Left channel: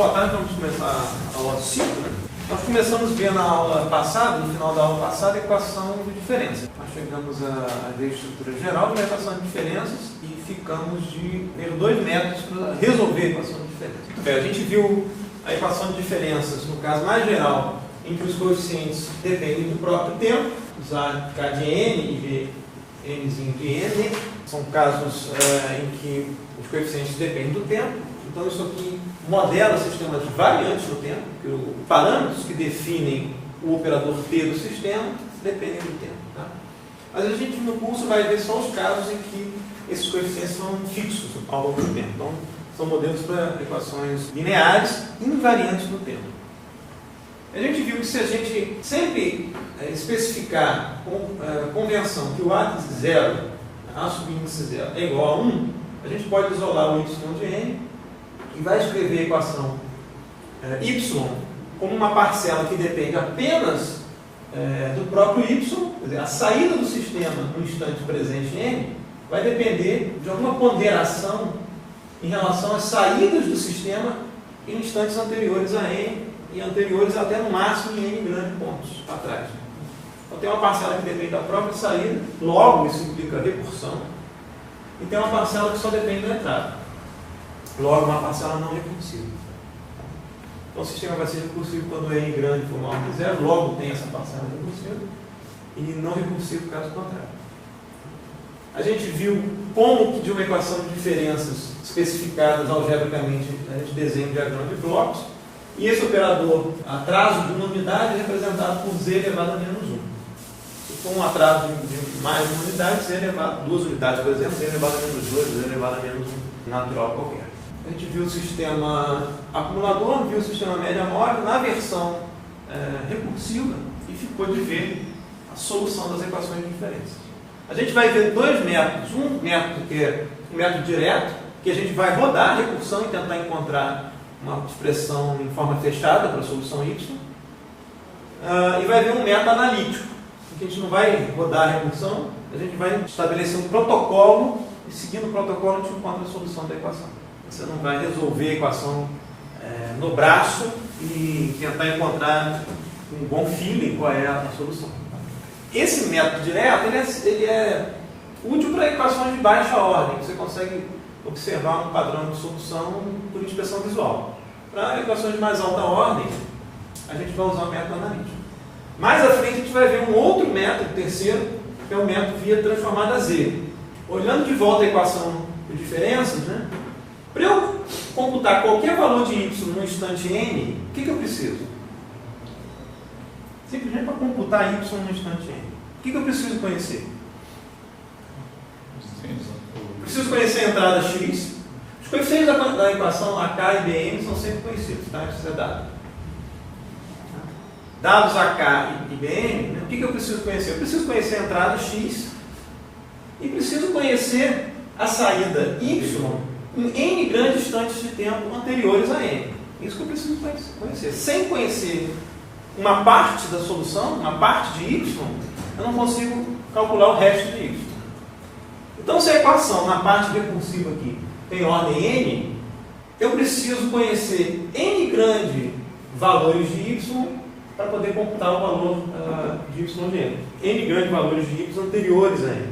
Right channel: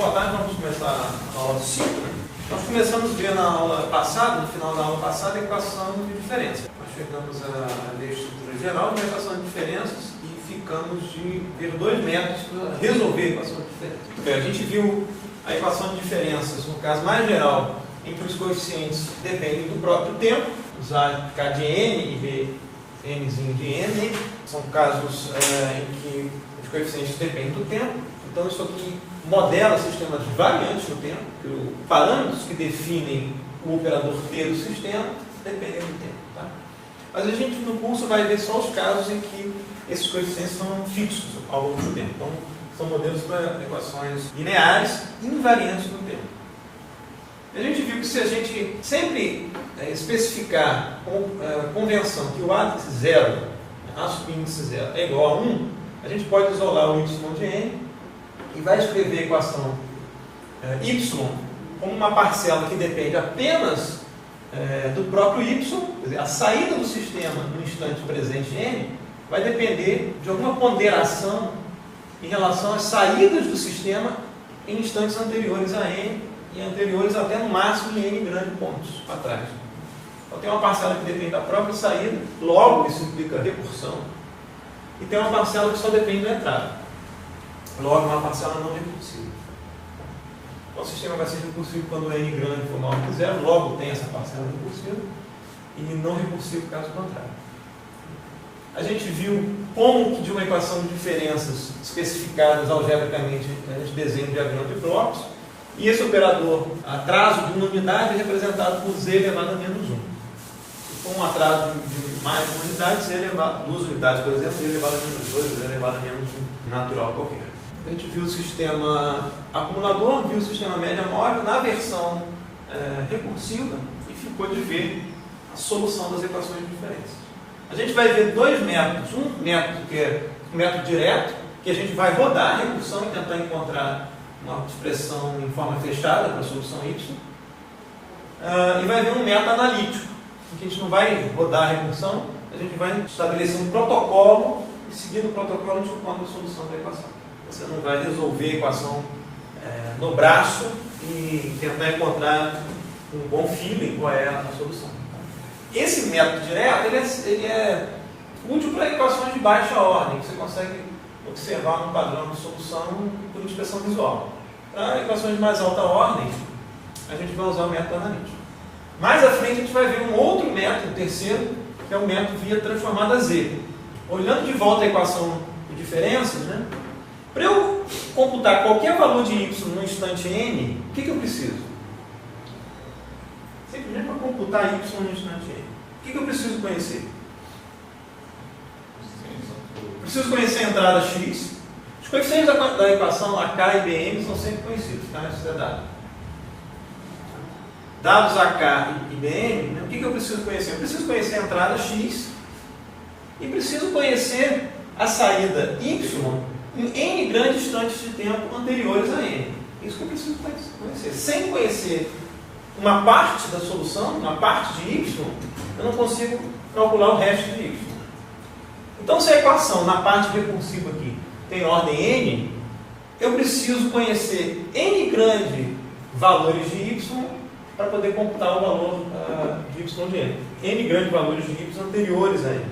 Boa tarde, vamos começar a aula 5. Nós começamos a ver na aula passada, no final da aula passada, a equação de diferença. Nós chegamos a ver a estrutura geral de uma equação de diferenças e ficamos de ver dois métodos para resolver a equação de diferenças. A gente viu a equação de diferenças, no caso mais geral, em que os coeficientes dependem do próprio tempo, usar K de N e B Nzinho de N. São casos em que os coeficientes dependem do tempo. Então isso aqui modela sistemas variantes no tempo, que os parâmetros que definem o operador T do sistema dependem do tempo. Tá? Mas a gente no curso vai ver só os casos em que esses coeficientes são fixos ao longo do tempo. Então são modelos para equações lineares invariantes no tempo. A gente viu que se a gente sempre especificar com convenção que o A de zero, A subíndice zero, é igual a 1, a gente pode isolar o y de n e vai escrever a equação y como uma parcela que depende apenas do próprio y, quer dizer, a saída do sistema no instante presente n vai depender de alguma ponderação em relação às saídas do sistema em instantes anteriores a n e anteriores até no máximo em n grandes pontos atrás. Então tem uma parcela que depende da própria saída, logo isso implica recursão, e tem uma parcela que só depende da entrada, logo uma parcela não recursiva. Então o sistema vai ser recursivo quando n grande for maior que zero, logo tem essa parcela recursiva, e não recursivo caso contrário. A gente viu como que de uma equação de diferenças especificadas algebricamente a gente desenha um diagrama de blocos, e esse operador atraso de uma unidade é representado por z elevado a menos 1. Se for um atraso de mais de uma unidade, z elevado a 2 unidades, por exemplo, z elevado a menos 2, z elevado a menos 1 natural qualquer. A gente viu o sistema acumulador, viu o sistema média móvel na versão recursiva e ficou de ver a solução das equações de diferença. A gente vai ver dois métodos. Um método que é o método direto, que a gente vai rodar a recursão e tentar encontrar uma expressão em forma fechada para a solução y. E vai ver um método analítico, em que a gente não vai rodar a recursão, a gente vai estabelecer um protocolo e seguindo o protocolo a gente encontra a solução da equação. Você não vai resolver a equação no braço e tentar encontrar um bom feeling qual é a solução. Esse método direto ele é útil para equações de baixa ordem. Você consegue observar um padrão de solução por inspeção visual. Para equações de mais alta ordem, a gente vai usar o método analítico. Mais à frente a gente vai ver um outro método, terceiro, que é o método via transformada Z. Olhando de volta a equação de diferenças, né? Para eu computar qualquer valor de y no instante n, o que eu preciso? Simplesmente para computar y no instante n. O que eu preciso conhecer? Preciso conhecer a entrada x. Os coeficientes da equação AK e BM são sempre conhecidos, tá? Isso é dado. Dados AK e BM, né? O que eu preciso conhecer? Eu preciso conhecer a entrada x e preciso conhecer a saída y em n grandes instantes de tempo anteriores a n. Isso que eu preciso conhecer. Sem conhecer uma parte da solução, uma parte de y, eu não consigo calcular o resto de y. Então, se a equação na parte recursiva aqui tem ordem n, eu preciso conhecer n grande valores de y para poder computar o valor de y de n. N grande valores de y anteriores a n.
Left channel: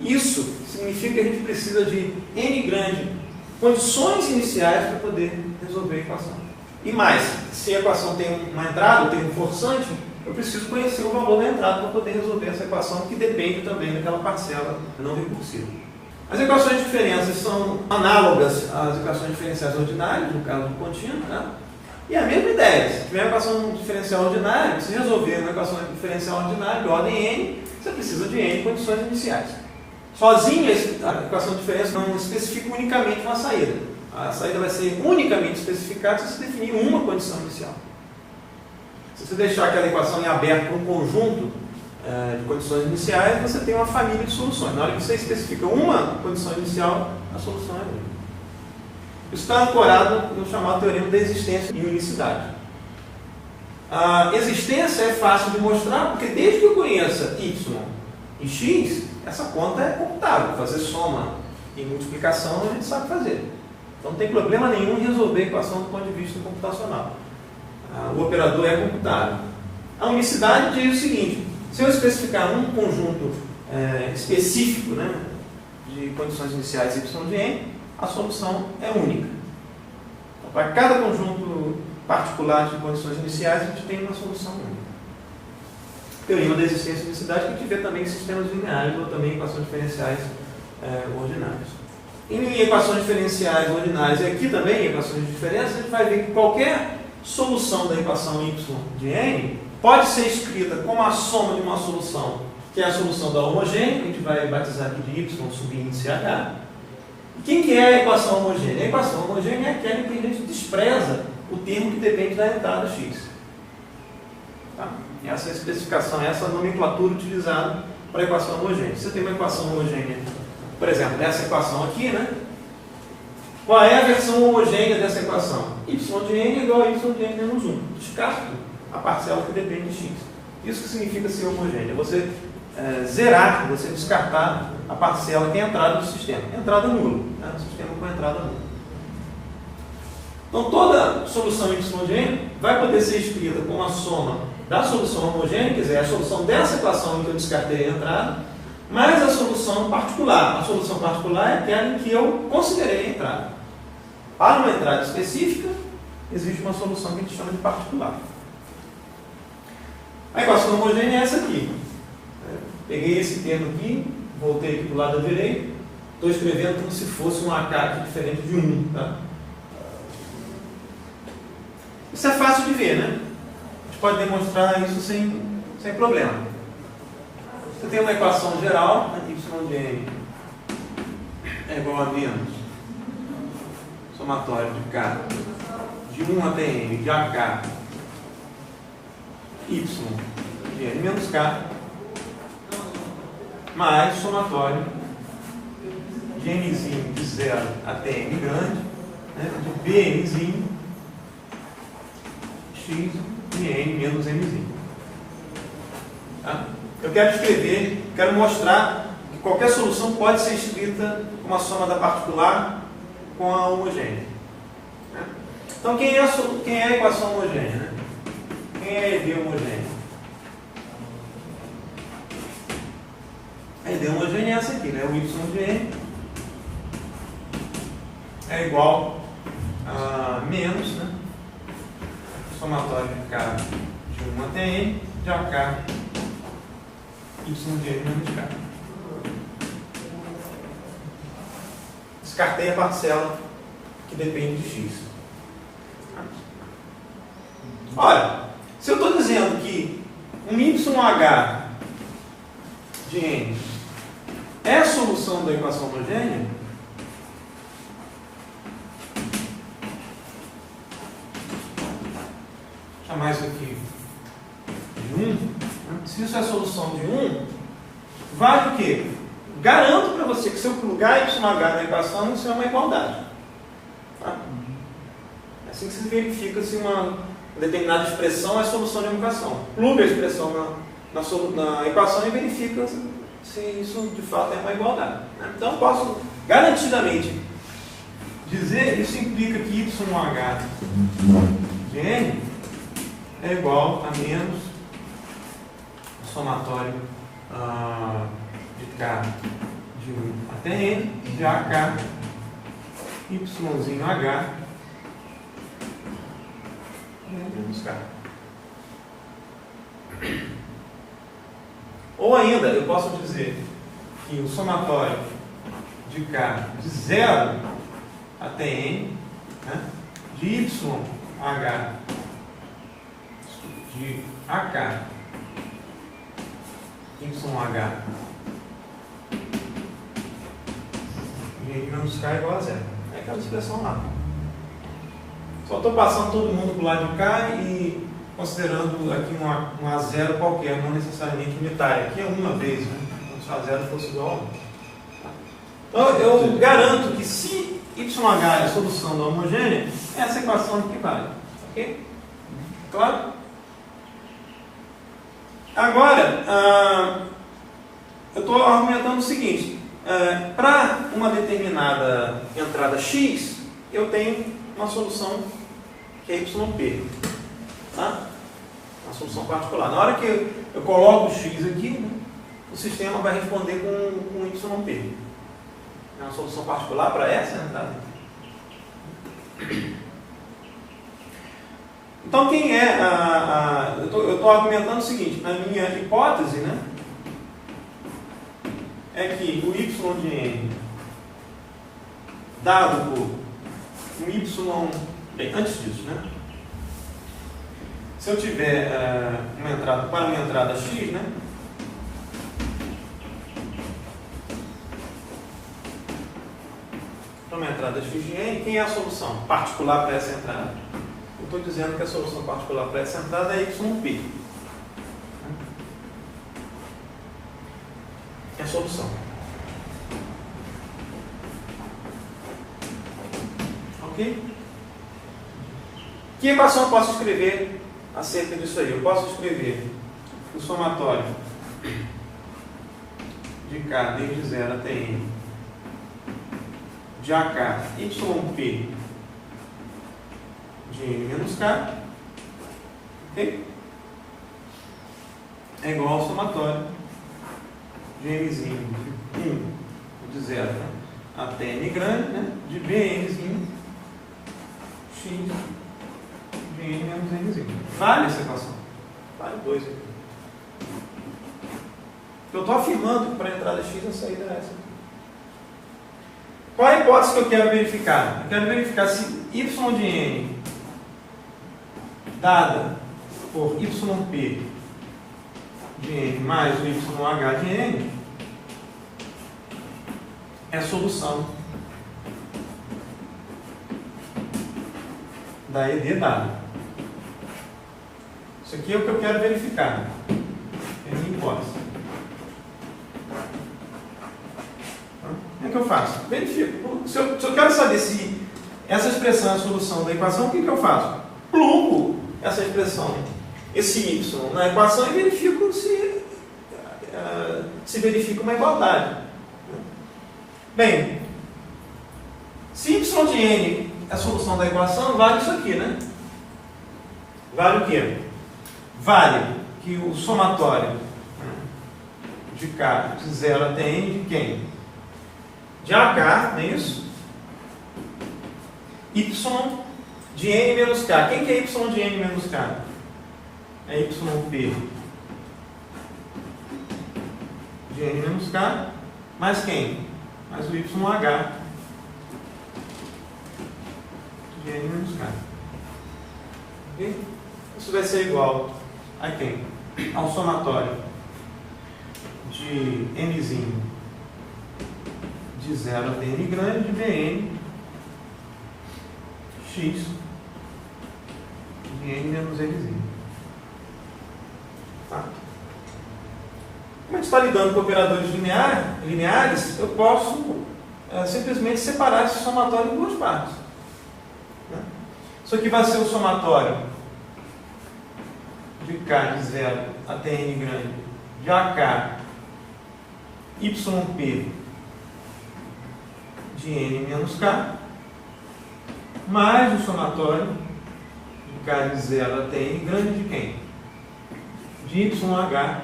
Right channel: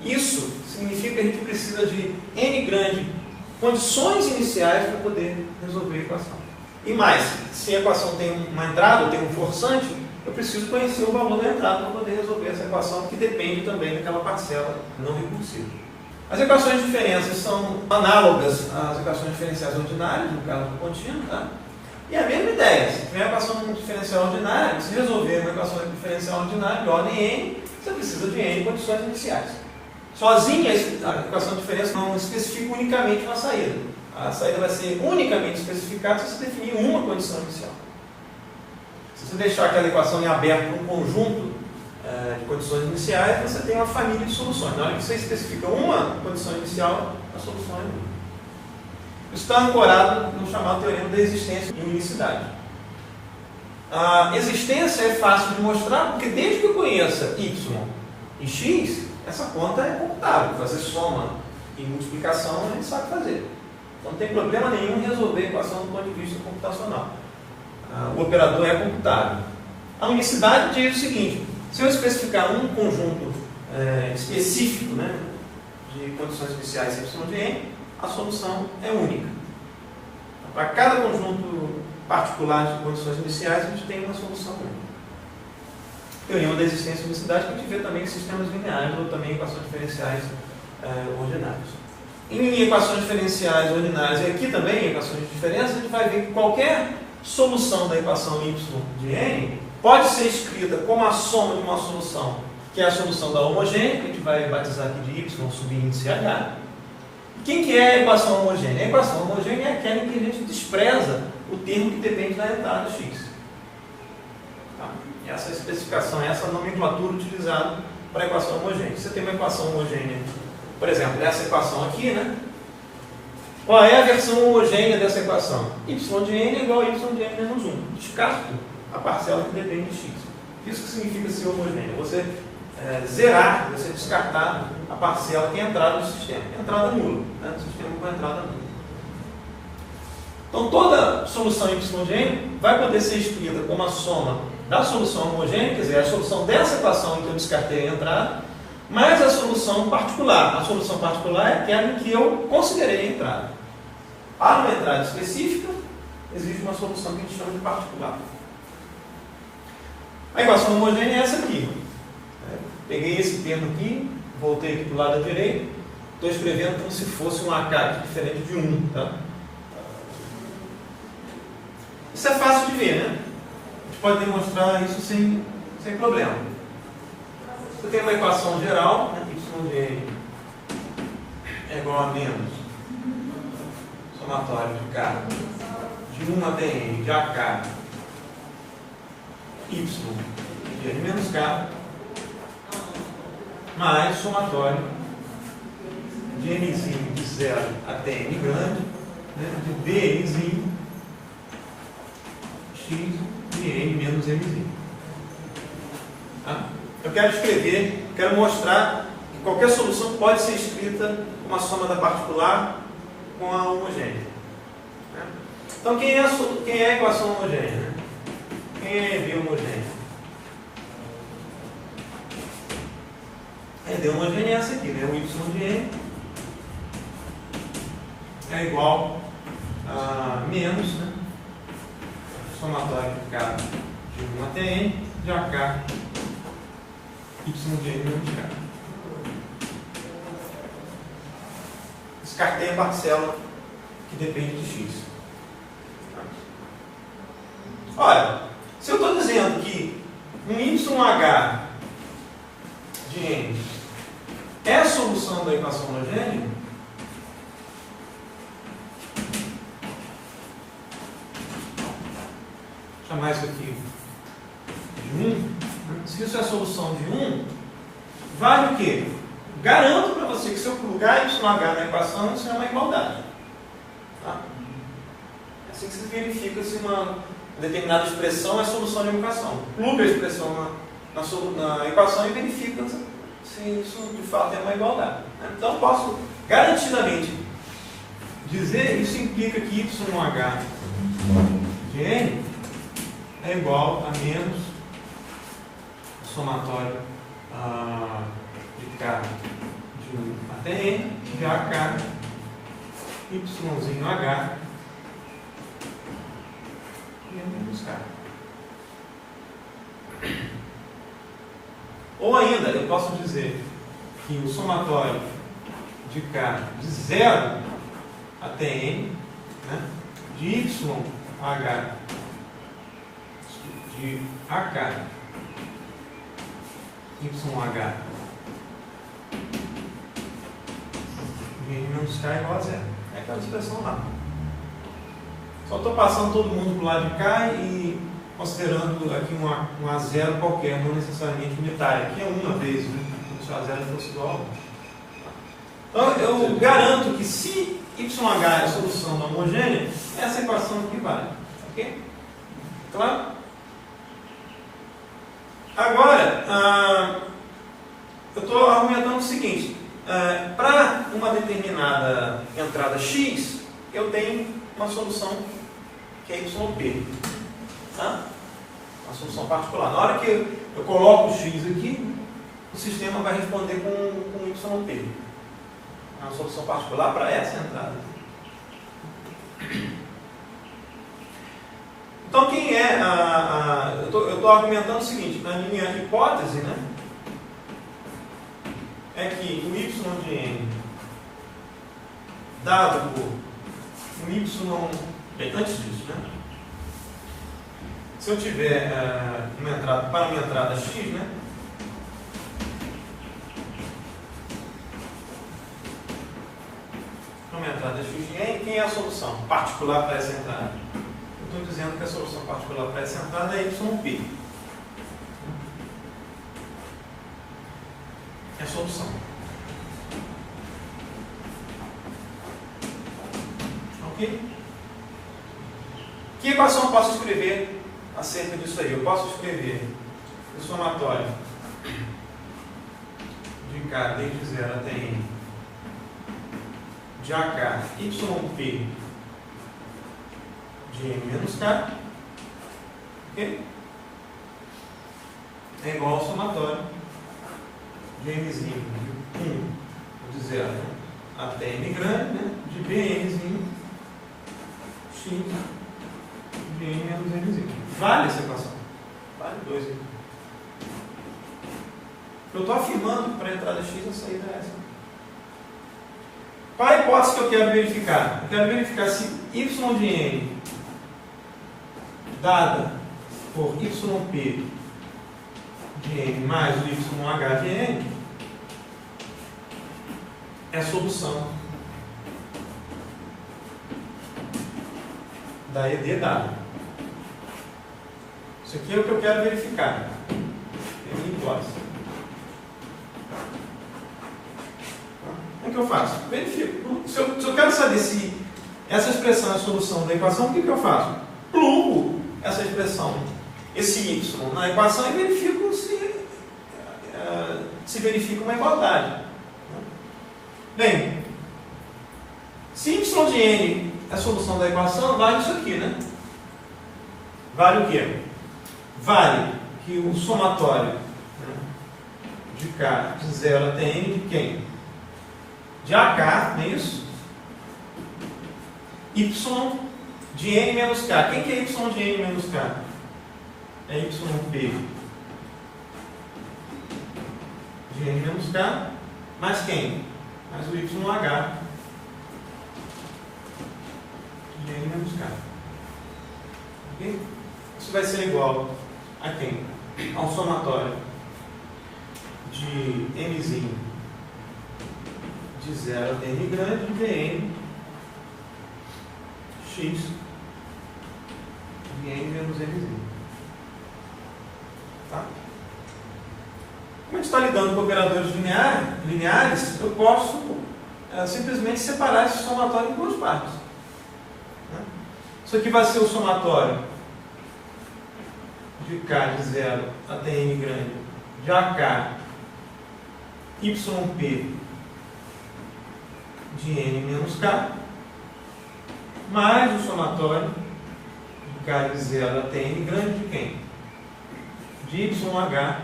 Isso significa que a gente precisa de n grande condições iniciais para poder resolver a equação. E mais, se a equação tem uma entrada, tem um forçante, eu preciso conhecer o valor da entrada para poder resolver essa equação, que depende também daquela parcela não recursiva. As equações de diferenças são análogas às equações diferenciais ordinárias, no caso do contínuo, tá? E a mesma ideia, se tiver uma equação diferencial ordinária, se resolver uma equação diferencial ordinária de ordem n, você precisa de n condições iniciais. Sozinha, a equação de diferença não especifica unicamente uma saída. A saída vai ser unicamente especificada se você definir uma condição inicial. Se você deixar aquela equação em aberto para um conjunto de condições iniciais, você tem uma família de soluções. Na hora que você especifica uma condição inicial, a solução é livre. Isso está ancorado no chamado teorema da existência e unicidade. A existência é fácil de mostrar, porque desde que eu conheça y e x, essa conta é computável. Fazer soma e multiplicação a gente sabe fazer. Então não tem problema nenhum em resolver a equação do ponto de vista computacional. O operador é computável. A unicidade diz o seguinte: se eu especificar um conjunto específico, né, de condições iniciais y de n, a solução é única. Então, para cada conjunto particular de condições iniciais, a gente tem uma solução única. Teorema da existência de unicidade, que a gente vê também em sistemas lineares ou também em equações diferenciais ordinárias. Em equações diferenciais ordinárias e aqui também em equações de diferença, a gente vai ver que qualquer solução da equação y de n pode ser escrita como a soma de uma solução, que é a solução da homogênea, que a gente vai batizar aqui de y subíndice h. Quem que é a equação homogênea? A equação homogênea é aquela em que a gente despreza o termo que depende da entrada x. Tá? Essa é a especificação, essa é a nomenclatura utilizada para a equação homogênea. Você tem uma equação homogênea, por exemplo, nessa equação aqui, né? Qual é a versão homogênea dessa equação? Y de n é igual a y de n menos 1. Descarto a parcela que depende de x. Isso que significa ser homogênea. Você zerar, você descartar a parcela que é a entrada do sistema. Entrada nula. Né? O sistema com entrada nula. Então toda solução y de n vai poder ser escrita como a soma da solução homogênea, quer dizer, a solução dessa equação em que eu descartei a entrada, mais a solução particular. A solução particular é aquela em que eu considerei a entrada. Para uma entrada específica, existe uma solução que a gente chama de particular. A equação homogênea é essa aqui. Peguei esse termo aqui, voltei aqui para o lado direito, estou escrevendo como se fosse um AK diferente de 1. Tá? Isso é fácil de ver, né? A gente pode demonstrar isso sem problema. Você tem uma equação geral, né? Y de n é igual a menos somatório de k de 1 até n de AK y de n menos k mais somatório de nzinho de 0 até n grande, né, de bnzinho x de n menos mzinho. Tá? Eu quero escrever, quero mostrar que qualquer solução pode ser escrita com a soma da particular com a homogênea. Né? Então, quem é a equação homogênea? Né? Quem é a ED homogênea? A ED homogênea é essa aqui, né? O y de n é igual a menos, né? Somatório de k de 1 até n de AK y de n menos k. Descartei a parcela que depende de x. Olha, se eu estou dizendo que um YH de n é a solução da equação homogênea, vou chamar isso aqui de 1. Se isso é a solução de 1, vale o quê? Garanto para você que se eu plugar YH na equação, isso é uma igualdade. Tá? É assim que se verifica se uma determinada expressão é solução de uma equação. Pluga a expressão na equação e verifica se isso de fato é uma igualdade. Então posso garantidamente dizer, isso implica que YH de n é igual a menos somatório de k de 1 até n de AK yzinho h menos k. Ou ainda, eu posso dizer que o somatório de k de 0 até n, né, de YH de AK YH de n menos k igual a 0. É aquela expressão lá. Só estou passando todo mundo para o lado de cá e considerando aqui um A0 qualquer, não necessariamente unitário. Aqui é uma vez, né? Se o A0 fosse igual a 1. Então eu garanto que se YH é a solução da homogênea, essa equação aqui vale. Ok? Claro? Agora, eu estou argumentando o seguinte: para uma determinada entrada x, eu tenho uma solução que é YP. Tá? Uma solução particular. Na hora que eu coloco o X aqui, o sistema vai responder com YP. É uma solução particular para essa, né? Tá? Então, quem é eu estou argumentando o seguinte, na minha hipótese, né, é que o y de n dado por um y... Bem, antes disso, né, se eu tiver uma entrada, para uma entrada x, né, para uma entrada x de n, quem é a solução particular para essa entrada? Eu estou dizendo que a solução particular para essa entrada é YP. É a solução. Ok? Que equação eu posso escrever acerca disso aí? Eu posso escrever o somatório de K desde 0 até N de AK YP de N menos K, okay? É igual ao somatório de Nzinho de 0 até N grande, né? De Bnzinho X de N menos Nzinho. Vale essa equação? Vale 2. Eu estou afirmando que para a entrada X a saída é essa. Qual a hipótese que eu quero verificar? Eu quero verificar se y de n dada por yp de n mais o yh de n é a solução da ED dada. Isso aqui é o que eu quero verificar. É a minha hipótese. Como é que eu faço? Verifico. Se eu quero saber se essa expressão é a solução da equação, o que eu faço? Plugo essa expressão, esse y, na equação e verifico se verifica uma igualdade. Bem, se y de n é a solução da equação, vale isso aqui, né? Vale o quê? Vale que o somatório de k de 0 até n de quem? De AK, não é isso? Y de n menos k. Quem que é y de n menos k? É yp de n menos k, mais quem? Mais o YH de n menos k. Okay? Isso vai ser igual a quem? Ao somatório de nzinho de 0 até n grande de Bn x de n menos nzinho. Tá? Como a gente está lidando com operadores lineares, eu posso simplesmente separar esse somatório em duas partes. Né? Isso aqui vai ser o somatório de k de 0 até n grande de AK YP de n menos k, mais o somatório de k de 0 até n grande de quem? De YH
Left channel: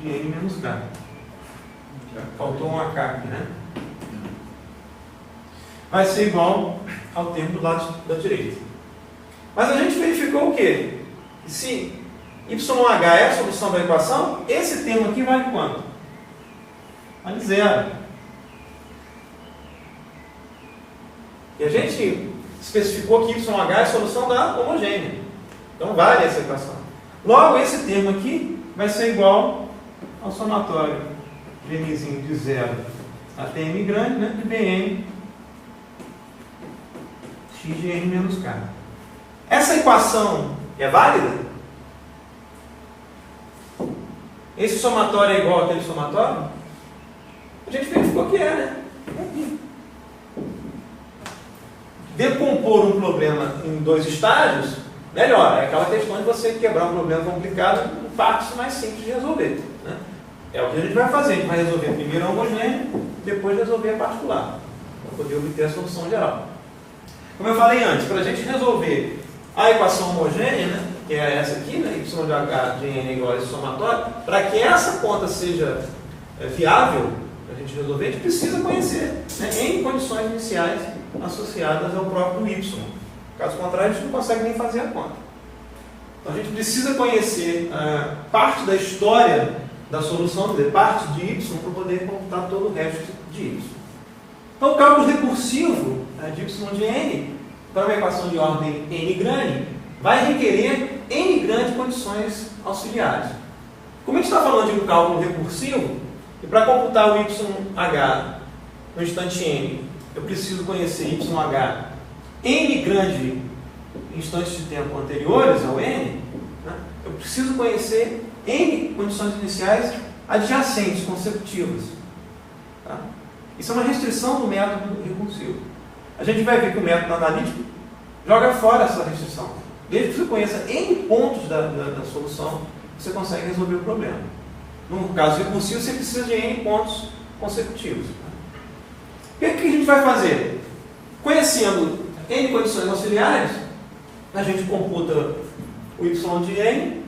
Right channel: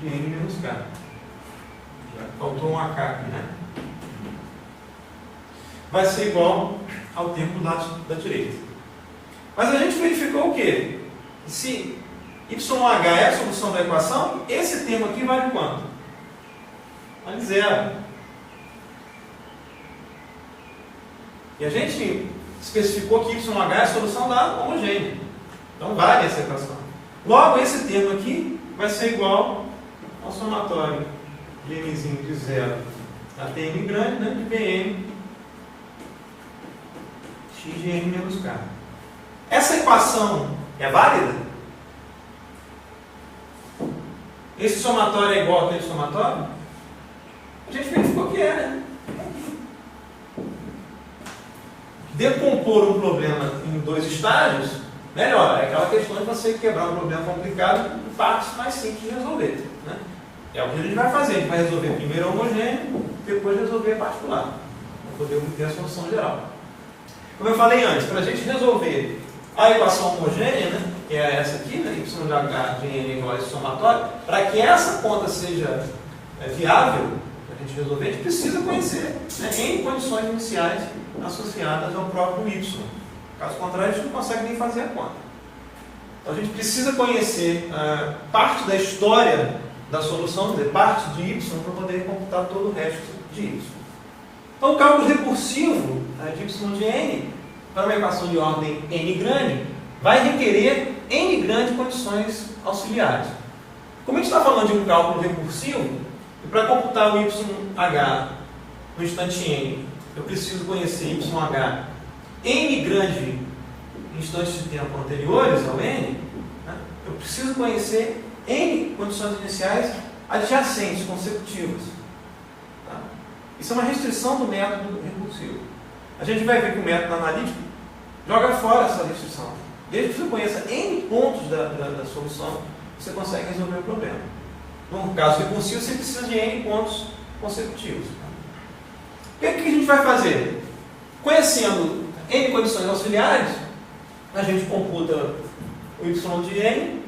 de n menos k. Faltou um AK aqui, né? Vai ser igual ao tempo do lado da direita. Mas a gente verificou o quê? Se YH é a solução da equação, esse termo aqui vale quanto? Vale 0. E a gente especificou que YH é a solução da homogênea. Então vale essa equação. Logo, esse termo aqui vai ser igual ao somatório de nzinho de 0 até n grande, né, de Bn x de n menos k. Essa equação é válida? Esse somatório é igual àquele somatório? A gente verificou que é, né? Decompor um problema em dois estágios, melhor. É aquela questão de você quebrar um problema complicado em partes mais simples de resolver. Né? É o que a gente vai fazer. A gente vai resolver primeiro a homogênea, depois resolver a particular. poder obter a solução geral. Como eu falei antes, para a gente resolver a equação homogênea, né, que é essa aqui, né, y de h de n igual a esse somatório, para que essa conta seja viável, para a gente resolver, a gente precisa conhecer, né, n condições iniciais associadas ao próprio y. Caso contrário, a gente não consegue nem fazer a conta. Então a gente precisa conhecer parte da história da solução, quer dizer, parte de y, para poder computar todo o resto de y. Então o cálculo recursivo de y de n, para uma equação de ordem n grande, vai requerer n grandes condições auxiliares. Como a gente está falando de um cálculo recursivo, e para computar o YH no instante n, eu preciso conhecer YH n grande instantes de tempo anteriores ao n, né? Eu preciso conhecer n condições iniciais adjacentes, consecutivas. Tá? Isso é uma restrição do método recursivo. A gente vai ver que o método analítico joga fora essa restrição. Desde que você conheça n pontos da solução, você consegue resolver o problema. No caso recursivo, você precisa de n pontos consecutivos. Tá? O que a gente vai fazer? Conhecendo n condições auxiliares, a gente computa o y de n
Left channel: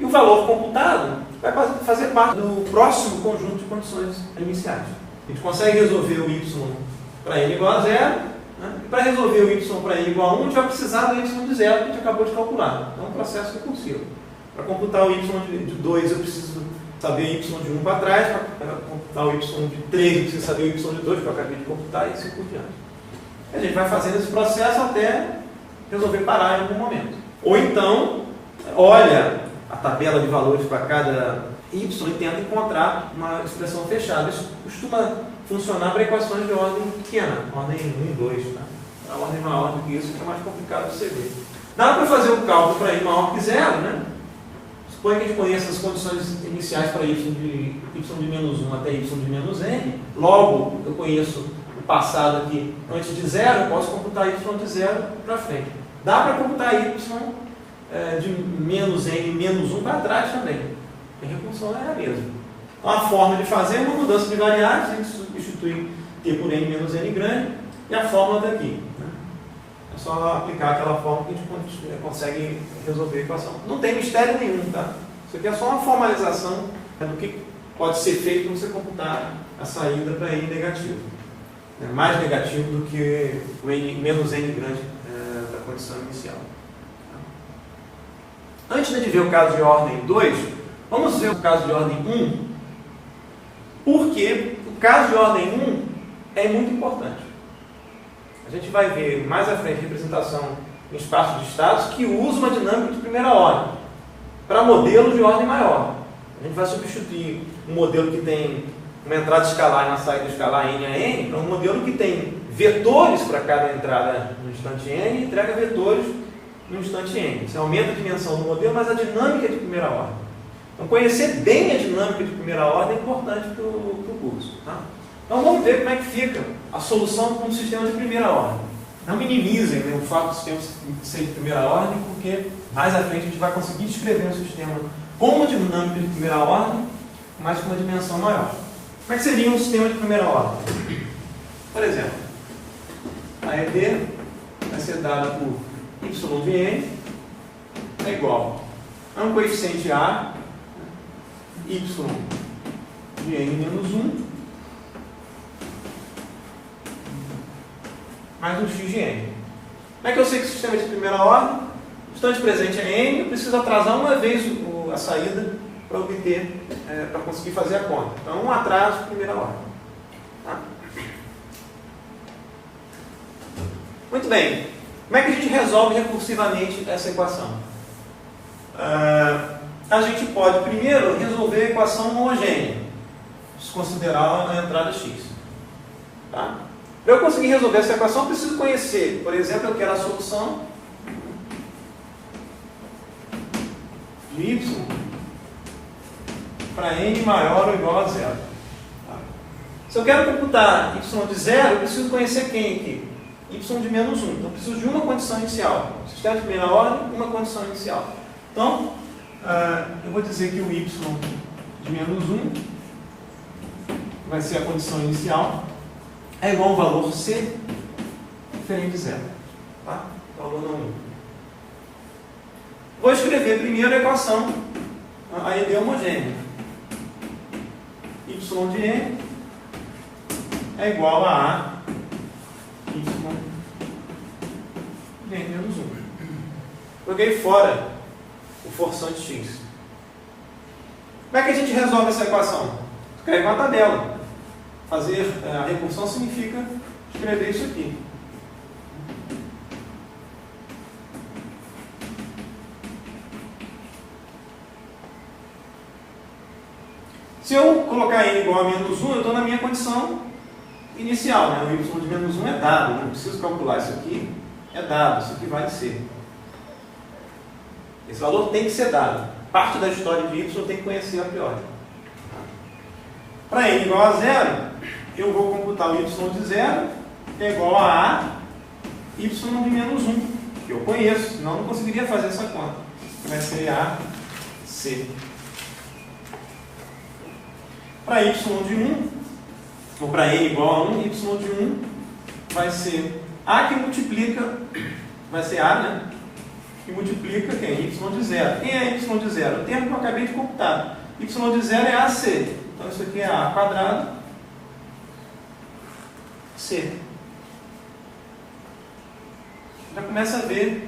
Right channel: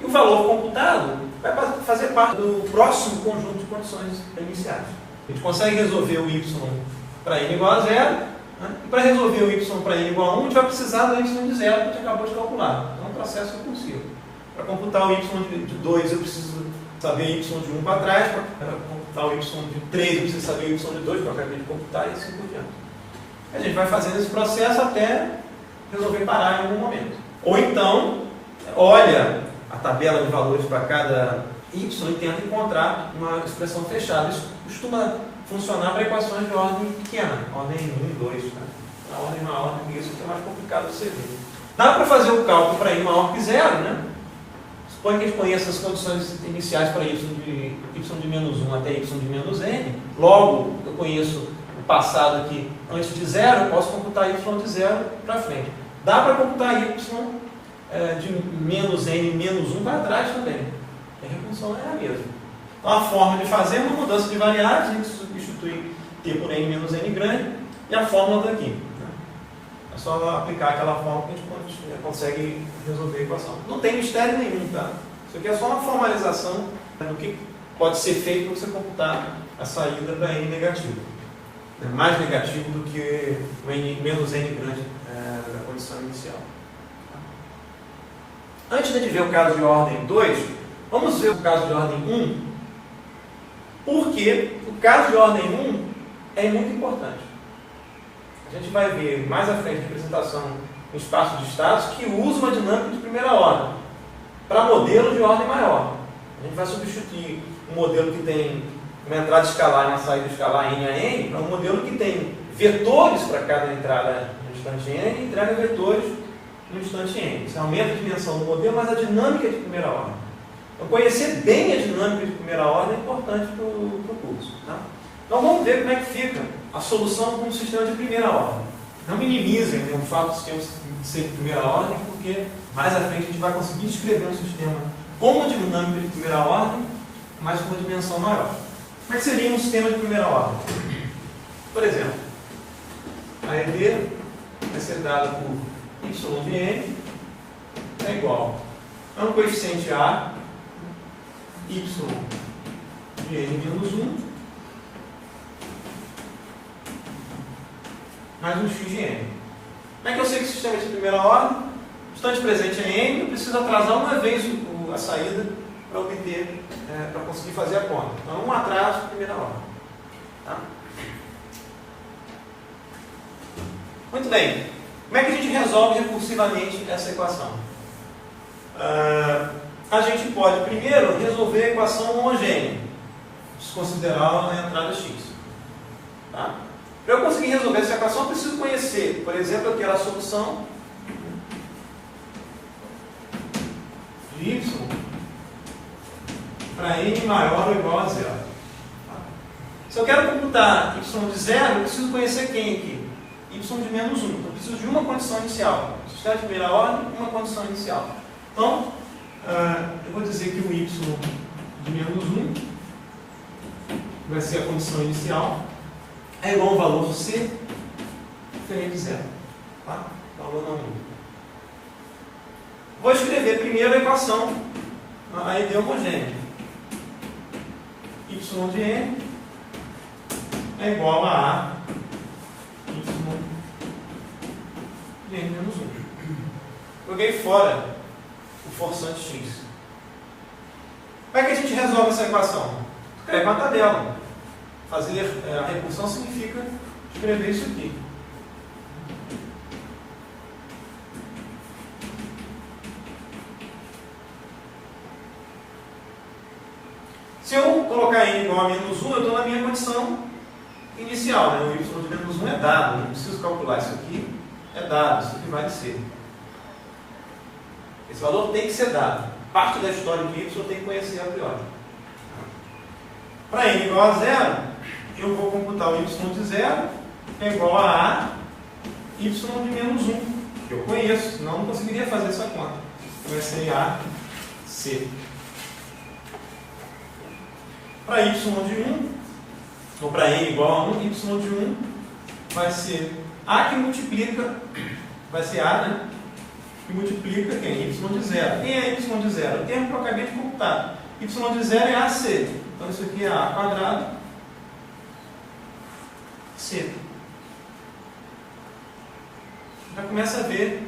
e o valor computado vai fazer parte do próximo conjunto de condições iniciais. A gente consegue resolver o y para n igual a 0, né? E para resolver o y para n igual a 1, a gente vai precisar do y de 0 que a gente acabou de calcular. Então é um processo recursivo. Para computar o y de 2, eu preciso saber o y de 1 para trás. Para computar o y de 3, eu preciso saber o y de 2 para acabei de computar, e assim por diante. A gente vai fazendo esse processo até resolver parar em algum momento. Ou então, olha a tabela de valores para cada y e tenta encontrar uma expressão fechada. Isso costuma funcionar para equações de ordem pequena, ordem 1 e 2. Tá? A ordem maior do que isso é mais complicado de você ver. Dá para fazer o cálculo para i maior que 0, né? Suponha que a gente conheça as condições iniciais para y de menos 1 até y de menos n. Logo, eu conheço o passado aqui antes de 0, eu posso computar y de 0 para frente. Dá para computar y de menos n menos 1 para trás também. A recursión é a mesma. Então a forma de fazer é uma mudança de variáveis, a gente substitui t por n menos n grande e a fórmula está aqui. É só aplicar aquela fórmula que a gente consegue resolver a equação. Não tem mistério nenhum, tá? Isso aqui é só uma formalização do que pode ser feito para você computar a saída para n negativo. É mais negativo do que o n menos n grande da condição inicial. Antes de ver o caso de ordem 2, vamos ver o caso de ordem 1, porque o caso de ordem 1 é muito importante. A gente vai ver mais à frente a representação em espaço de estados que usa uma dinâmica de primeira ordem para modelos de ordem maior. A gente vai substituir um modelo que tem uma entrada escalar e uma saída escalar n a n para um modelo que tem vetores para cada entrada no instante n e entrega vetores no instante n. Isso aumenta a dimensão do modelo, mas a dinâmica é de primeira ordem. Então, conhecer bem a dinâmica de primeira ordem é importante para o curso. Tá? Então, vamos ver como é que fica a solução com um sistema de primeira ordem. Não minimizem, né, o fato do sistema ser de primeira ordem, porque mais à frente a gente vai conseguir descrever um sistema com uma dinâmica de primeira ordem, mas com uma dimensão maior. Como é que seria um sistema de primeira ordem? Por exemplo, a ED vai ser dada por y de n é igual a um coeficiente a, y de n menos 1, mais um x de n. Como é que eu sei que o sistema é de primeira ordem? O instante presente é n, eu preciso atrasar uma vez a saída para obter, para conseguir fazer a conta. Então, um atraso de primeira ordem. Tá? Muito bem. Como é que a gente resolve recursivamente essa equação? A gente pode primeiro resolver a equação homogênea, desconsiderar a entrada x. Tá? Para eu conseguir resolver essa equação, eu preciso conhecer, por exemplo, eu quero a solução de y para n maior ou igual a 0. Tá? Se eu quero computar y de 0, eu preciso conhecer quem aqui? Y de menos 1. Então, eu preciso de uma condição inicial. Sistema de primeira ordem, uma condição inicial. Então, eu vou dizer que o y de menos 1 vai ser a condição inicial. é igual a um valor C diferente de zero. Tá? O valor não muda. Vou escrever primeiro a equação AED homogênea. Y de N é igual a Y de N menos 1. Joguei fora o forçante X. Como é que a gente resolve essa equação? Escreve uma tabela. Fazer a recursão significa escrever isso aqui. Se eu colocar n igual a menos 1, eu estou na minha condição inicial. Né? O y de menos 1 é dado, não preciso calcular isso aqui. É dado, isso aqui vai ser. Esse valor tem que ser dado. Parte da história de y tem que conhecer a priori. Para n igual a 0, eu vou computar o y de 0, que é igual a y de menos 1, que eu conheço, senão eu não conseguiria fazer essa conta. Vai ser AC. Para y de 1, ou para n igual a 1, y de 1 vai ser A que multiplica, vai ser A, né? Que multiplica quem? Y de 0. Quem é y de 0? O termo que eu acabei de computar. Y de 0 é AC. Então isso aqui é A quadrado C. Já começa a ver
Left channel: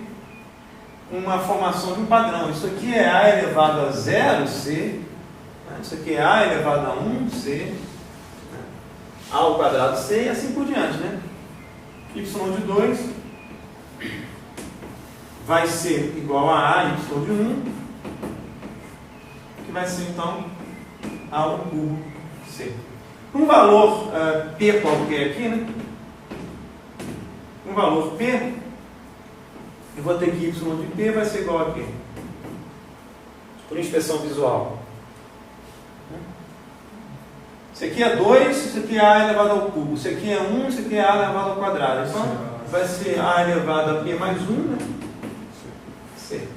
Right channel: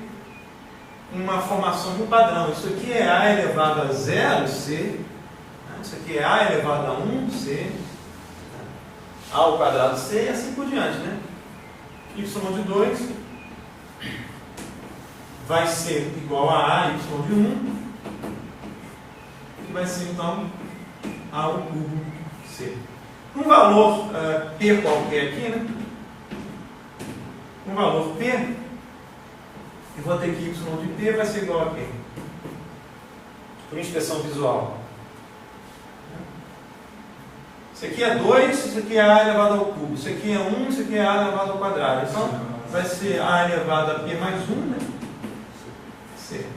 uma formação de um padrão. Isso aqui é A elevado a 0, C. Isso aqui é A elevado a 1, C. A ao quadrado C e assim por diante, né? Y de 2 vai ser igual a Y de 1, que vai ser então A ao cubo C. Um valor P qualquer aqui, né? Um valor P, eu vou ter que Y de P vai ser igual a quê? Por inspeção visual. Isso aqui é 2, isso aqui é A elevado ao cubo. Isso aqui é 1, isso aqui é A elevado ao quadrado. Então, vai ser A elevado a P mais 1, né? C.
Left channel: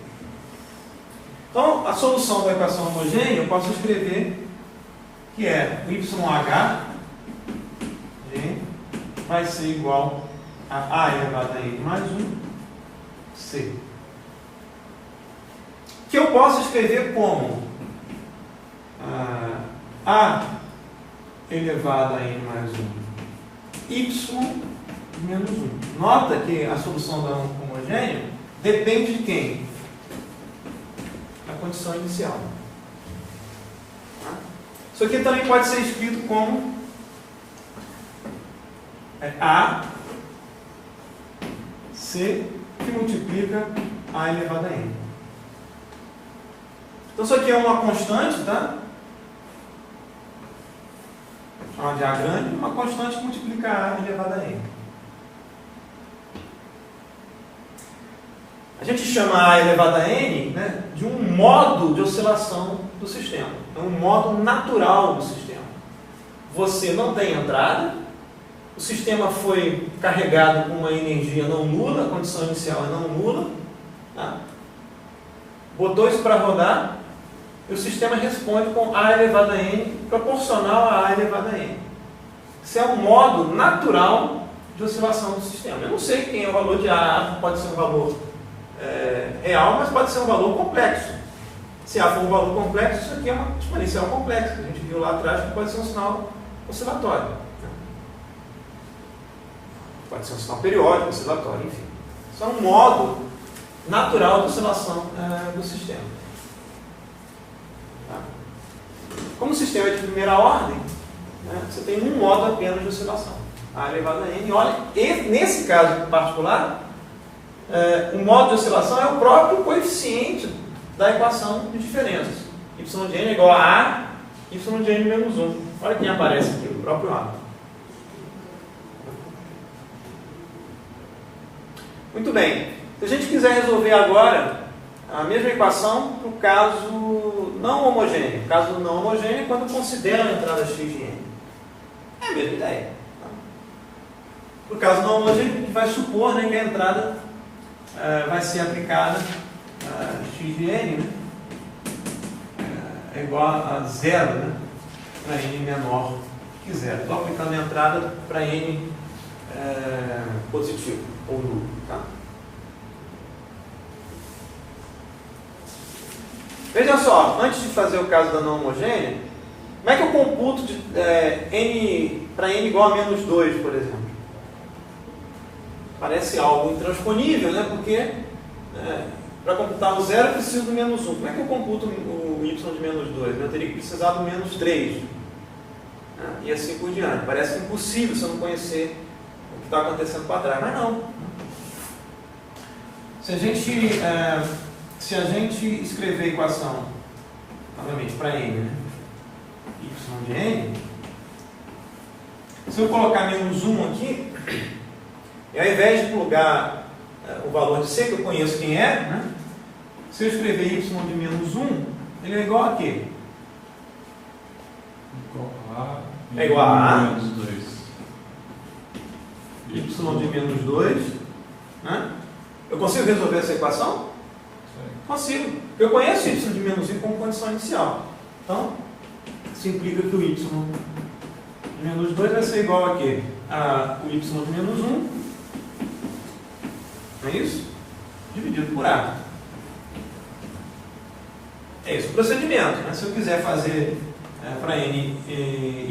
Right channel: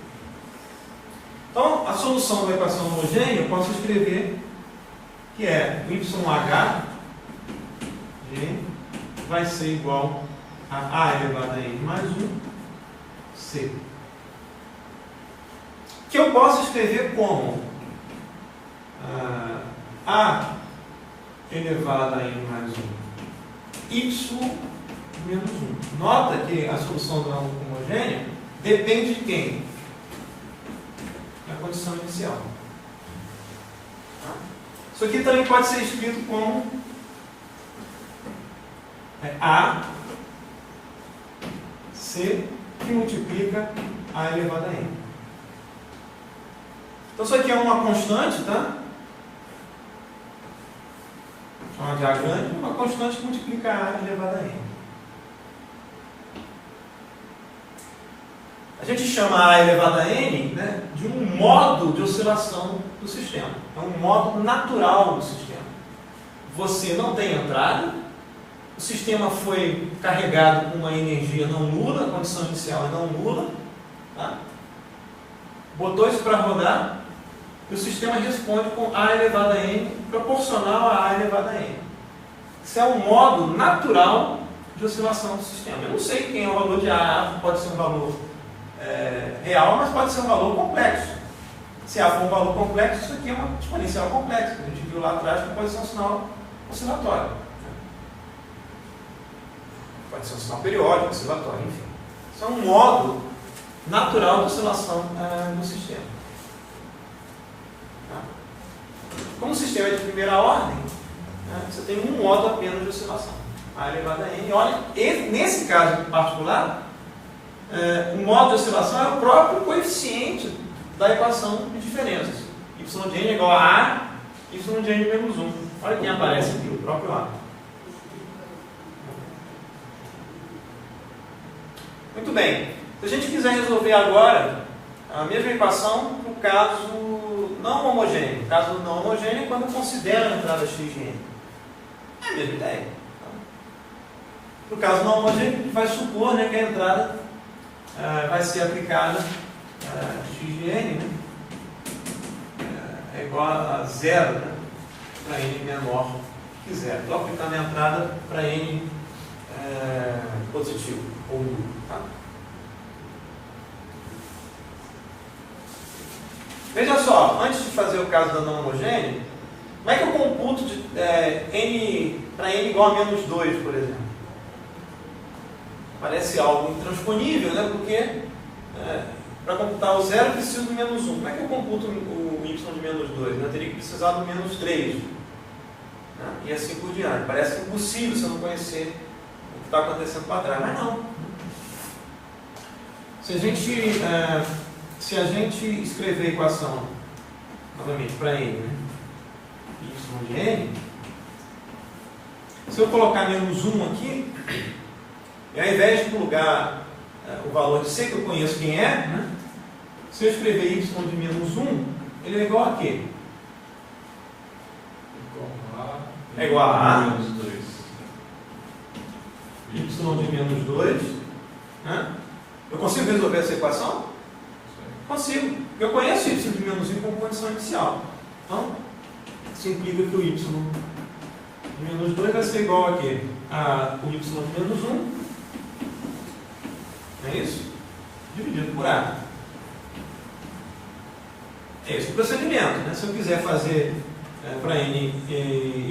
Então, a solução da equação homogênea, eu posso escrever que é YH vai ser igual a A elevado a N mais 1, C. Que eu posso escrever como A elevado a N mais 1, Y menos 1. Nota que a solução da homogênea depende de quem? Da condição inicial. Isso aqui também pode ser escrito como A C que multiplica A elevado a N. Então isso aqui é uma constante, tá? Chamar de A grande, uma constante que multiplica A elevado a N. A gente chama A elevado a N, né, de um modo de oscilação do sistema. É um modo natural do sistema. Você não tem entrada, o sistema foi carregado com uma energia não nula, a condição inicial é não nula, tá? Botou isso para rodar, e o sistema responde com A elevado a N proporcional a A elevado a N. Isso é um modo natural de oscilação do sistema. Eu não sei quem é o valor de A, pode ser um valor real, mas pode ser um valor complexo. Se A for um valor complexo, isso aqui é uma exponencial complexa, que a gente viu lá atrás, que pode ser um sinal oscilatório. Pode ser um sinal periódico, oscilatório, enfim. Isso é um modo natural de oscilação do sistema. Como o sistema é de primeira ordem, você tem um modo apenas de oscilação, A elevado a N. E olha, nesse caso em particular, o modo de oscilação é o próprio coeficiente da equação de diferenças. Y de N é igual a A, Y de N menos 1. Olha quem aparece aqui, o próprio A. Muito bem. Se a gente quiser resolver agora a mesma equação para o caso não homogêneo. O caso não homogêneo é quando considera a entrada X de N. É a mesma ideia. No caso não homogêneo, a gente vai supor, né, que a entrada vai ser aplicada X de N, né, é igual a 0, né, para N menor quiser. Estou aplicando a entrada para N positivo ou nulo. Tá? Veja só, antes de fazer o caso da não homogênea, como é que eu computo de, N para N igual a menos 2, por exemplo? Parece algo intransponível, né? Porque para computar o zero eu preciso do menos 1. Como é que eu computo o y de menos 2? Eu teria que precisar do menos 3. Né? E assim por diante. Parece impossível se eu não conhecer o que está acontecendo para trás. Mas não. Se a gente escrever a equação, novamente, para n, né? y de n, se eu colocar menos 1 aqui, e ao invés de plugar o valor de c, que eu conheço quem é, né? Se eu escrever y de menos 1, ele é igual a quê? É igual a menos 2. Y de menos 2. Né? Eu consigo resolver essa equação? Consigo. Eu conheço y de menos 1 como condição inicial. Então, isso implica que o y de menos 2 vai ser igual a quê? O y de menos 1. Não é isso? Dividido por A. É esse o procedimento. Né? Se eu quiser fazer para n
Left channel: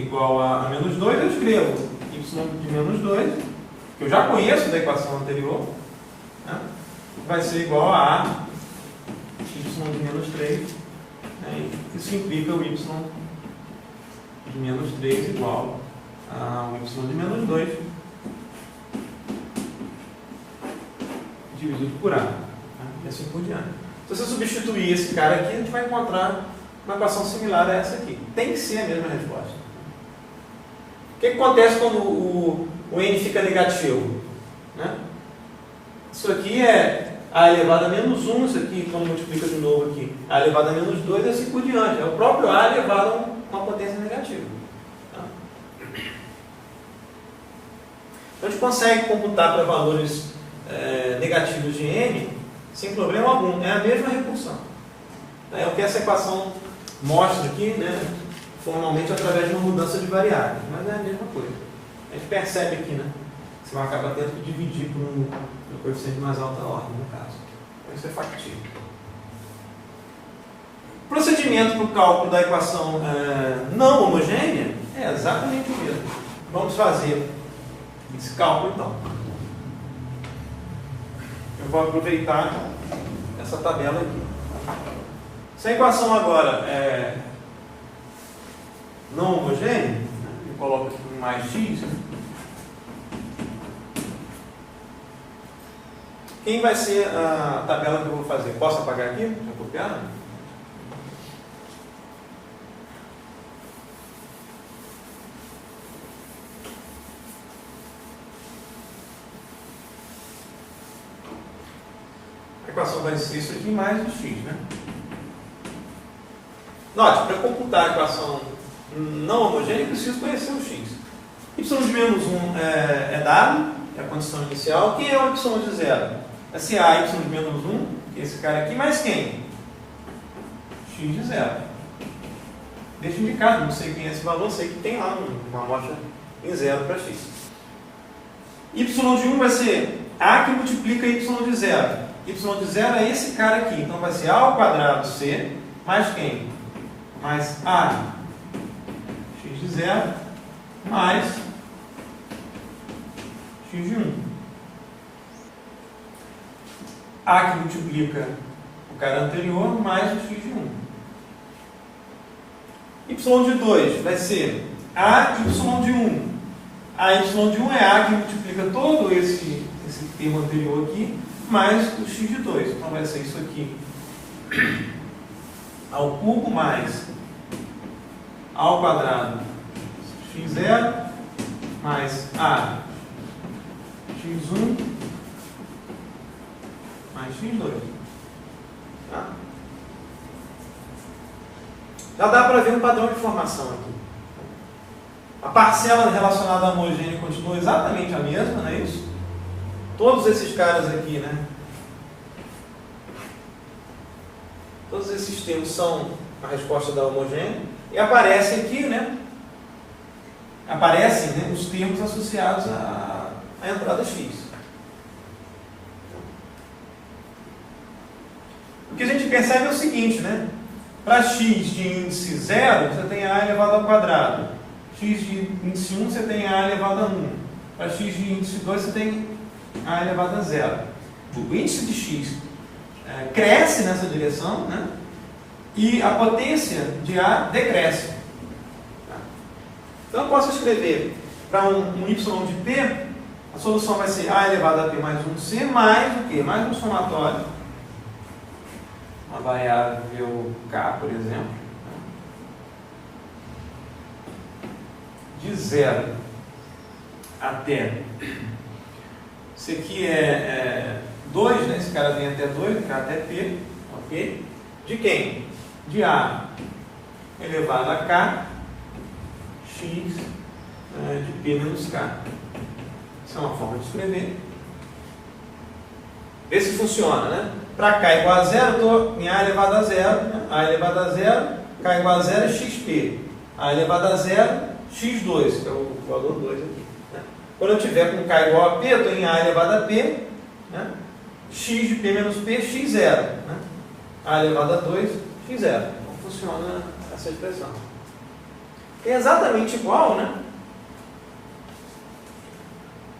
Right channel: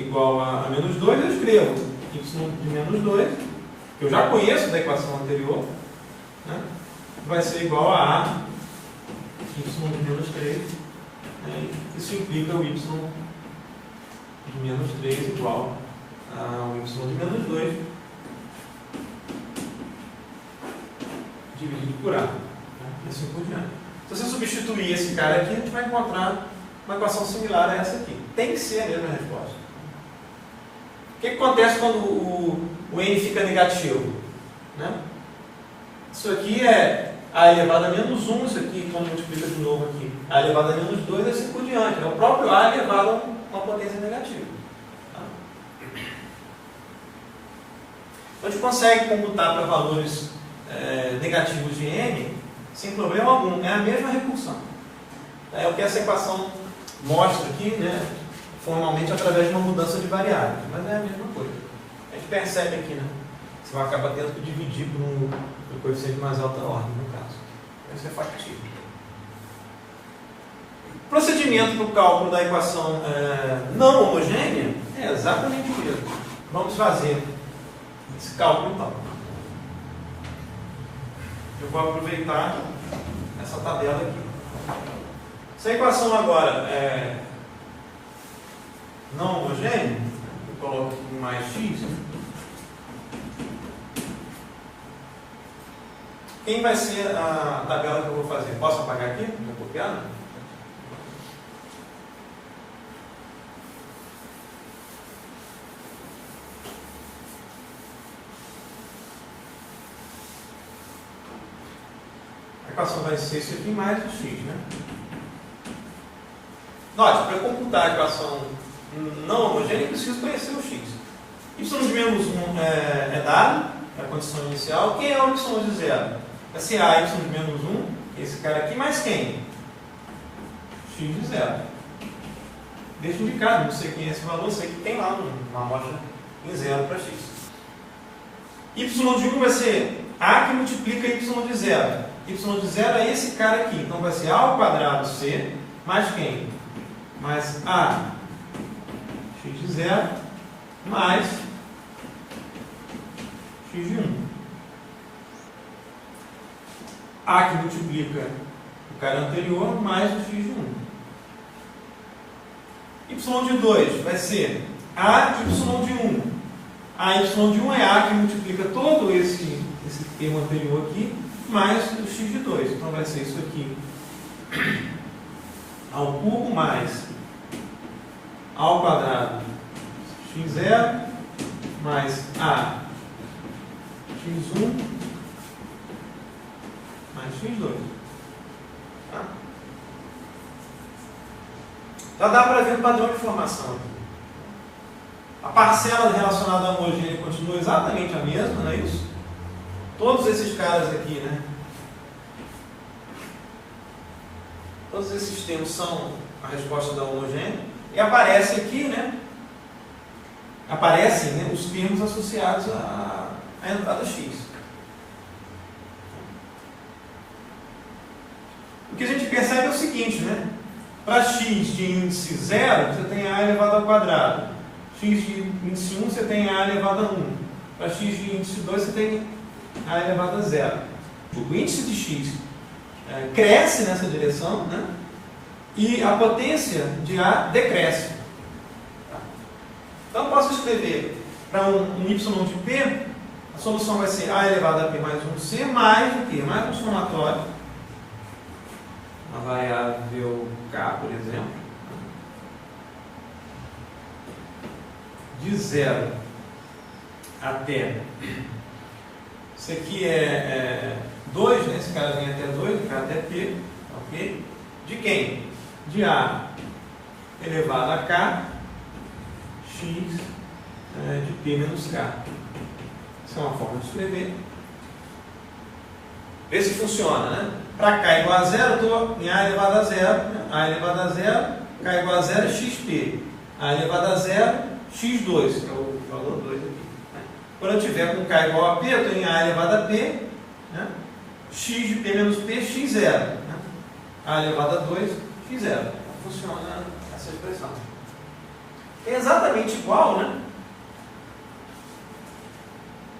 igual a menos 2, eu escrevo y de menos 2, que eu já conheço da equação anterior, né? Vai ser igual a y de menos 3. Né? Isso implica o y de menos 3 igual ao y de menos 2 dividido por A. Né? E assim por diante. Se você substituir esse cara aqui, a gente vai encontrar uma equação similar a essa aqui. Tem que ser a mesma resposta. O que acontece quando o n fica negativo? Né? Isso aqui é a elevado a menos 1, isso aqui, quando multiplica de novo aqui, a elevado a menos 2 e assim por diante. É o próprio a elevado a uma potência negativa. Tá? Então a gente consegue computar para valores negativos de n sem problema algum. É a mesma recursão. É o que essa equação mostra aqui, né, formalmente através de uma mudança de variáveis, mas é a mesma coisa. A gente percebe aqui, né, você vai acabar tendo que dividir por um coeficiente de mais alta ordem, no caso. Isso é factível. O procedimento para o cálculo da equação não homogênea é exatamente o mesmo. Vamos fazer esse cálculo então. Eu vou aproveitar essa tabela aqui. Se a equação agora é não homogênea, eu coloco aqui mais x. Quem vai ser a tabela que eu vou fazer? Posso apagar aqui? Já copiaram? A equação vai ser isso aqui mais o x, né? Note, para computar a equação não homogênea, eu preciso conhecer o x. Y de menos 1 é dado, é a condição inicial. Quem é o y de 0? Vai ser a y de menos 1, que é esse cara aqui, mais quem? X de 0. Deixa indicado, não sei quem é esse valor, sei que tem lá uma amostra em 0 para x. Y de 1 vai ser a que multiplica y de 0. Y de 0 é esse cara aqui, então vai ser a ao quadrado c, mais quem? Mais a x de 0, mais x de 1. A que multiplica o cara anterior, mais o x de 1. Y de 2 vai ser a y de 1. A y de 1 é a que multiplica todo esse termo anterior aqui, mais o x de 2. Então vai ser isso aqui ao cubo mais a ao quadrado x0 mais a x1 mais x2. Tá? Já dá para ver um padrão de formação aqui. A parcela relacionada à homogênea continua exatamente a mesma, não é isso? Todos esses caras aqui, né? Todos esses termos são a resposta da homogênea. E aparece aqui, né? aparecem, né, os termos associados à entrada x. O que a gente percebe é o seguinte, né? Para x de índice 0, você tem a elevado ao quadrado. X de índice 1, você tem a elevado a 1. Para x de índice 2, você tem a elevado a 0. O índice de x cresce nessa direção, né? E a potência de A decresce. Então, eu posso escrever para um y de p, a solução vai ser A elevado a p mais 1c, mais o quê? Mais um somatório, uma variável k, por exemplo, de 0 até, isso aqui é 2, né? Esse cara vem até 2, esse cara até p, ok? De quem? De A elevado a k, x de p menos k. Essa é uma forma de escrever. Vê se funciona, né? Para k igual a 0, eu estou em A elevado a 0, né? A elevado a 0, k igual a 0 é xp. A elevado a 0, x2, que é o valor 2 aqui. Né? Quando eu tiver com k igual a p, eu estou em A elevado a p, né? X de p menos p, x0. Né? A elevado a 2, x0. Então funciona essa expressão. É exatamente igual, né,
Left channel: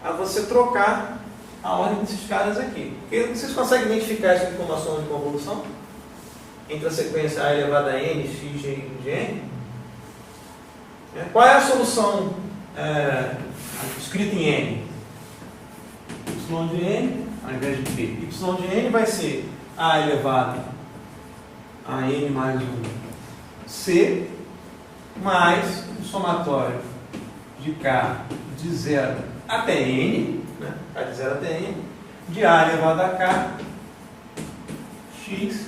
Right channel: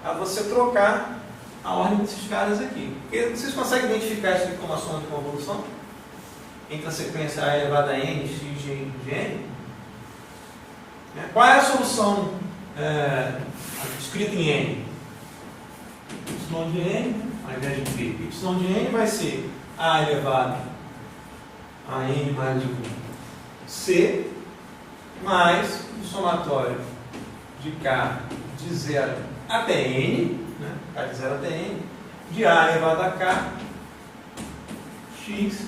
a você trocar a ordem desses caras aqui. Porque vocês conseguem identificar isso aqui como uma soma de convolução? Entre a sequência A elevado a n, x de n? Qual é a solução escrita em n? Y de n, ao invés de p. Y de n vai ser A elevado a n mais 1 c, mais o somatório de k de 0 até n, né? K de 0 até n, de A elevado a k, x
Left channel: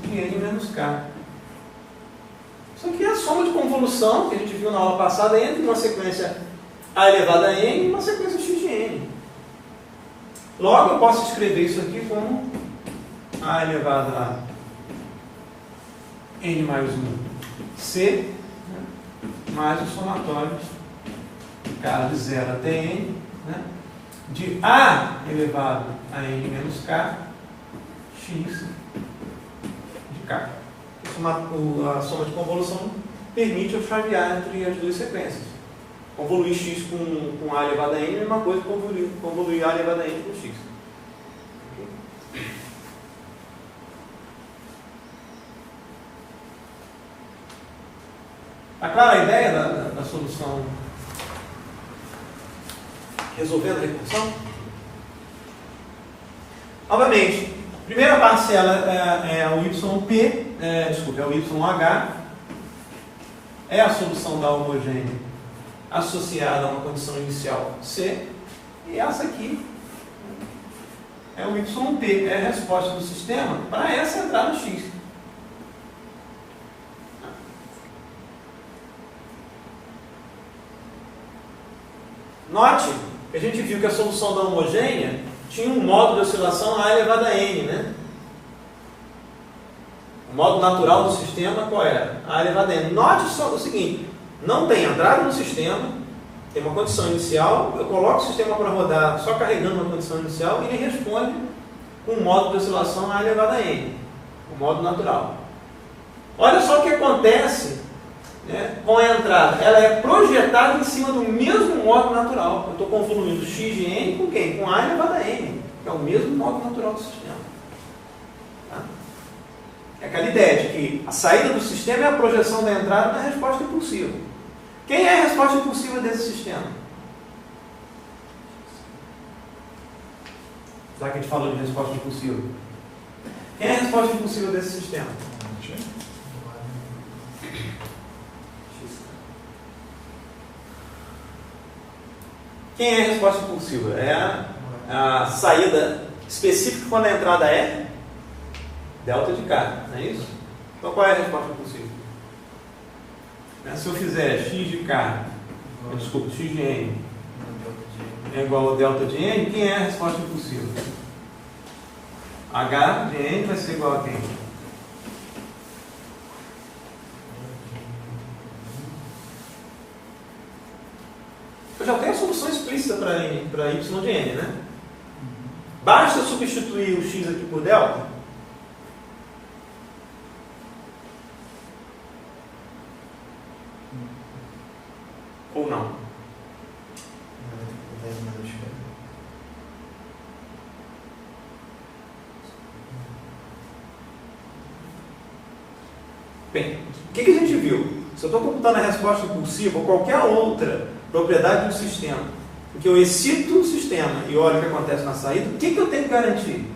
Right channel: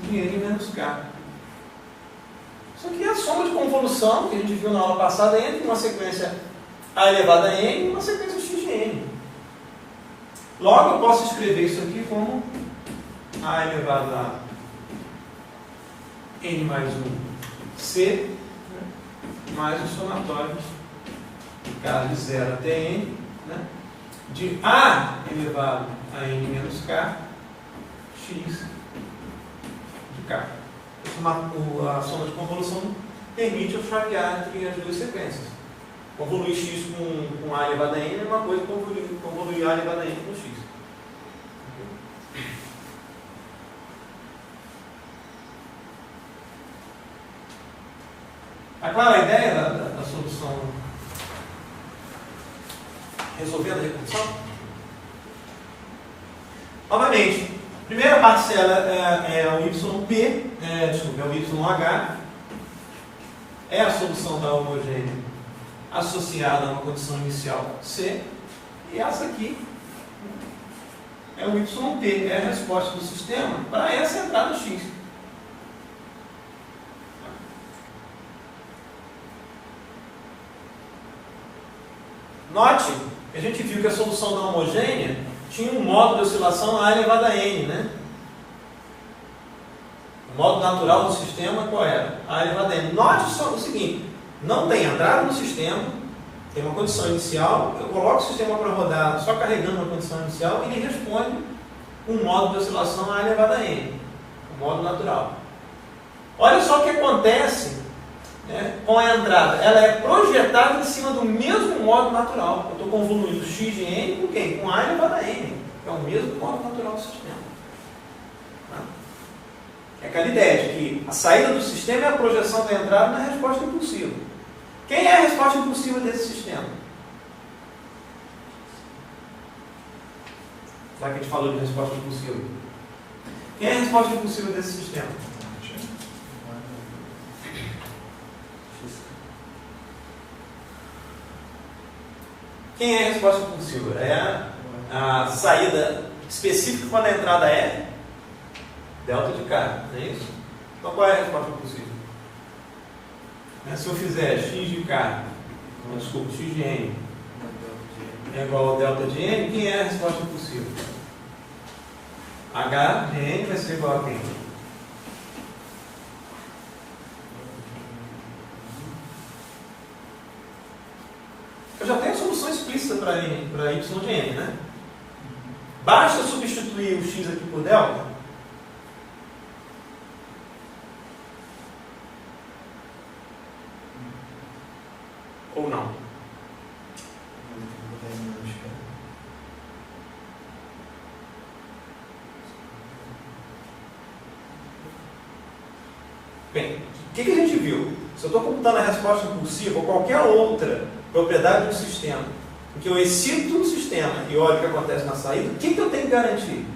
de n menos k. Isso aqui é a soma de convolução que a gente viu na aula passada entre uma sequência A elevado a n e uma sequência x de n. Logo, eu posso escrever isso aqui como A elevado a n mais 1 c, né, mais o somatório de k de 0 até n, né, de A elevado a n menos k, x de k. A soma de convolução permite eu chavear entre as duas sequências. Convoluir x com A elevado a n é uma coisa que convoluir A elevado a n com x. Está clara a ideia da solução resolvendo a recursão? Novamente, a primeira parcela é o YP, é o YH, é a solução da homogênea associada a uma condição inicial C, e essa aqui é o YP, é a resposta do sistema para essa entrada X. Note que a gente viu que a solução da homogênea tinha um modo de oscilação A elevado a n, né? O modo natural do sistema qual era? A elevado a n. Note só o seguinte, não tem entrada no sistema, tem uma condição inicial, eu coloco o sistema para rodar só carregando uma condição inicial e ele responde com um modo de oscilação A elevado a n, o modo natural. Olha só o que acontece, né, com a entrada. Ela é projetada em cima do mesmo modo natural. Eu estou convoluindo x de n com quem? Com A elevado a n, que é o mesmo modo natural do sistema. Tá? É aquela ideia de que a saída do sistema é a projeção da entrada na resposta impulsiva. Quem é a resposta impulsiva desse sistema? Já que a gente falou de resposta impulsiva. Quem é a resposta impulsiva desse sistema? Quem é a resposta impulsiva? É a saída específica quando a entrada é delta de K, não é isso? Então qual é a resposta impulsiva? Se eu fizer x de K, desculpa, x de n é igual a delta de n, quem é a resposta impulsiva? H de n vai ser igual a quem? função explícita para y de n, né? Basta substituir o x aqui por delta? Ou não? Bem, o que a gente viu? Se eu estou computando a resposta impulsiva ou qualquer outra propriedade do sistema, porque eu excito o sistema e olho o que acontece na saída, o que eu tenho que garantir?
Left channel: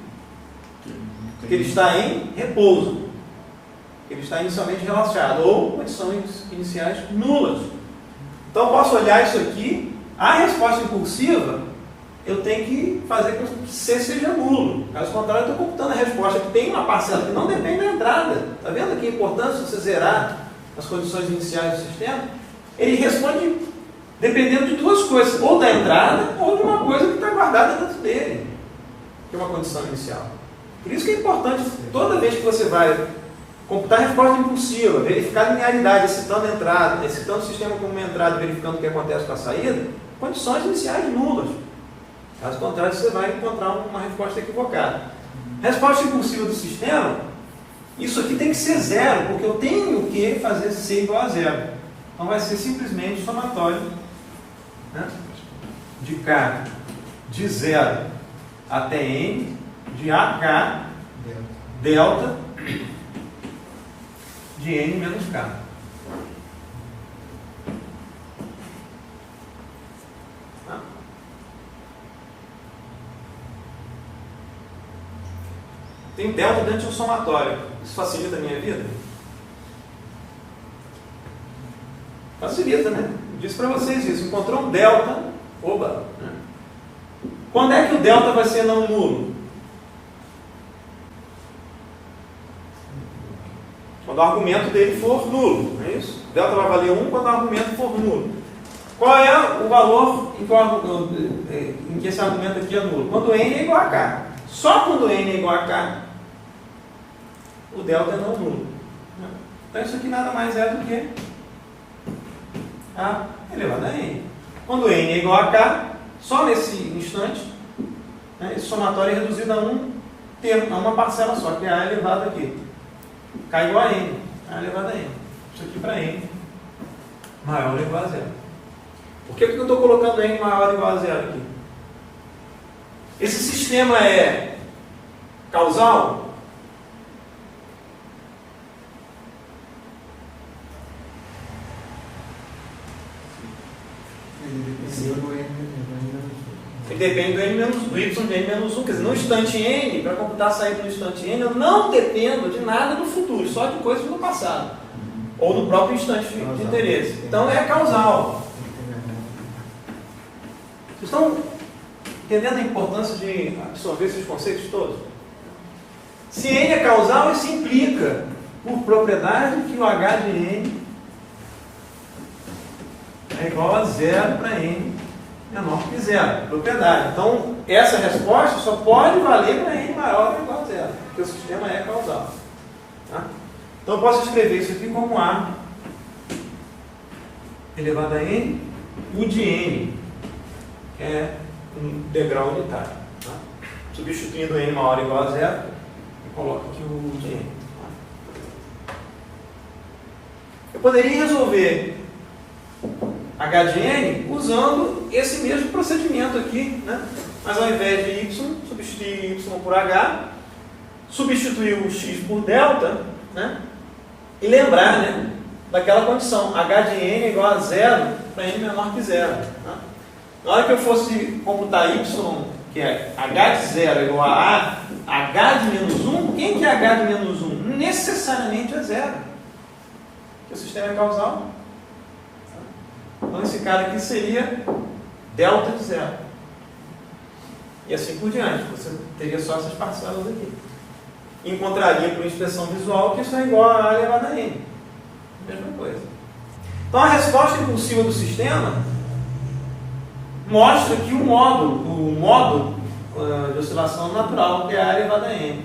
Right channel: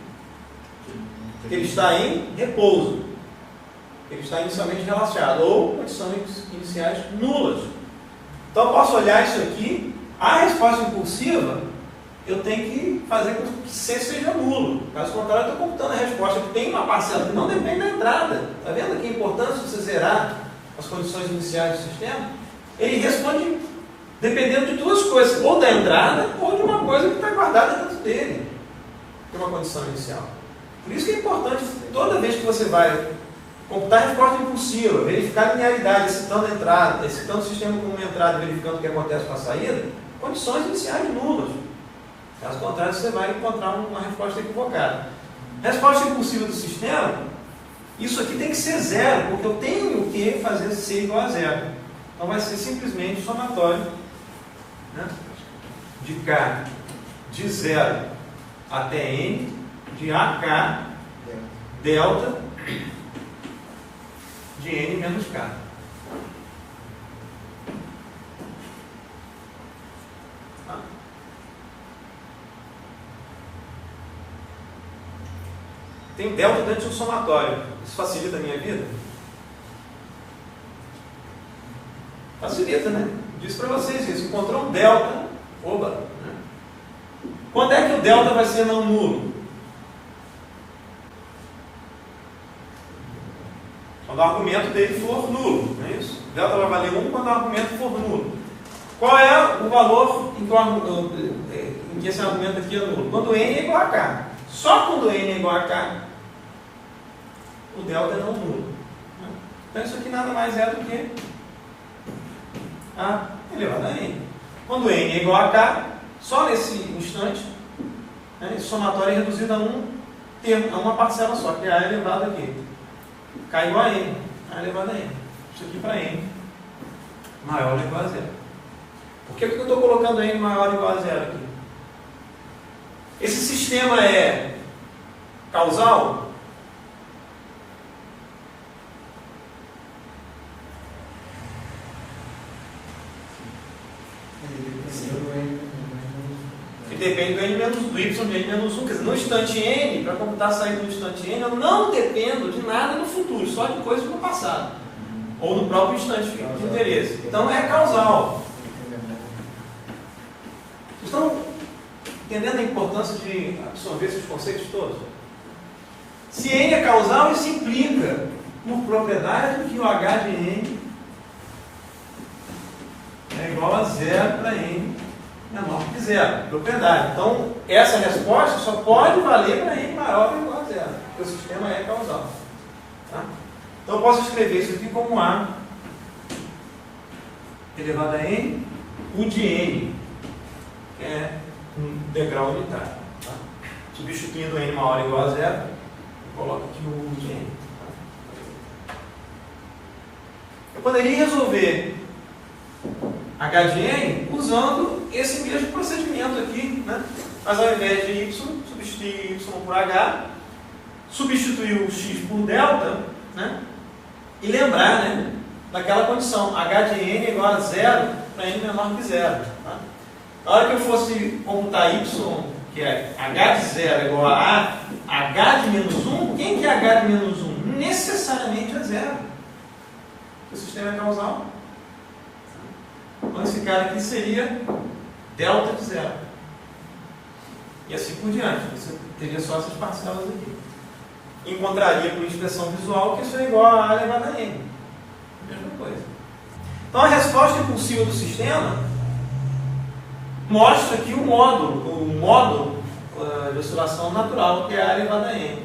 Que ele está em repouso, que ele está inicialmente relaxado, ou condições iniciais nulas. Então eu posso olhar isso aqui, a resposta impulsiva, eu tenho que fazer com que C seja nulo. Caso contrário, eu estou computando a resposta que tem uma parcela que não depende da entrada. Está vendo aqui a importância de você zerar as condições iniciais do sistema? Ele responde dependendo de duas coisas, ou da entrada, ou de uma coisa que está guardada dentro dele, que é uma condição inicial. Por isso que é importante, toda vez que você vai computar a resposta impulsiva, verificar a linearidade, excitando a entrada, excitando o sistema como uma entrada, verificando o que acontece com a saída, condições iniciais nulas. Caso contrário, você vai encontrar uma resposta equivocada. Resposta impulsiva do sistema, isso aqui tem que ser zero, porque eu tenho que fazer C igual a zero. Então vai ser simplesmente somatório, né, de K de 0 até N, de AK delta de N menos K. Tem delta dentro de um somatório. Isso facilita a minha vida? Facilita, né? Eu disse para vocês isso. Encontrou um delta. Oba! Né? Quando é que o delta vai ser não nulo? Quando o argumento dele for nulo. Não é isso? O delta vai valer 1 quando o argumento for nulo. Qual é o valor em que esse argumento aqui é nulo? Quando n é igual a k. Só quando n é igual a k, o delta é não nulo. Então isso aqui nada mais é do que a elevado a n. Quando n é igual a k, só nesse instante, né, esse somatório é reduzido a um termo, a uma parcela só, que é a elevado aqui. K igual a n, a elevado a n. Isso aqui para n maior ou igual a zero. Por que eu estou colocando n maior ou igual a zero aqui? Esse sistema é causal? Ele depende do n menos do y de n menos 1. Quer dizer, no instante n, para computar a saída no instante n, eu não dependo de nada do futuro, só de coisas do passado. Ou no próprio instante de interesse. Então é causal. Vocês estão entendendo a importância de absorver esses conceitos todos? Se n é causal, isso implica, por propriedade, que o h de n é igual a zero para n menor que zero. Propriedade. Então, essa resposta só pode valer para n maior ou igual a zero, porque o sistema é causal. Tá? Então, eu posso escrever isso aqui como a elevado a n, u de n, que é um degrau unitário. Tá? Substituindo n maior ou igual a zero, eu coloco aqui o u de n. Tá? Eu poderia resolver h de n usando esse mesmo procedimento aqui, né? Mas ao invés de y, substituir y por h, substituir o x por delta, né? E lembrar, né, daquela condição, h de n é igual a zero para n menor que zero. Tá? Na hora que eu fosse computar y, que é h de zero é igual a h de menos 1, quem que é h de menos 1? Necessariamente é zero. Porque o sistema é causal. Então esse cara aqui seria delta de zero. E assim por diante. Você teria só essas parcelas aqui. Encontraria com expressão visual que isso é igual a elevado a n. Mesma coisa. Então a resposta impulsiva do sistema mostra que o modo de oscilação natural, que é a elevado a n.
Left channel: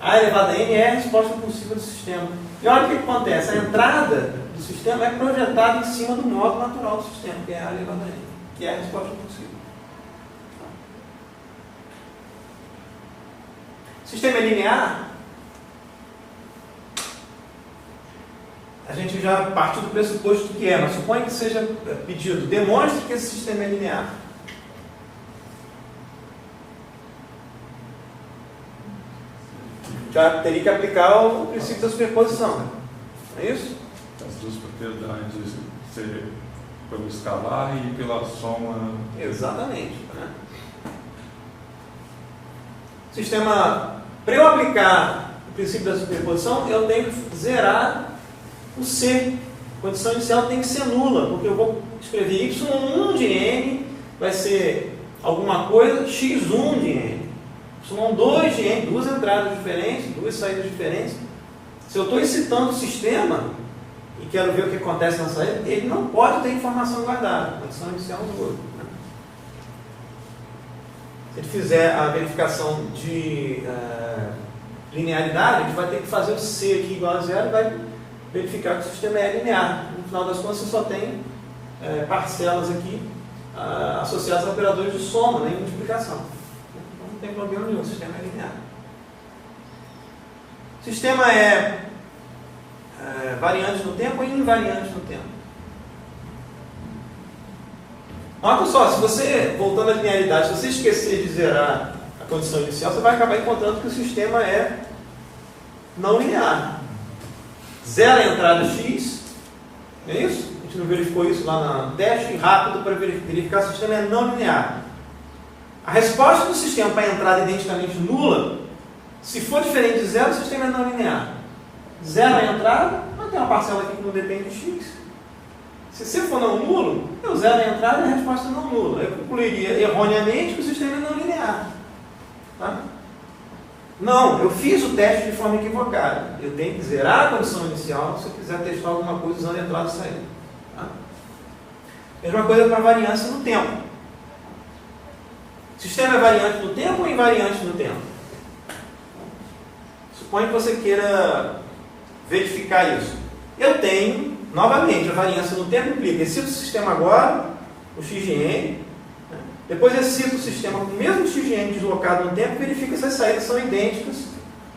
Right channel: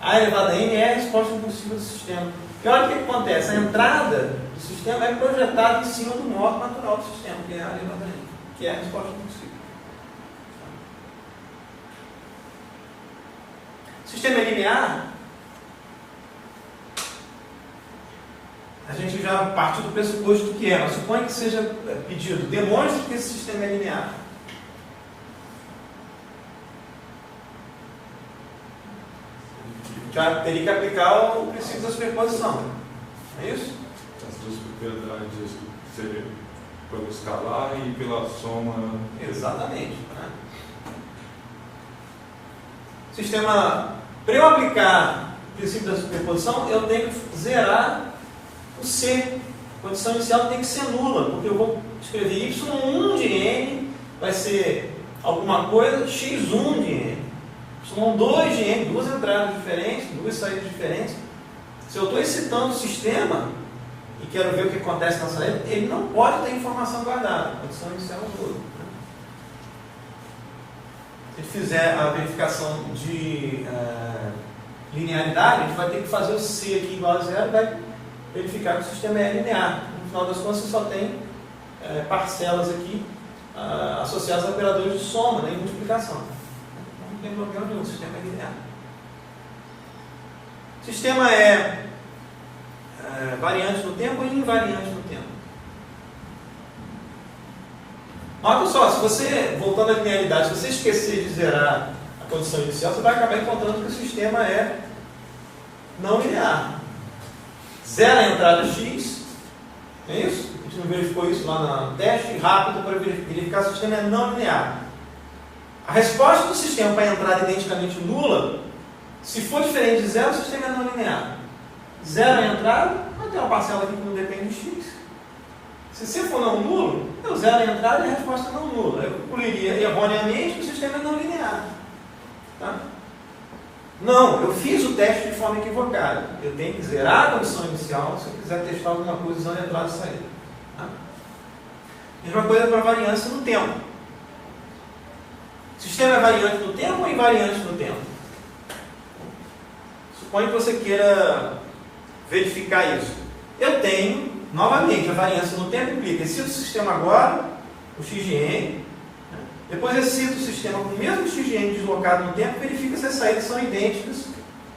A elevado a n é a resposta impulsiva do sistema. E olha o que acontece. A entrada do sistema é projetado em cima do modo natural do sistema, que é A elevado a N, que é a resposta possível. Sistema é linear, a gente já partiu do pressuposto que é, mas suponha que seja pedido, demonstre que esse sistema é linear. Já teria que aplicar o princípio da superposição. É isso? As duas propriedades seriam pelo escalar e pela soma. Exatamente. Né? Sistema, para eu aplicar o princípio da superposição, eu tenho que zerar o C. A condição inicial tem que ser nula, porque eu vou escrever y1 de n, vai ser alguma coisa, x1 de n. y2 de n, duas entradas diferentes, duas saídas diferentes. Se eu estou excitando o sistema e quero ver o que acontece na saída, ele não pode ter informação guardada. A condição inicial nula. Se ele fizer a verificação de linearidade, a gente vai ter que fazer o C aqui igual a zero e vai verificar que o sistema é linear. No final das contas, você só tem parcelas aqui associadas a operadores de soma, né, e multiplicação. Não tem problema nenhum, o sistema é linear. O sistema é variante no tempo ou invariante no tempo? Nota só, se você, voltando à linearidade, se você esquecer de zerar a condição inicial, você vai acabar encontrando que o sistema é não linear. Zera a entrada x, é isso? A gente não verificou isso lá no teste rápido para verificar se o sistema é não linear. A resposta do sistema para a entrada identicamente nula, se for diferente de zero, o sistema é não linear. Zero a entrada, vai ter uma parcela aqui que não depende de x. Se C for não nulo, eu zero a entrada e a resposta é não nula. Eu concluiria erroneamente que o sistema é não linear. Tá? Não, eu fiz o teste de forma equivocada. Eu tenho que zerar a condição inicial se eu quiser testar alguma coisa usando entrada e saída. Tá? Mesma coisa para variância no tempo. O sistema é variante no tempo ou invariante no tempo? Suponha que você queira verificar isso. Eu tenho, novamente, a variância no tempo implica excito o sistema agora, o x de n, depois excito o sistema com o mesmo x de n deslocado no tempo e verifica se as saídas são idênticas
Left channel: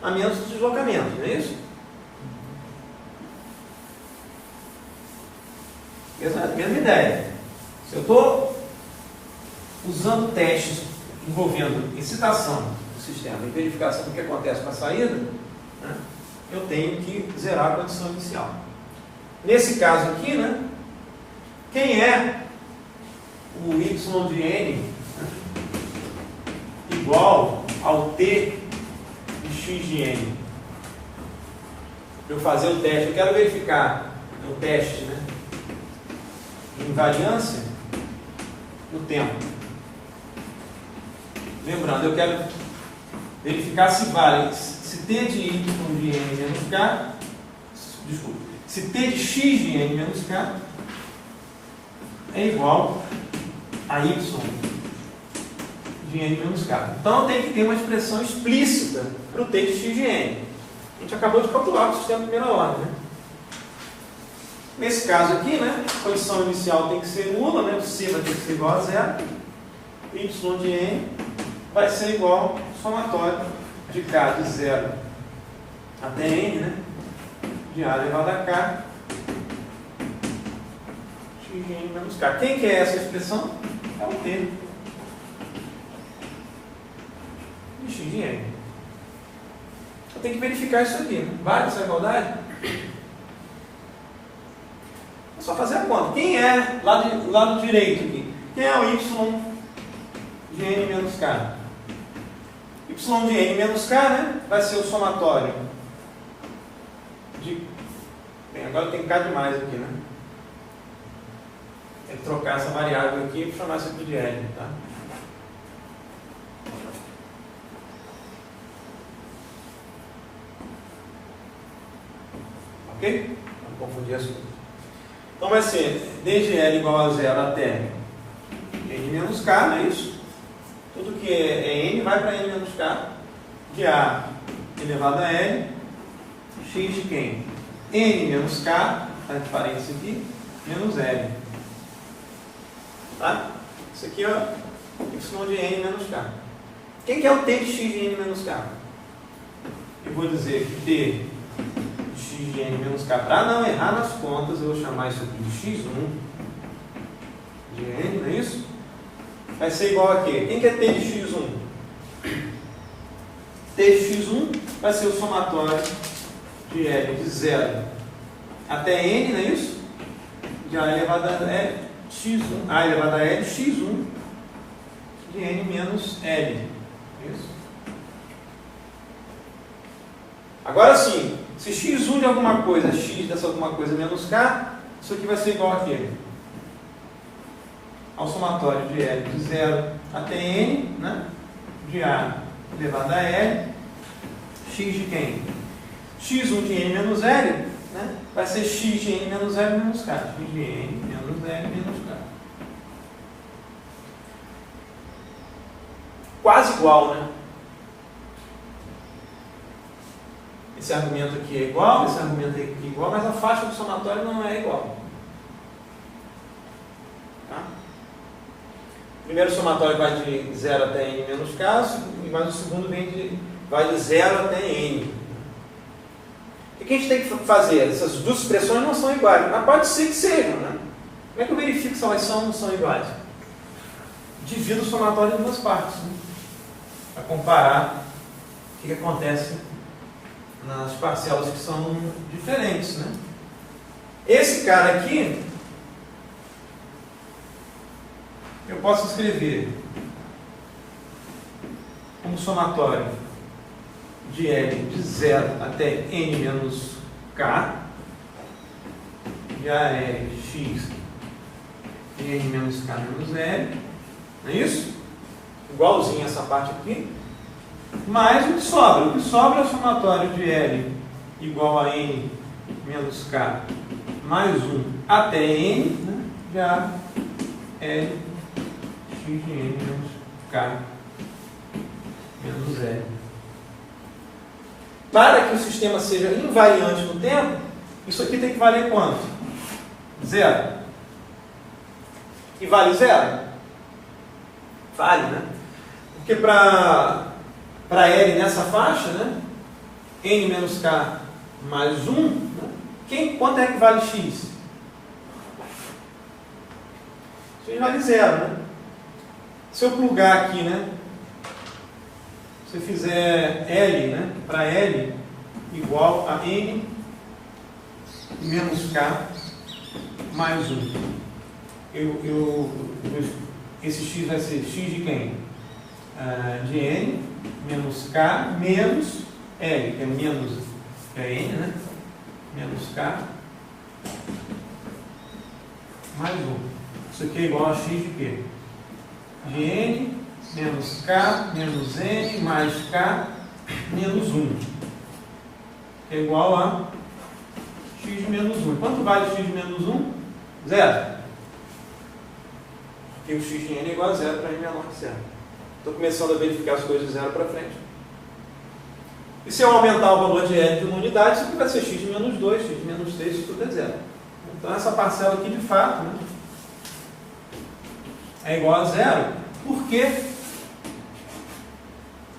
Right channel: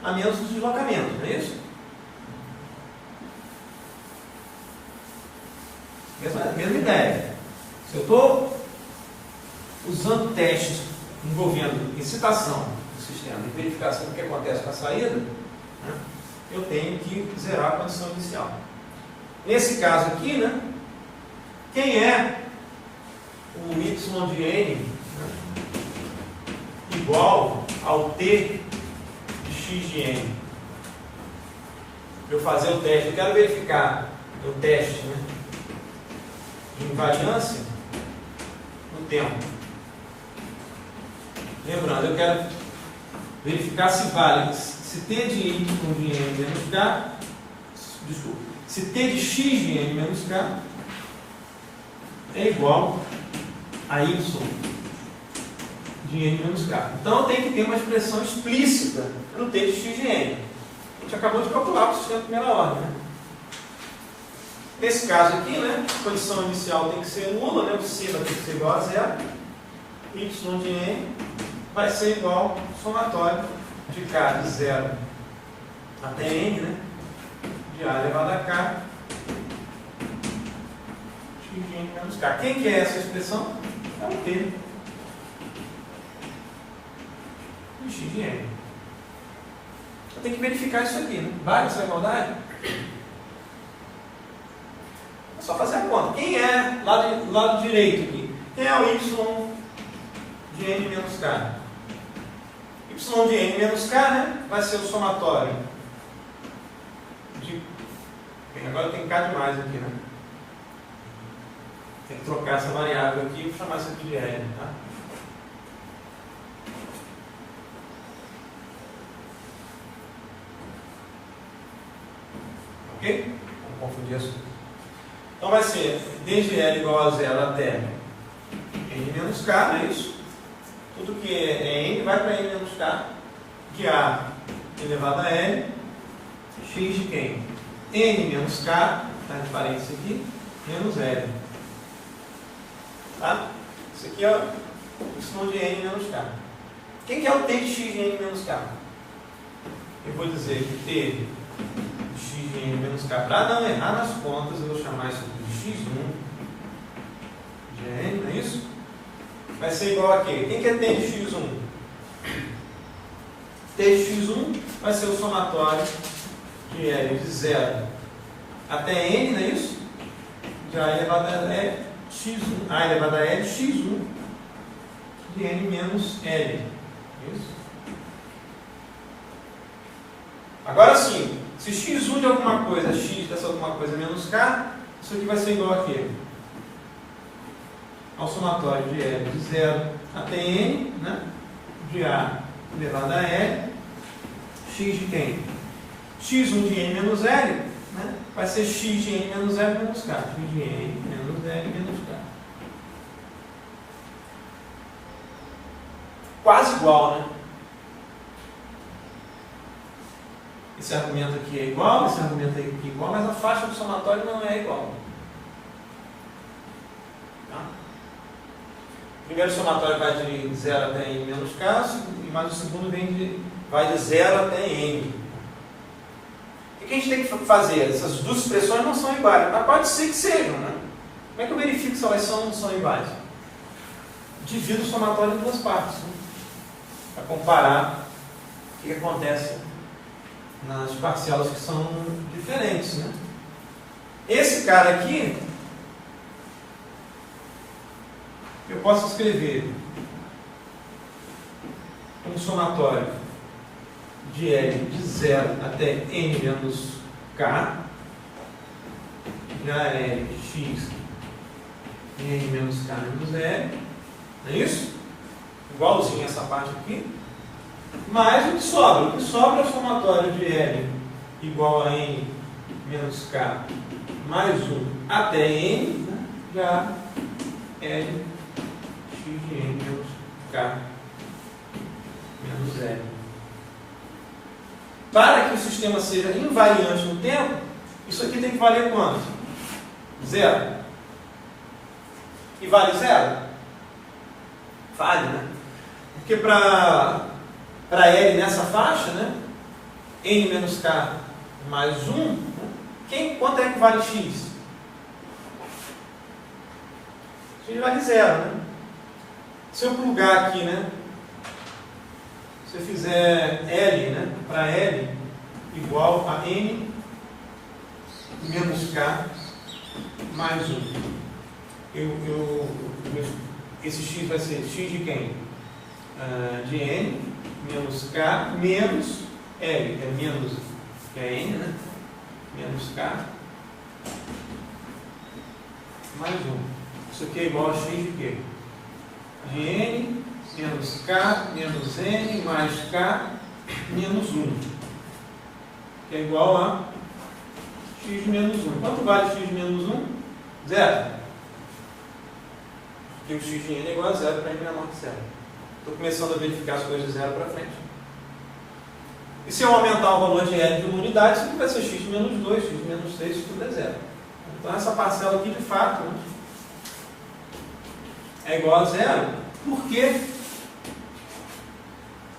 a menos do deslocamento, não é isso? Mesma ideia. Se eu estou usando testes envolvendo excitação do sistema e verificação do que acontece com a saída, né, eu tenho que zerar a condição inicial. Nesse caso aqui, né, quem é o y de n, né, igual ao t de x de n? Para eu fazer o teste, eu quero verificar o teste, né, de invariância no tempo. Lembrando, eu quero verificar se vale, se t de y de n menos k, desculpa, se t de x de n menos k é igual a y de n menos k. Então eu tenho que ter uma expressão explícita para o t de x de n. A gente acabou de calcular o sistema de primeira ordem, né? Nesse caso aqui, né, a condição inicial tem que ser nula, né, o c vai ter que ser igual a zero, y de n vai ser igual ao somatório de k de 0 até n, né, de a elevado a k, x de n menos k. Quem que é essa expressão? É o t de x de n. Eu tenho que verificar isso aqui. Vale essa igualdade? É só fazer a conta. Quem é, lado direito aqui, quem é o y de n menos k? Y de n menos k, né, vai ser o somatório de... Bem, agora tem k demais aqui, né? Tem que trocar essa variável aqui e chamar isso aqui de L, tá? Ok? Não confundir as coisas. Então vai ser desde L igual a 0 até n menos k, não é isso? Tudo que é n vai para n menos k, de a elevado a l, x de quem? N menos k referência aqui, menos L. Tá? Isso aqui é y de n menos k. Quem que é o t de x de n menos k? Eu vou dizer que t de x de n menos k, para não errar nas contas, eu vou chamar isso aqui de x1 de n, não é isso? Vai ser igual a quê? Quem que é t de x1? T de x1 vai ser o somatório de L de 0 até n, não é isso? De A elevado a x1, A elevado a L x1 de n menos L. Isso. Agora sim, se x1 de alguma coisa, x dessa alguma coisa menos k, isso aqui vai ser igual a quê? Ao somatório de L de 0 até n, né? De A elevado a L, x de quem? x1 de n menos L, né? Vai ser x de n menos L menos k. X de n menos L menos k. Quase igual, né? Esse argumento aqui é igual, esse argumento aqui é igual, mas a faixa do somatório não é igual. Tá? O primeiro somatório vai de 0 até n menos k, mas o segundo vai de 0 até n. O que a gente tem que fazer? Essas duas expressões não são iguais, mas pode ser que sejam, né? Como é que eu verifico se elas são iguais? Divido o somatório em duas partes, né? Para comparar o que acontece nas parcelas que são diferentes, né? Esse cara aqui, eu posso escrever um somatório de L de 0 até n menos k, de AL de x de n menos k menos L, não é isso? Igualzinho essa parte aqui, mais o que sobra. O que sobra é o somatório de L igual a n menos k mais 1 até n, né? De A L x de n menos k menos L. Para que o sistema seja invariante no tempo, isso aqui tem que valer quanto? 0. E vale 0? Vale, né? Porque para L nessa faixa, né? N menos K mais 1, né? Quanto é que vale X? X vale 0, né? Se eu plugar aqui, né? Se eu fizer L, né? Para L igual a N menos K mais 1. Esse X vai ser X de quem? De N menos K menos L, que é menos N, né? Menos K mais 1. Isso aqui é igual a X de quê? De N menos K menos N mais K menos 1. Que é igual a X menos 1. Quanto vale X menos 1? 0. Porque o X de N é igual a 0 para N menor que 0. Estou começando a verificar as coisas de 0 para frente. E se eu aumentar o valor de L de uma unidade, isso aqui vai ser X de menos 2, X de menos 3, isso tudo é 0. Então essa parcela aqui, de fato, né, é igual a 0, porque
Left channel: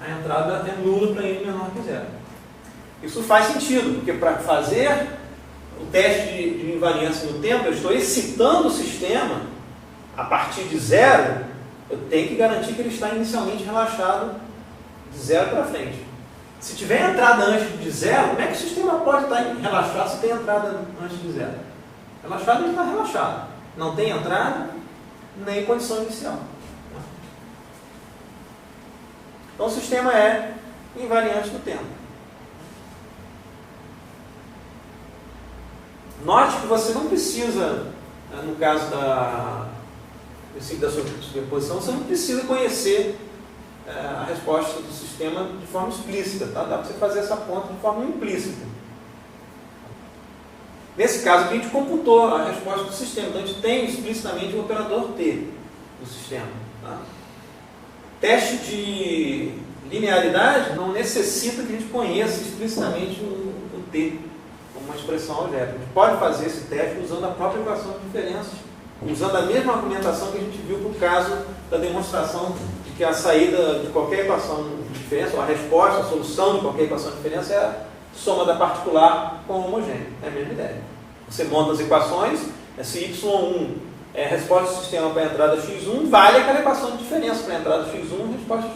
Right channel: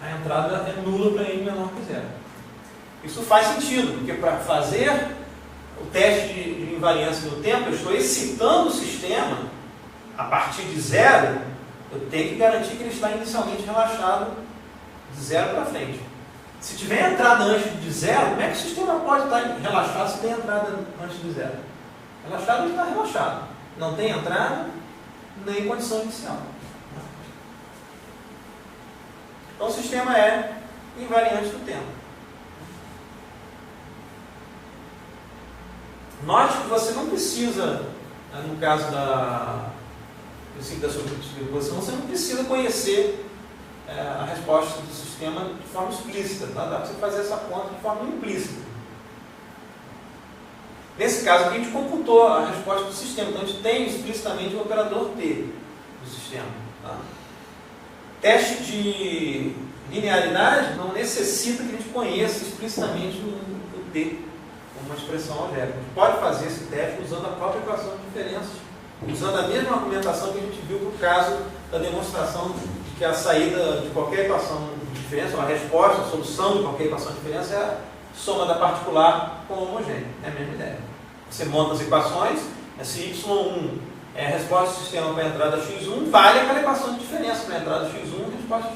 a entrada é nula para N menor que 0. Isso faz sentido, porque para fazer o teste de invariância no tempo, eu estou excitando o sistema a partir de 0, eu tenho que garantir que ele está inicialmente relaxado de 0 para frente. Se tiver entrada antes de 0, como é que o sistema pode estar relaxado se tem entrada antes de 0? Relaxado, ele está relaxado. Não tem entrada, nem condição inicial. Então o sistema é invariante do tempo. Note que você não precisa, no caso da superposição, você não precisa conhecer a resposta do sistema de forma explícita, tá? Dá para você fazer essa conta de forma implícita. Nesse caso aqui, a gente computou a resposta do sistema, então a gente tem explicitamente o operador T do sistema. Tá? Teste de linearidade não necessita que a gente conheça explicitamente o T, o uma expressão algébrica. A gente pode fazer esse teste usando a própria equação de diferenças, usando a mesma argumentação que a gente viu no caso da demonstração de que a saída de qualquer equação de diferença, ou a resposta, a solução de qualquer equação de diferença é a soma da particular com o homogêneo. É a mesma ideia. Você monta as equações, se y1 é a resposta do sistema para a entrada x1, vale aquela equação de diferença para a entrada x1 e resposta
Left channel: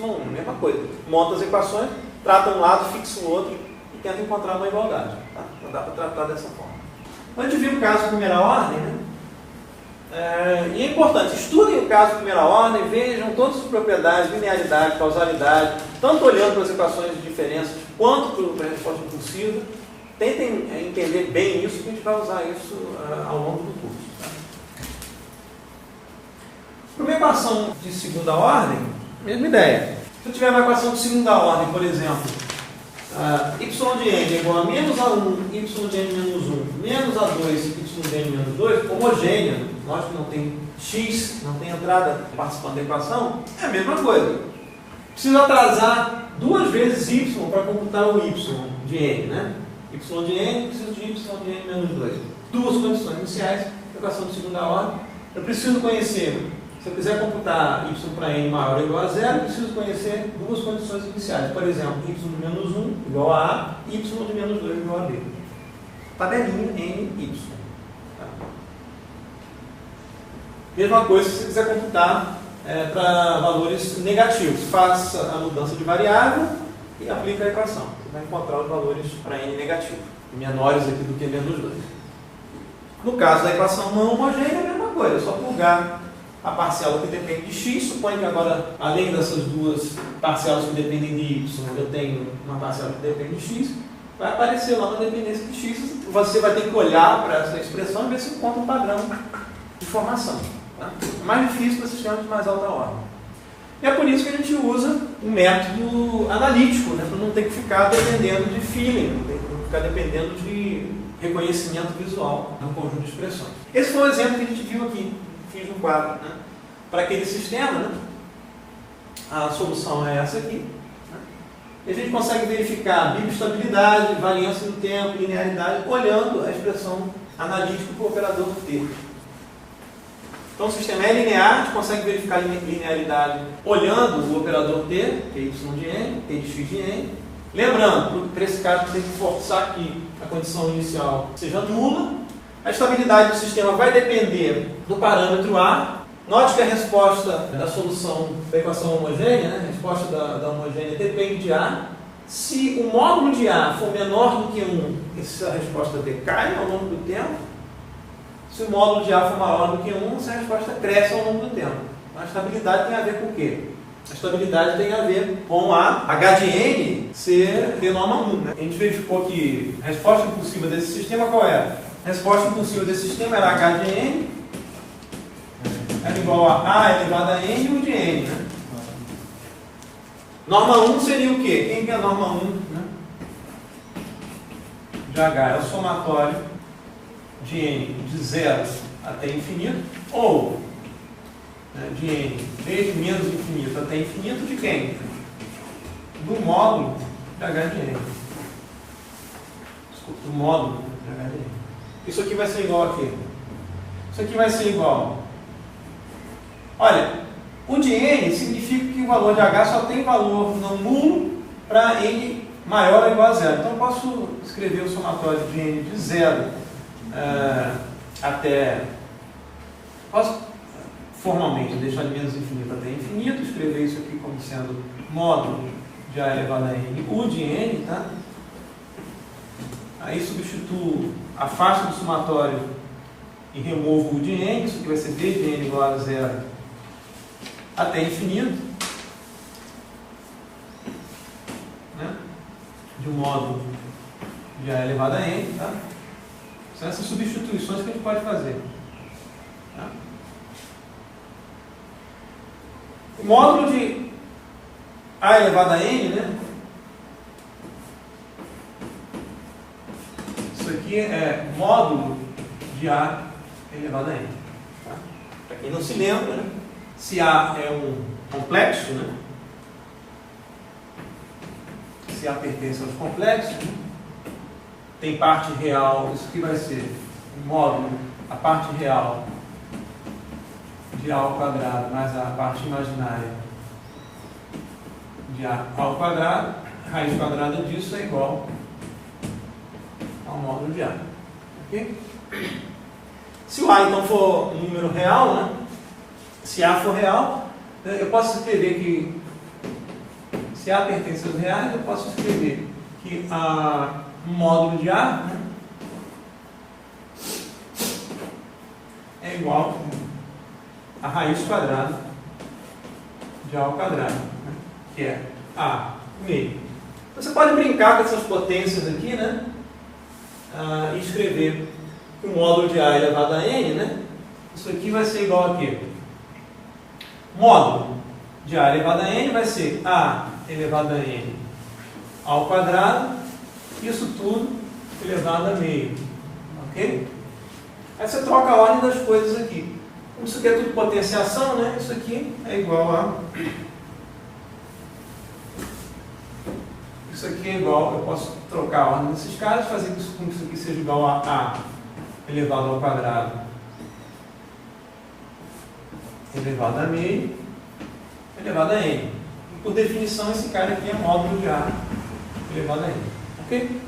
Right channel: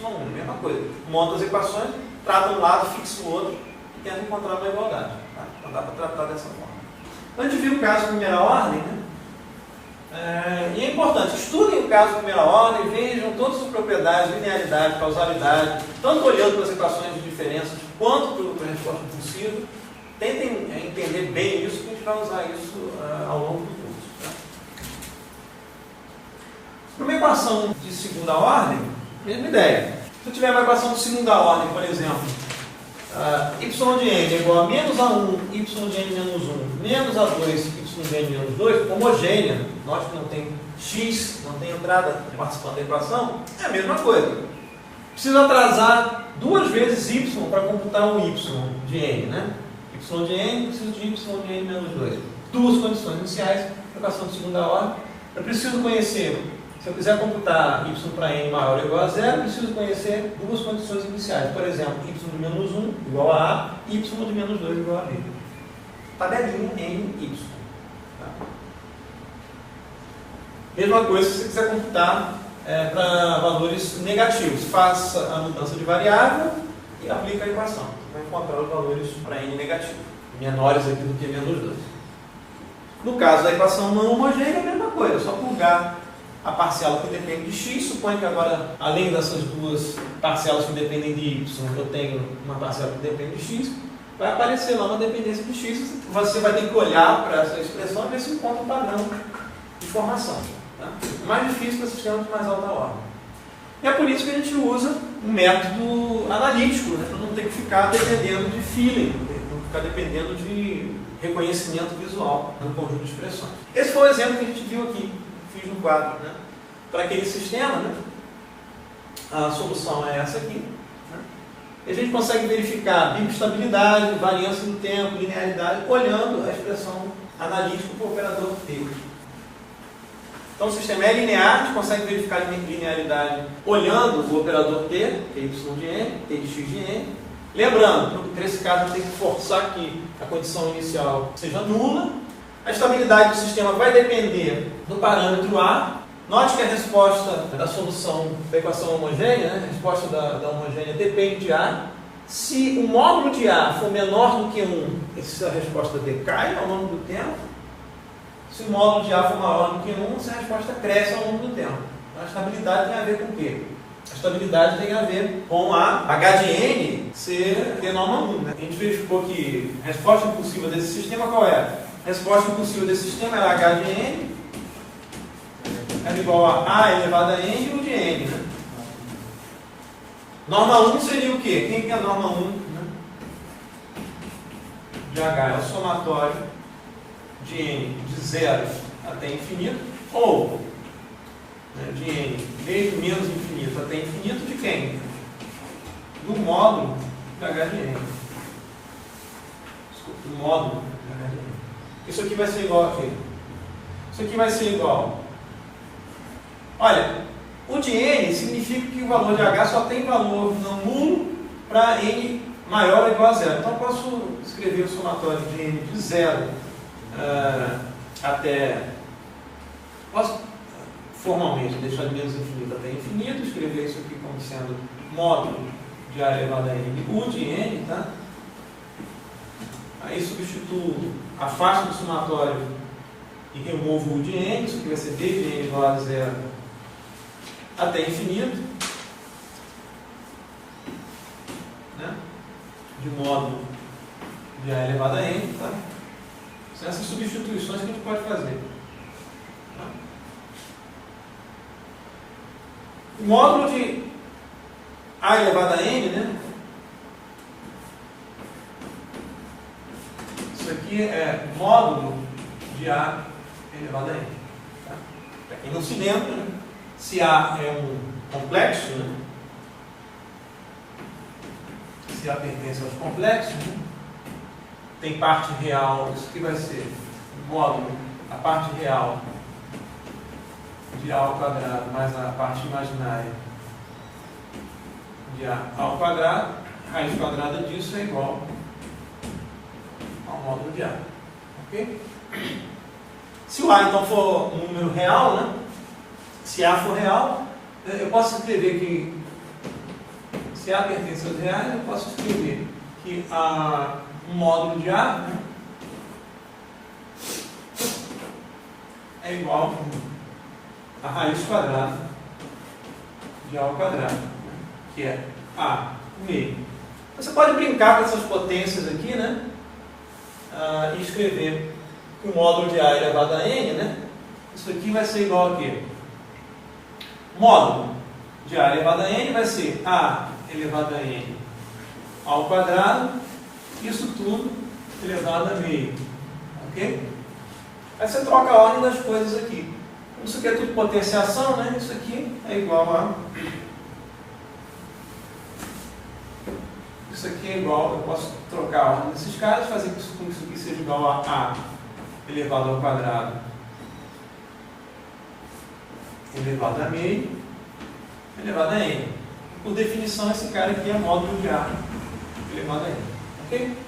y1, mesma coisa. Monta as equações, trata um lado, fixa o outro e tenta encontrar uma igualdade. Tá? Não dá para tratar dessa forma. Então a gente viu o caso de primeira ordem, né? E é importante, estudem o caso de primeira ordem, vejam todas as propriedades, linearidade, causalidade, tanto olhando para as equações de diferenças quanto para a resposta impulsiva. Tentem entender bem isso, que a gente vai usar isso ao longo do curso. Tá? Para uma equação de segunda ordem, mesma ideia. Se eu tiver uma equação de segunda ordem, por exemplo, y de n é igual a menos a1, y de n menos 1, menos a2, y de n menos 2, homogênea, nós que não tem x, não tem entrada participando da equação, é a mesma coisa. Preciso atrasar duas vezes y para computar o y de n, né? Y de n, preciso de y de n menos 2. Duas condições iniciais, equação de segunda ordem. Eu preciso conhecer, se eu quiser computar y para n maior ou igual a zero, eu preciso conhecer duas condições iniciais. Por exemplo, y de menos 1 igual a A, y de menos 2 igual a B. Tabelinha n, y. Tá? Mesma coisa se você quiser computar para valores negativos. Faça a mudança de variável e aplica a equação. Você vai encontrar os valores para n negativo, menores aqui do que menos 2. No caso da equação não homogênea, é a mesma coisa, é só plugar a parcela que depende de x. Suponho que agora, além dessas duas parcelas que dependem de y, eu tenho uma parcela que depende de x, vai aparecer lá uma dependência de x. Você vai ter que olhar para essa expressão e ver se encontra um padrão de formação. Tá? É mais difícil para sistemas de mais alta ordem. E é por isso que a gente usa um método analítico, né, para não ter que ficar dependendo de feeling, não ficar dependendo de reconhecimento visual de um conjunto de expressões. Esse foi o exemplo que a gente viu aqui, fiz no quadro. Né? Para aquele sistema, né, a solução é essa aqui. Né? E a gente consegue verificar bimestabilidade, variância do tempo, linearidade, olhando a expressão analítica para o operador T. Então o sistema é linear, a gente consegue verificar a linearidade olhando o operador T, que é y de n, T de x de n. Lembrando, para esse caso, a gente tem que forçar que a condição inicial seja nula. A estabilidade do sistema vai depender do parâmetro A. Note que a resposta da solução da equação homogênea, né, a resposta da homogênea depende de A. Se o módulo de A for menor do que 1, essa resposta decai ao longo do tempo. Se o módulo de A for maior do que 1, essa resposta cresce ao longo do tempo. A estabilidade tem a ver com o quê? A estabilidade tem a ver com a H de n ser de norma 1. Né? A gente verificou que a resposta impulsiva desse sistema qual era? A resposta impulsiva desse sistema era H de n, era igual a elevado a n e U de n. Né? Norma 1 seria o quê? Quem que é a norma 1? Né? De H é o somatório de n de 0 até infinito, ou de n desde menos infinito até infinito de quem? Do módulo de H de n. Desculpa, do módulo de H de n. Isso aqui vai ser igual a quê? Isso aqui vai ser igual. Olha, o de n significa que o valor de H só tem valor não nulo para n maior ou igual a 0. Então eu posso escrever o somatório de n de 0 até, posso formalmente deixar de menos infinito até infinito, escrever isso aqui como sendo módulo de A elevado a n, U de n, tá? Aí substituo, afasto do somatório e removo o U de n, isso aqui vai ser desde n igual a 0 até infinito, né? De módulo de A elevado a n, tá? São essas substituições que a gente pode fazer. Tá? O módulo de A elevado a n, né? Isso aqui é módulo de A elevado a n. Tá? Para quem não se lembra, né? Se A é um complexo, né? Se A pertence aos complexos, né? tem parte real, isso aqui vai ser módulo, a parte real de A ao quadrado mais a parte imaginária de A ao quadrado, raiz quadrada disso é igual ao módulo de A. Ok? Se o A então for um número real, né? Se A for real, eu posso escrever que, se A pertence aos reais, eu posso escrever que um módulo de A, né, é igual a raiz quadrada de A ao quadrado, né, que é A meio. Você pode brincar com essas potências aqui, né, e escrever que o módulo de A elevado a n, né, isso aqui vai ser igual a quê? Módulo de A elevado a n vai ser A elevado a n ao quadrado, isso tudo elevado a meio. Ok? Aí você troca a ordem das coisas aqui. Como isso aqui é tudo potenciação, né? Isso aqui é igual a... Isso aqui é igual, eu posso trocar a ordem desses caras, fazer com que isso aqui seja igual a A elevado ao quadrado elevado a meio elevado a n. Por definição, esse cara aqui é módulo de A elevado a n. Ok?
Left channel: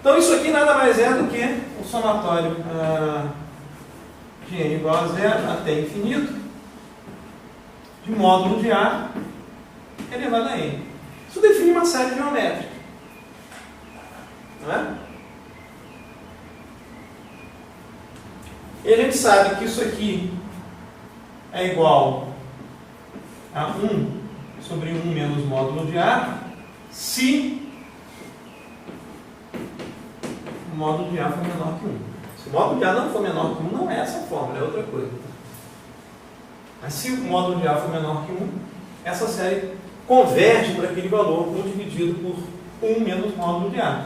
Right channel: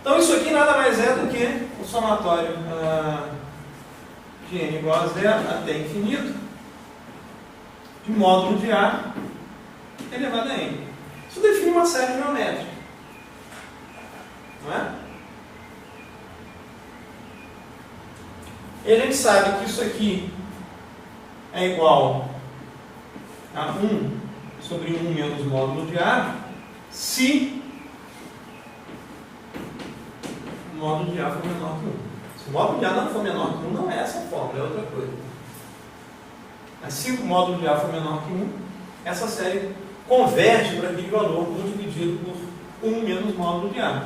Então, isso aqui nada mais é do que o somatório de n igual a zero até infinito de módulo de A elevado a n. Isso define uma série geométrica. Não é? E a gente sabe que isso aqui é igual a 1 sobre 1 menos módulo de A, se o módulo de A for menor que 1. Se o módulo de A não for menor que 1, não é essa fórmula, é outra coisa. Mas se o módulo de A for menor que 1, essa série converge para aquele valor 1 dividido por 1 menos módulo de A.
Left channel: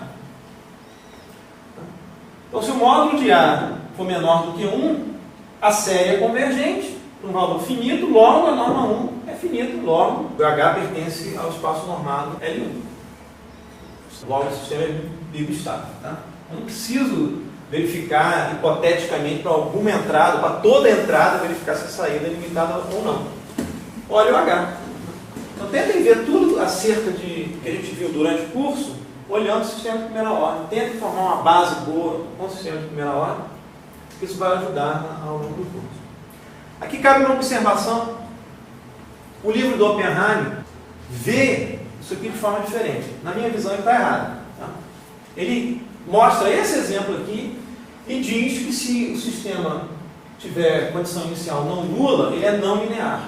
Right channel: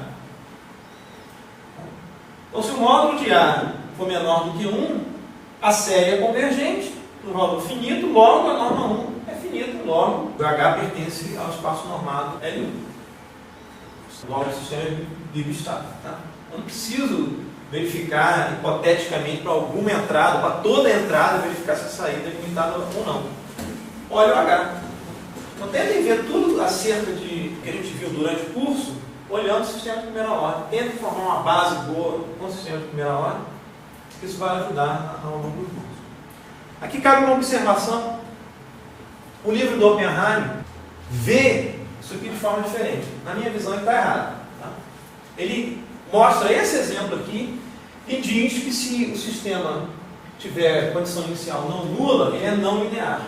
Então, se o módulo de A for menor do que 1, a série é convergente para um valor finito, logo a norma 1 é finita, logo o H pertence ao espaço normado L1. Logo o sistema é bibestável. Tá? Eu não preciso verificar hipoteticamente para alguma entrada, para toda entrada, verificar se a saída é limitada ou não. Olha o H. Então tentem ver tudo acerca de que a gente viu durante o curso, olhando o sistema de primeira ordem. Tentem formar uma base boa com o sistema de primeira ordem, que isso vai ajudar ao longo do curso. Aqui cabe uma observação. O livro do Oppenheim vê isso aqui de forma diferente. Na minha visão, ele está errado. Tá? Ele mostra esse exemplo aqui e diz que se o sistema tiver condição inicial não nula, ele é não linear.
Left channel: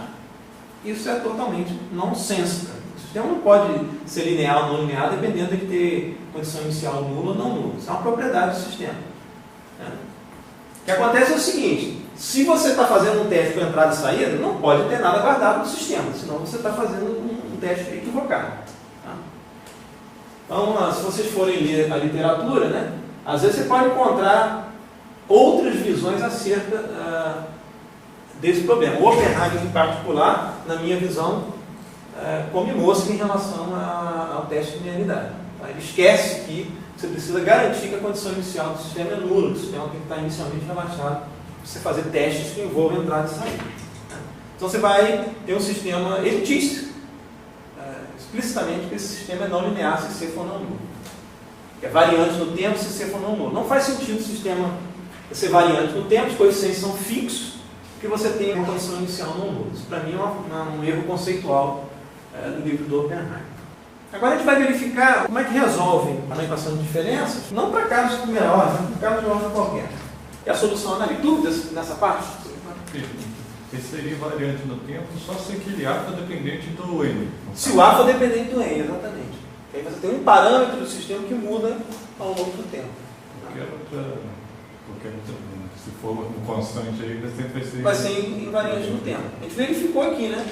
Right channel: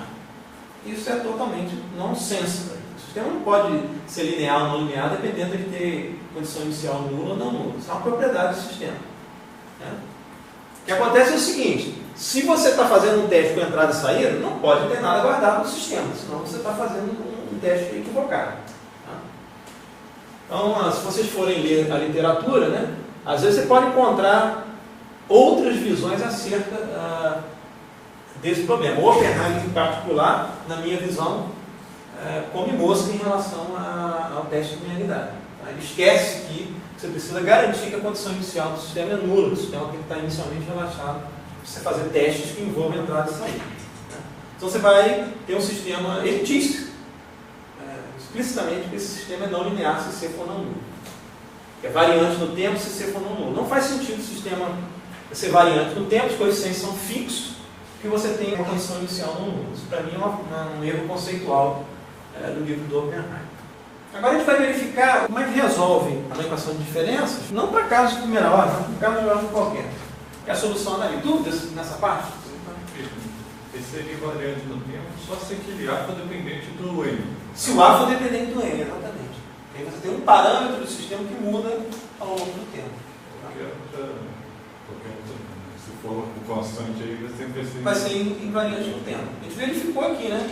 Isso é totalmente nonsense. O sistema não pode ser linear ou não linear dependendo de ter condição inicial nula ou não nula. Isso é uma propriedade do sistema. Né? O que acontece é o seguinte: se você está fazendo um teste com entrada e saída, não pode ter nada guardado no sistema, senão você está fazendo um teste equivocado. Tá? Então, se vocês forem ler a literatura, né, às vezes você pode encontrar outras visões acerca desse problema. O Oppenheim, em particular, na minha visão, come mosca em relação ao teste de linearidade. Tá? Ele esquece que você precisa garantir que a condição inicial do sistema é nula, o sistema tem que estar inicialmente relaxado para você fazer testes que envolvam entrada e saída. Então você vai ter um sistema elitista, explicitamente que esse sistema é não linear se C for não nulo. É variante no tempo se C for não nulo. Não faz sentido o sistema ser variante no tempo, os coeficientes são fixos, que você tenha uma condição inicial não nula. Isso para mim é um erro conceitual do livro do Oppenheim. Agora a gente vai verificar como é que resolve a equação de diferenças, não para casos de primeira ordem, mas para casos de ordem qualquer. E a solução ali, dúvidas nessa parte? Esse seria variante no tempo só se aquele A for dependente do N. Se o A for dependente do N, exatamente. Aí você tem um parâmetro do sistema que muda ao longo do tempo. Se for um constante aí, vai ser invariante no tempo. A gente verificou aqui, né?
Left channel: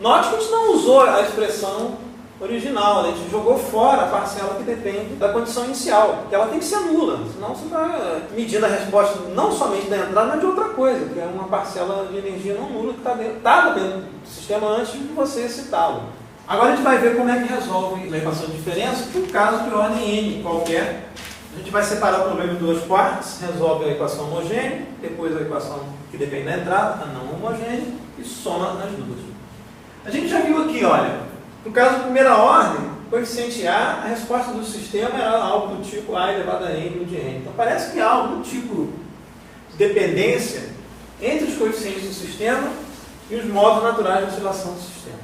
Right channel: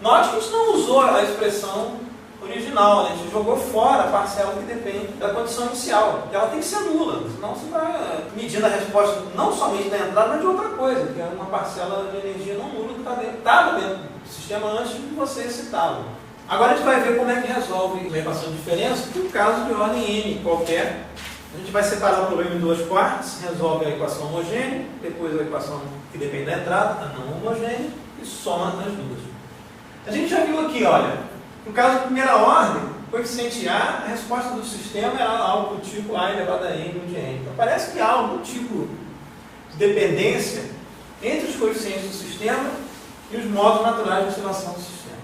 Note que a gente não usou a expressão original, né? A gente jogou fora a parcela que depende da condição inicial, que ela tem que ser nula, senão você vai medindo a resposta não somente da entrada, mas de outra coisa, que é uma parcela de energia não nula que estava dentro do sistema antes de você citá-lo. Agora a gente vai ver como é que resolve a equação de diferença por caso de ordem n qualquer. A gente vai separar o problema em duas partes, resolve a equação homogênea, depois a equação que depende da entrada, a não homogênea, e soma as duas. A gente já viu aqui, olha, no caso da primeira ordem, coeficiente A, a resposta do sistema era algo do tipo A elevado a n de n. Então parece que há algum tipo de dependência entre os coeficientes do sistema e os modos naturais de oscilação do sistema.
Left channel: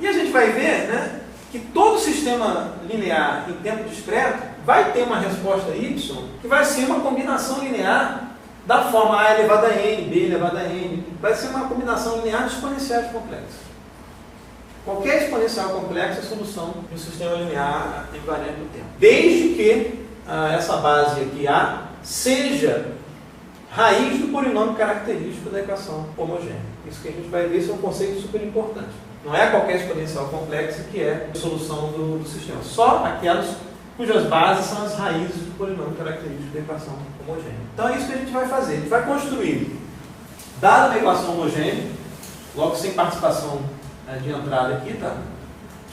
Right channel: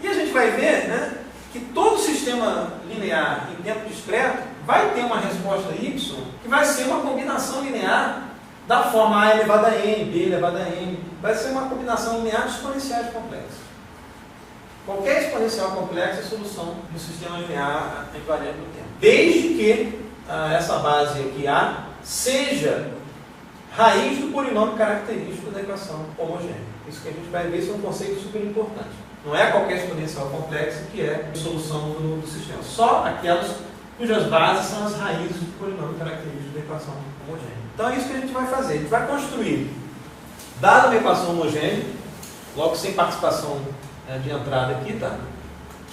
E a gente vai ver, né, que todo sistema linear em tempo discreto vai ter uma resposta y que vai ser uma combinação linear da forma A elevado a n, B elevado a n. Vai ser uma combinação linear de exponenciais complexas. Qualquer exponencial complexa é solução de um sistema linear invariante do tempo. Desde que essa base aqui A seja raiz do polinômio característico da equação homogênea. Isso que a gente vai ver, isso é um conceito super importante. Não é qualquer exponencial complexa que é a solução do sistema. Só aquelas cujas bases são as raízes do polinômio característico da equação homogênea. Então é isso que a gente vai fazer. A gente vai construir, dada uma equação homogênea, logo sem participação de entrada aqui, tá?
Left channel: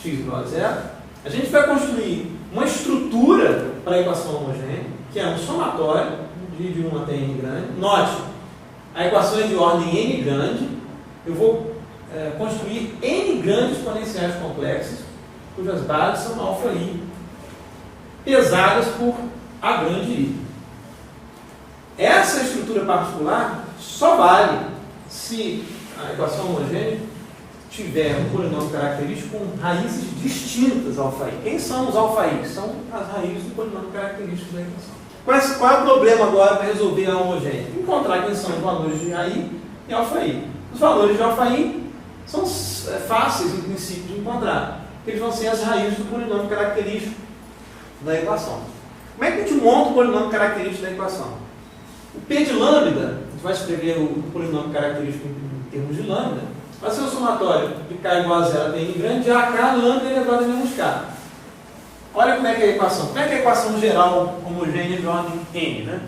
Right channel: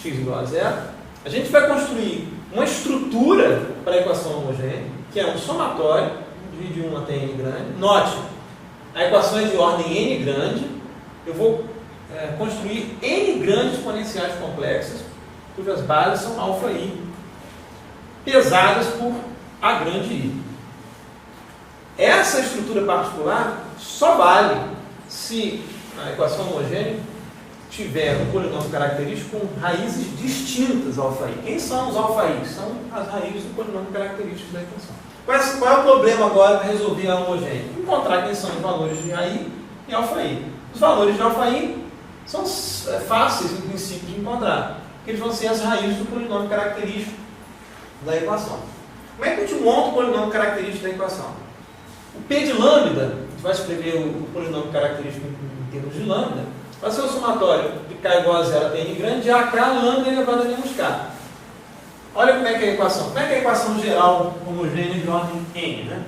X igual a zero. A gente vai construir uma estrutura para a equação homogênea, que é um somatório de 1 até n grande. Note, a equação é de ordem n grande. Eu vou construir n grandes exponenciais complexas, cujas bases são alfa i, pesadas por a grande i. Essa estrutura particular só vale se a equação homogênea tiver um polinômio característico com raízes distintas alfa i. Quem são os alfa i? São as raízes do polinômio característico da equação. Qual é o problema agora para resolver a homogênea? Encontrar quem são os valores de AI e alfa i. Os valores de alfa i são fáceis, em princípio, de encontrar, porque eles vão ser as raízes do polinômio característico da equação. Como é que a gente monta o polinômio característico da equação? O P de lambda, a gente vai escrever o polinômio característico em termos de lambda, vai ser o somatório de k igual a zero até n grande de AK lambda elevado a menos k. Olha como é que é a equação. Como é que é a equação geral homogênea de ordem n, né?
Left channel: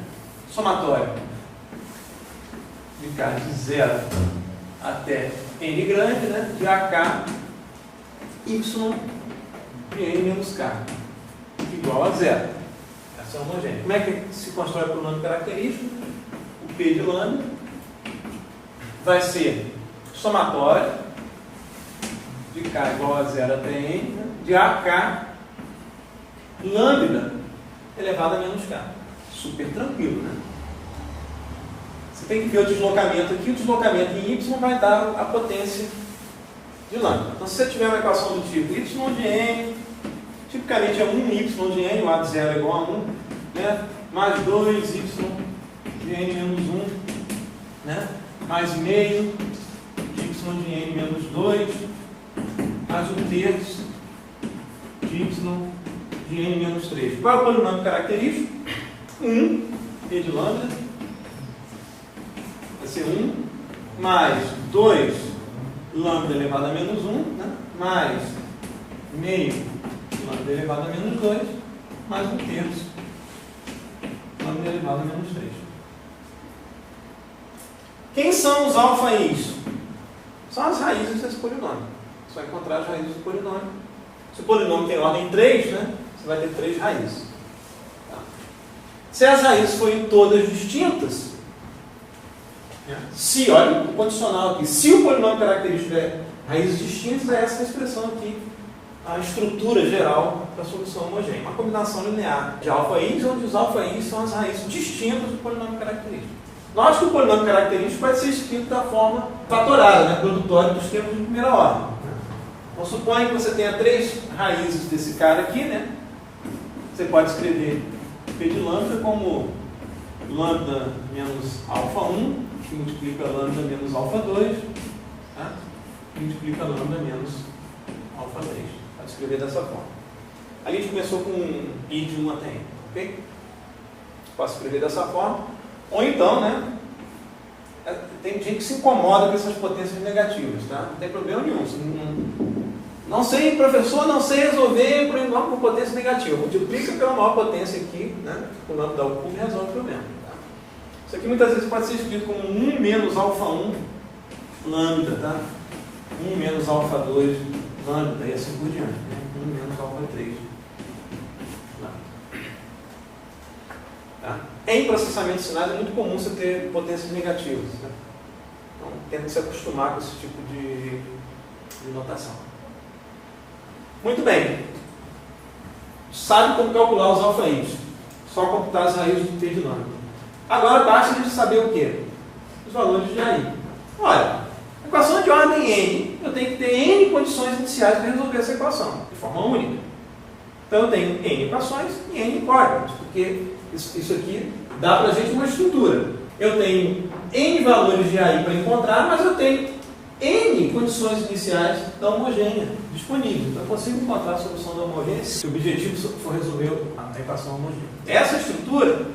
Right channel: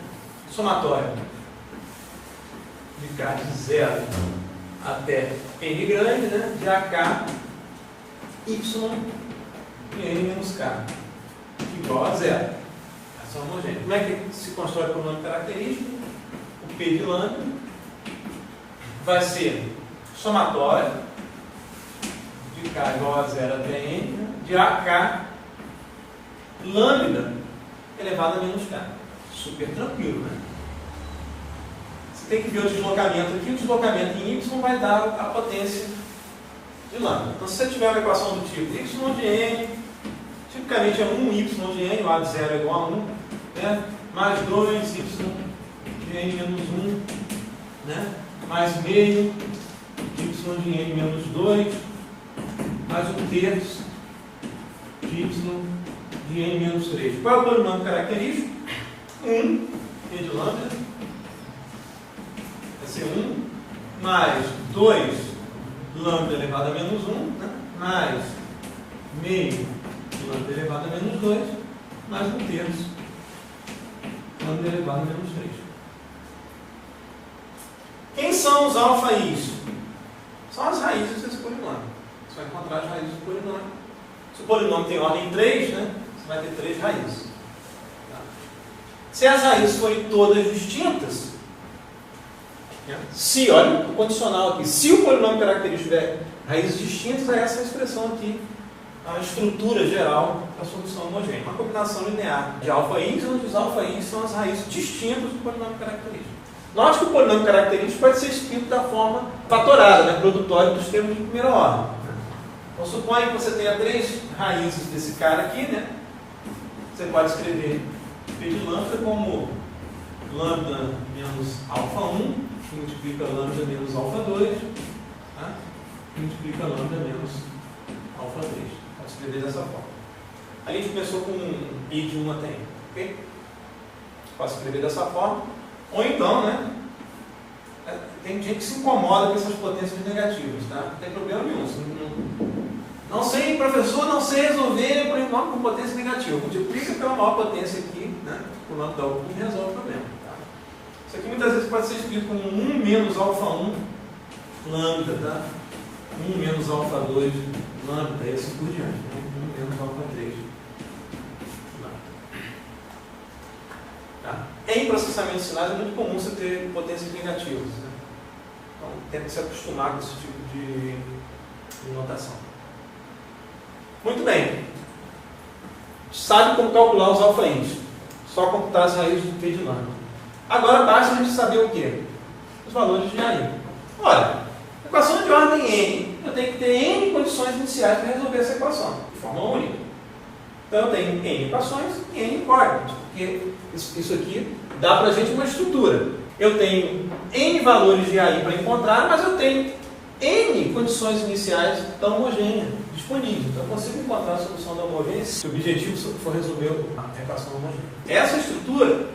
Somatório de k de 0 até n grande, né? De AK y de n menos k igual a zero. Essa é homogênea. Como é que se constrói o polinômio característico? O P de lambda vai ser somatório de k igual a 0 até n, né? De AK lambda elevado a menos k. Super tranquilo, né? Você tem que ver o deslocamento aqui. O deslocamento em y vai dar a potência de lambda. Então, se você tiver uma equação do tipo y de n, tipicamente é 1y de n, o a de 0 é igual a 1, né? Mais 2y de n menos 1, né? Mais meio y de n menos 2, mais 1/3 de y de n menos 3. Qual é o polinômio característico? 1, P de lambda, vai ser 1, mais 2 lambda elevado a menos 1, né? Mais meio lambda elevado a menos 2, mais 1/3 lambda elevado a menos 3. Quem são os alfa i's? São as raízes desse polinômio. Você vai encontrar as raízes do polinômio. Se o polinômio tem ordem 3, né? Você vai ter 3 raízes. Tá? Se as raízes forem todas distintas, né? Se, olha o condicional aqui, se o polinômio característico tiver raízes distintas, é essa a expressão aqui, a estrutura geral da solução homogênea. Uma combinação linear de alfa i's, onde os alfa i's são as raízes distintas do polinômio característico. Note que o polinômio característico pode ser escrito da forma fatorada, né? Produtório dos termos de primeira ordem. Então, suponha que você tenha 3 raízes desse cara aqui, né? Você pode escrever P de lambda como lambda menos alfa 1, que multiplica lambda menos alfa 2, tá? Que multiplica lambda menos alfa 3. Pode escrever dessa forma. Ali a gente começou com I de 1 até N, ok? Posso escrever dessa forma. Ou então, né? Tem gente que se incomoda com essas potências negativas, tá? Não tem problema nenhum. Não sei, professor, não sei resolver polinômio com potência negativa. Multiplica pela maior potência aqui, né? O nome da U e resolve o problema. Tá? Isso aqui muitas vezes pode ser escrito como 1 menos alfa 1 lambda, tá? 1 menos alfa 2 lambda e assim por diante, né? 1 menos alfa 3. Tá? Em processamento de sinais é muito comum você ter potências negativas, né? Então tem que se acostumar com esse tipo de notação. Muito bem. Sabe como calcular os alfa-ins. Só computar as raízes do T de lambda. Agora basta a gente saber o quê? Os valores de AI. Olha, equação de ordem N, eu tenho que ter N condições iniciais para resolver essa equação, de forma única. Então eu tenho N equações e N incógnitas, porque isso aqui dá para a gente uma estrutura. Eu tenho N valores de AI para encontrar, mas eu tenho N condições iniciais da homogênea disponíveis. Então eu consigo encontrar a solução da homogênea se o objetivo for resolver a equação homogênea. Essa estrutura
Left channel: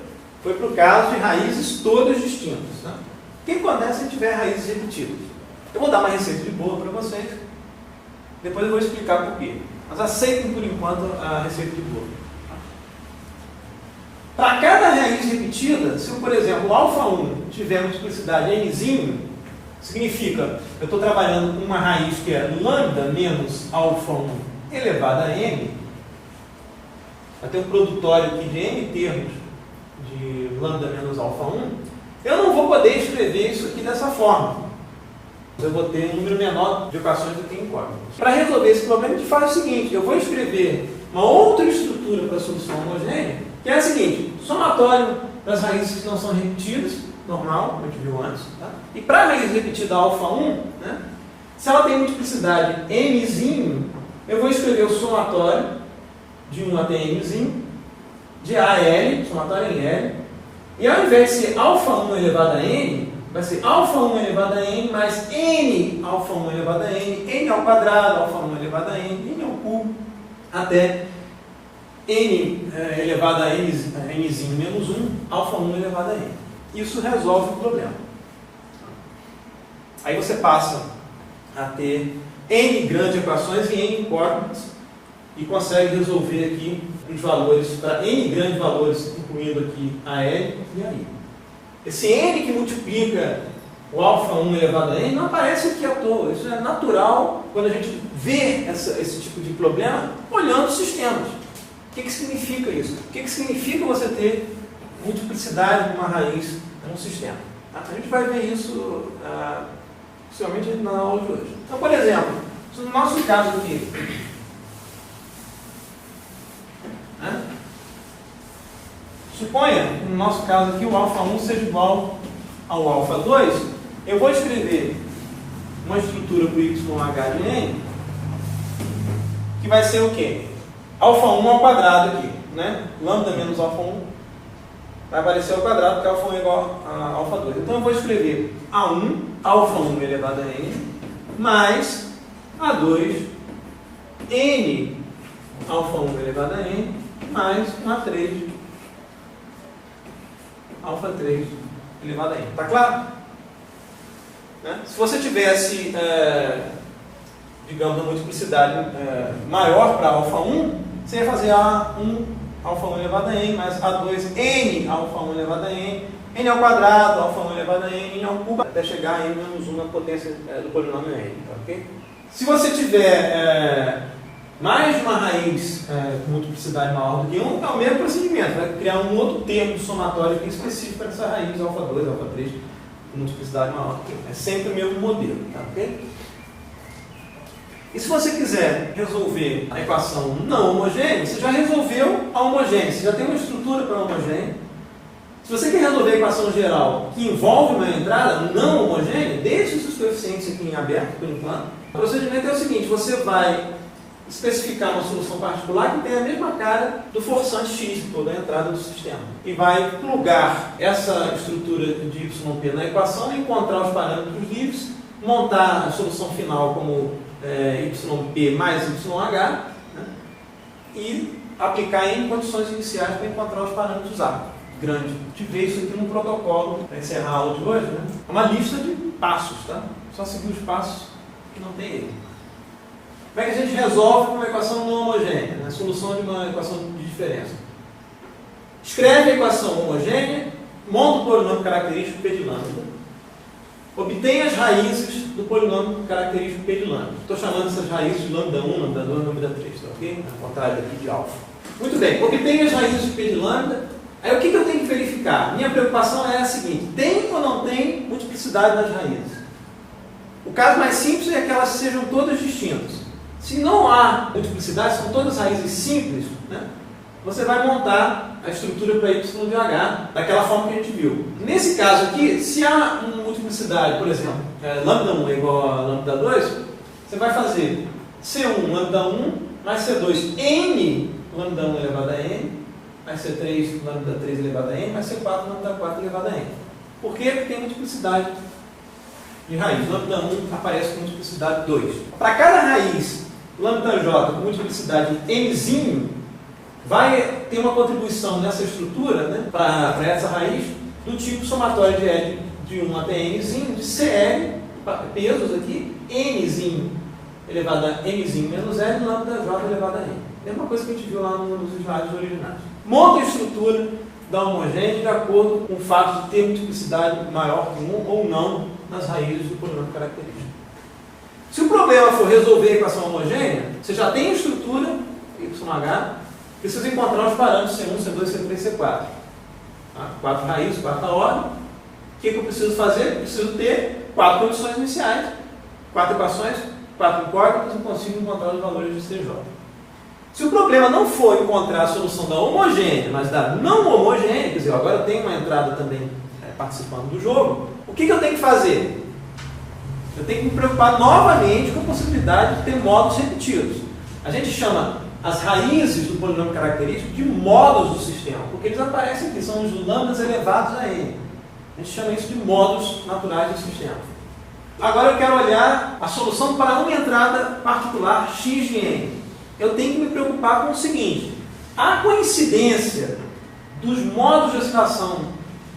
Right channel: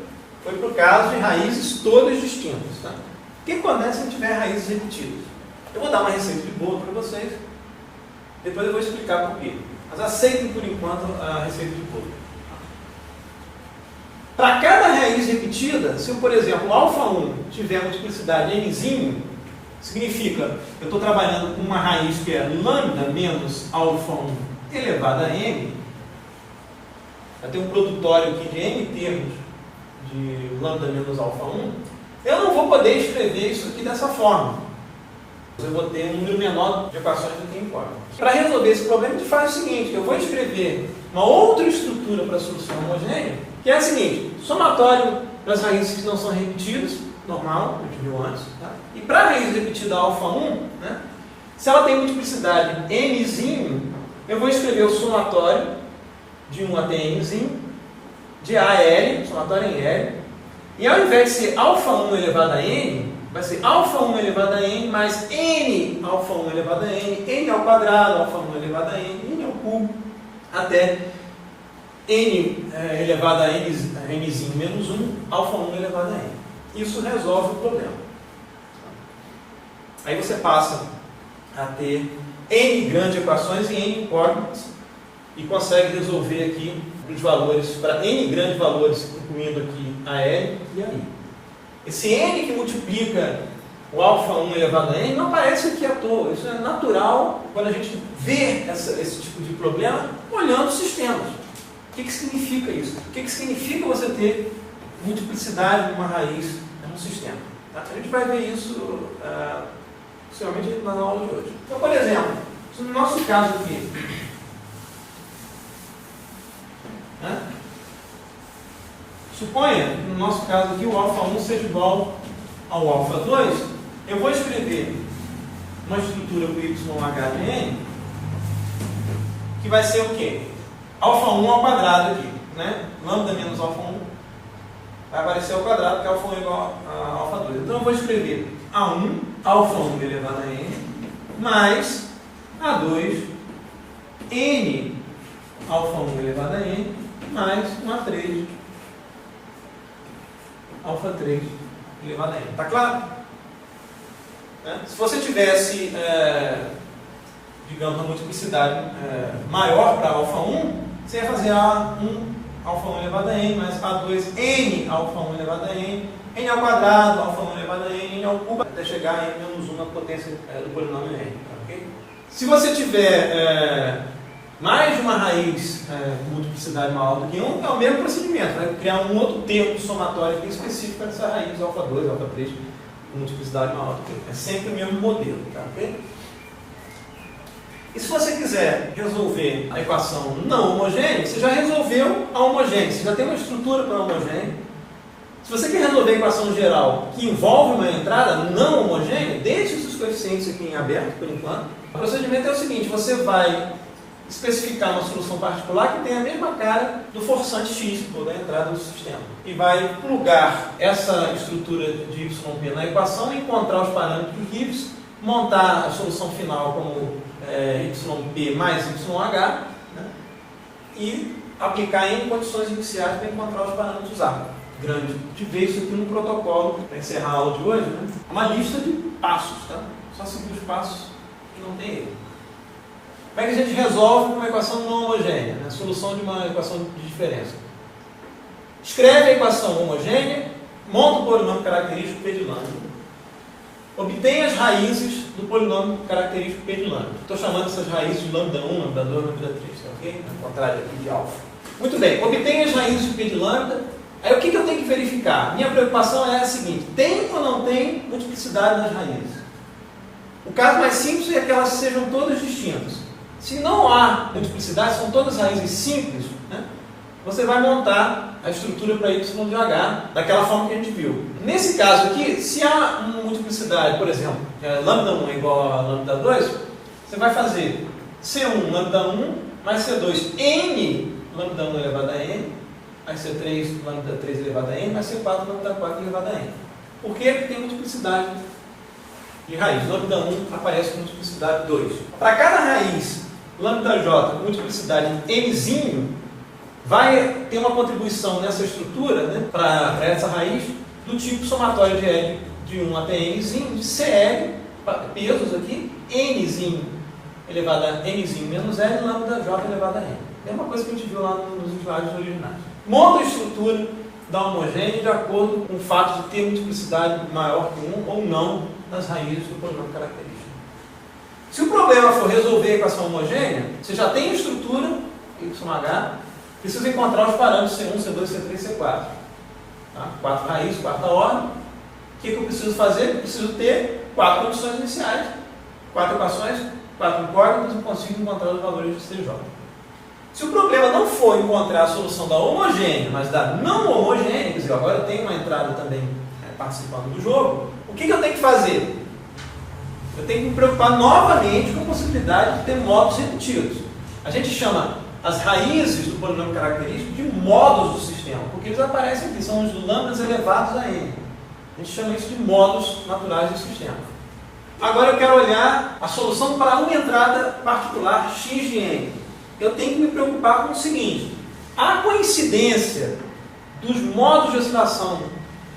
foi para o caso de raízes todas distintas. Tá? O que acontece se tiver raízes repetidas? Eu vou dar uma receita de bolo para vocês, depois eu vou explicar por quê. Mas aceitem por enquanto a receita de bolo. Para cada raiz repetida, se eu, por exemplo, α1 tiver multiplicidade nzinho, significa que eu estou trabalhando com uma raiz que é lambda menos α1 elevado a n. Vai ter um produtório aqui de n termos de lambda menos α1. Eu não vou poder escrever isso aqui dessa forma. Eu vou ter um número menor de equações do que incógnitas. Para resolver esse problema, a gente faz o seguinte: eu vou escrever uma outra estrutura para a solução homogênea, que é a seguinte: somatório das raízes que não são repetidas, normal, a gente viu antes, tá? E para a raiz repetida α1, né, se ela tem multiplicidade nzinho, eu vou escrever o somatório de 1 até nzinho, de a a L, somatório em L, e ao invés de ser α1 elevado a n, vai ser α1 elevado a n mais n α1 elevado a n ao quadrado, α1 elevado a n ao cubo, até n elevado a nzinho menos 1, α1 elevado a n. Isso resolve o problema. Aí você passa a ter n grandes equações e n incógnitas e consegue resolver aqui os valores para n grandes valores, incluindo aqui a L e a I. Esse n que multiplica o α1 elevado a n não aparece aqui à toa. Isso é natural quando a gente vê esse tipo de problema olhando os sistemas. O que significa isso? O que significa você ter multiplicidade de uma raiz no sistema? A gente vai ver isso principalmente na aula de hoje. Então, por exemplo, no nosso caso aqui, né? Suponha, no nosso caso aqui, o α1 seja igual ao α2, eu vou escrever uma estrutura para o YH de n, que vai ser o quê? α1 ao quadrado aqui, né? Lambda menos α1 vai aparecer ao quadrado, porque α1 é igual a α2. Então eu vou escrever A1, α1 elevado a n, mais A2, n α1 elevado a n, mais A3, α3 elevado a n. Está claro? Né? Se você tivesse, digamos, uma multiplicidade maior para α1, você ia fazer A1 α1 elevado a n, mais A2 n α1 elevado a n, n ao quadrado, α1 elevado a n, n ao cubo, até chegar a n menos 1 na potência do polinômio n. Okay? Se você tiver mais de uma raiz com multiplicidade maior do que 1, é o mesmo procedimento. Vai criar um outro termo somatório aqui específico para essa raiz α2, α3, com multiplicidade maior do que 1. É sempre o mesmo modelo. Tá? Okay? E se você quiser resolver a equação não homogênea, você já resolveu a homogênea, você já tem uma estrutura para a homogênea. Se você quer resolver a equação geral que envolve uma entrada não homogênea, deixe os seus coeficientes aqui em aberto por enquanto. O procedimento é o seguinte: você vai especificar uma solução particular que tem a mesma cara do forçante x, ou da entrada do sistema. E vai plugar essa estrutura de YP na equação, encontrar os parâmetros livres, montar a solução final como YP mais YH, né, e aplicar em condições iniciais para encontrar os parâmetros A. Grande. A gente vê isso aqui no protocolo para encerrar a aula de hoje. Né? É uma lista de passos, tá? Só seguir os passos que não tem erro. Como é que a gente resolve uma equação não homogênea? Né? A solução de uma equação de diferença. Escreve a equação homogênea, monta o polinômio característico P de lambda. Obtém as raízes do polinômio característico P de lambda. Estou chamando essas raízes de lambda 1, lambda 2, lambda 3, tá ok? Ao contrário aqui de alfa. Muito bem, obtenho as raízes de P de lambda. Aí o que eu tenho que verificar? Minha preocupação é a seguinte: tem ou não tem multiplicidade das raízes? O caso mais simples é que elas sejam todas distintas. Se não há multiplicidade, são todas raízes simples, né? Você vai montar a estrutura para y de h daquela forma que a gente viu. Nesse caso aqui, se há uma multiplicidade, por exemplo, lambda 1 é igual a lambda 2, você vai fazer C1 lambda 1 mais C2 n lambda 1 elevado a n, mais C3 lambda 3 elevado a n, mais C4 lambda 4 elevado a n. Por quê? Porque tem multiplicidade de raiz. Lambda 1 aparece com multiplicidade 2. Para cada raiz lambda j com multiplicidade nzinho, vai ter uma contribuição nessa estrutura, né, para essa raiz, do tipo somatório de L de 1 até nzinho, de CL, pesos aqui, nzinho elevado a nzinho menos L, lambda j elevado a n. É uma coisa que a gente viu lá nos slides originais. Monta a estrutura da homogênea de acordo com o fato de ter multiplicidade maior que 1 ou não nas raízes do polinômio característico. Se o problema for resolver a equação homogênea, você já tem a estrutura, YH, precisa encontrar os parâmetros C1, C2, C3, C4. Tá? 4 raízes, quarta ordem. O que eu preciso fazer? Eu preciso ter 4 condições iniciais, 4 equações, 4 incógnitas e consigo encontrar os valores de CJ. Se o problema não for encontrar a solução da homogênea, mas da não homogênea, quer dizer, agora eu tenho uma entrada também participando do jogo, o que eu tenho que fazer? Eu tenho que me preocupar novamente com a possibilidade de ter módulos repetidos. A gente chama as raízes do polinômio característico de módulos do sistema, porque eles aparecem aqui, são os lambdas elevados a n. A gente chama isso de módulos naturais do sistema. Agora eu quero olhar a solução para uma entrada particular x de n. Eu tenho que me preocupar com o seguinte: a coincidência dos modos de oscilação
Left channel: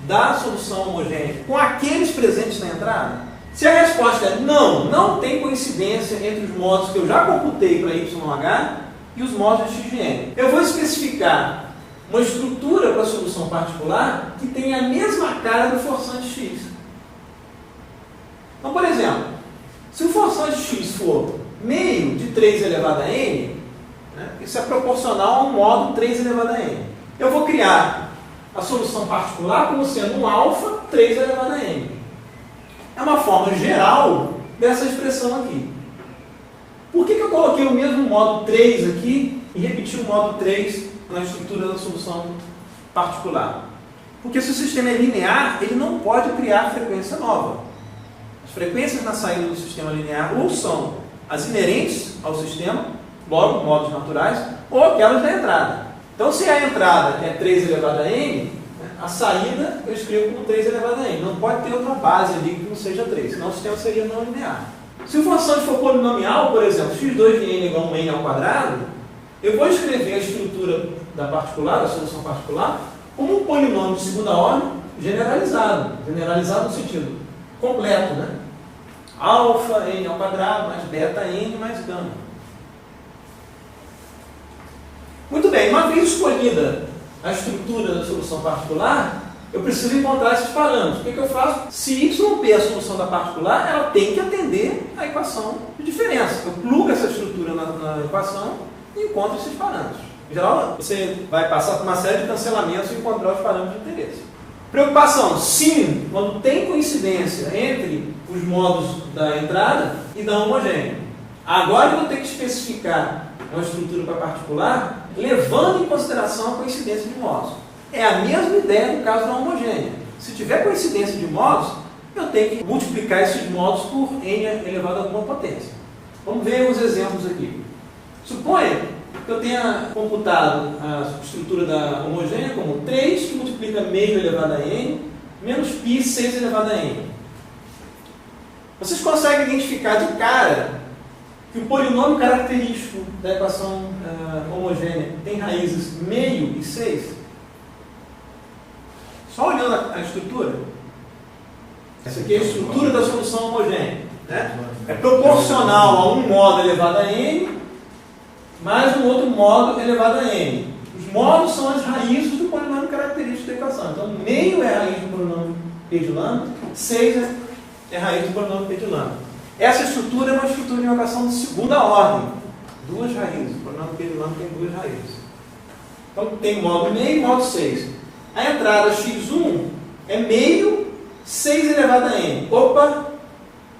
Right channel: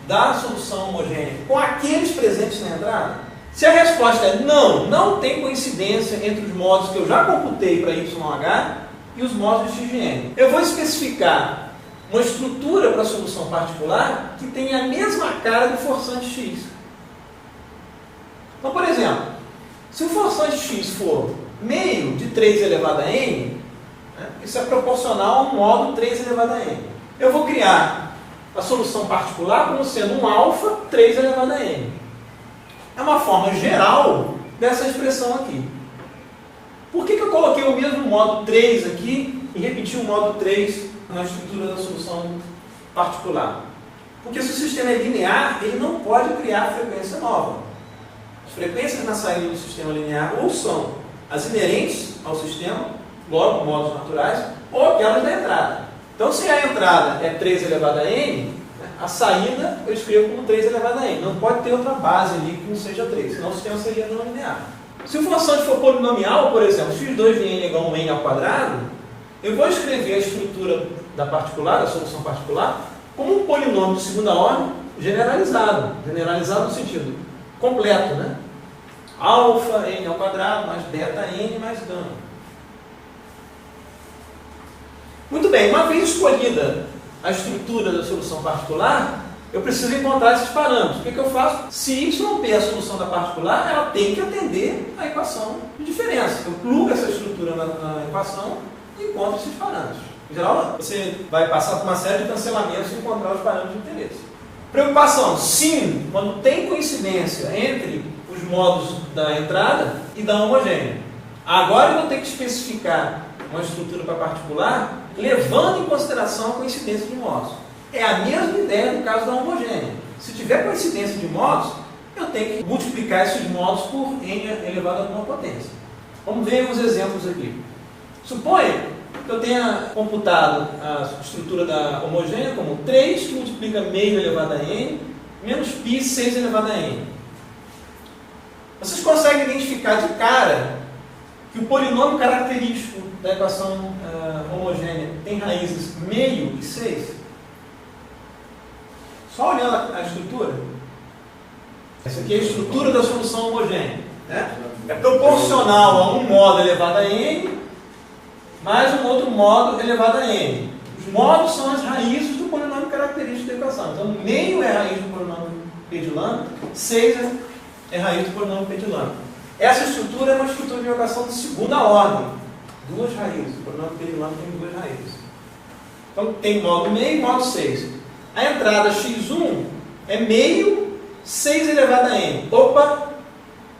da solução homogênea com aqueles presentes na entrada? Se a resposta é não, não tem coincidência entre os modos que eu já computei para YH e os modos de x de n, eu vou especificar uma estrutura para a solução particular que tenha a mesma cara do forçante x. Então, por exemplo, se o forçante x for meio de 3 elevado a n, isso é proporcional a um modo 3 elevado a n. Eu vou criar a solução particular como sendo um alfa 3 elevado a n. É uma forma geral dessa expressão aqui. Por que eu coloquei o mesmo modo 3 aqui e repeti o modo 3 na estrutura da solução particular? Porque se o sistema é linear, ele não pode criar frequência nova. As frequências na saída do sistema linear ou são as inerentes ao sistema, logo modos naturais, ou aquelas da entrada. Então, se a entrada é 3 elevado a n, a saída eu escrevo como 3 elevado a n. Não pode ter outra base ali que não seja 3, senão o sistema seria não linear. Se o forçante for polinomial, por exemplo, x2 de n igual a 1n ao quadrado, eu vou escrever a estrutura da particular, da solução particular, como um polinômio de segunda ordem generalizado. Generalizado no sentido completo, né? Alfa n ao quadrado mais beta n mais gama. Muito bem, uma vez escolhida a estrutura da solução particular, eu preciso encontrar esses parâmetros. O que eu faço? Se YP é a solução da particular, ela tem que atender à equação de diferença. Eu plugo essa estrutura na equação e encontro esses parâmetros. Em geral, você vai passar por uma série de cancelamentos e encontrar os parâmetros de interesse. Preocupação: sim, quando tem coincidência entre os modos da entrada e da homogênea. Agora eu vou ter que especificar uma estrutura para particular, levando em consideração a coincidência de modos. É a mesma ideia do caso da homogênea. Se tiver coincidência de modos, eu tenho que multiplicar esses modos por n elevado a alguma potência. Vamos ver uns exemplos aqui. Suponha que eu tenha computado a estrutura da homogênea como 3, que multiplica meio elevado a n, menos π 6 elevado a n. Vocês conseguem identificar de cara que o polinômio característico da equação homogênea tem raízes meio e 6? Só olhando a estrutura. Essa aqui é a estrutura da solução homogênea. Né? É proporcional a um modo elevado a n mais um outro modo elevado a n. Os modos são as raízes do polinômio característico da equação. Então, meio é a raiz do polinômio p de lambda, 6 é a raiz do polinômio p de lambda. Essa estrutura é uma estrutura de invocação de segunda ordem. Duas raízes. O polinômio P tem duas raízes. Então tem modo meio e modo 6. A entrada x1 é meio 6 elevado a n. Opa!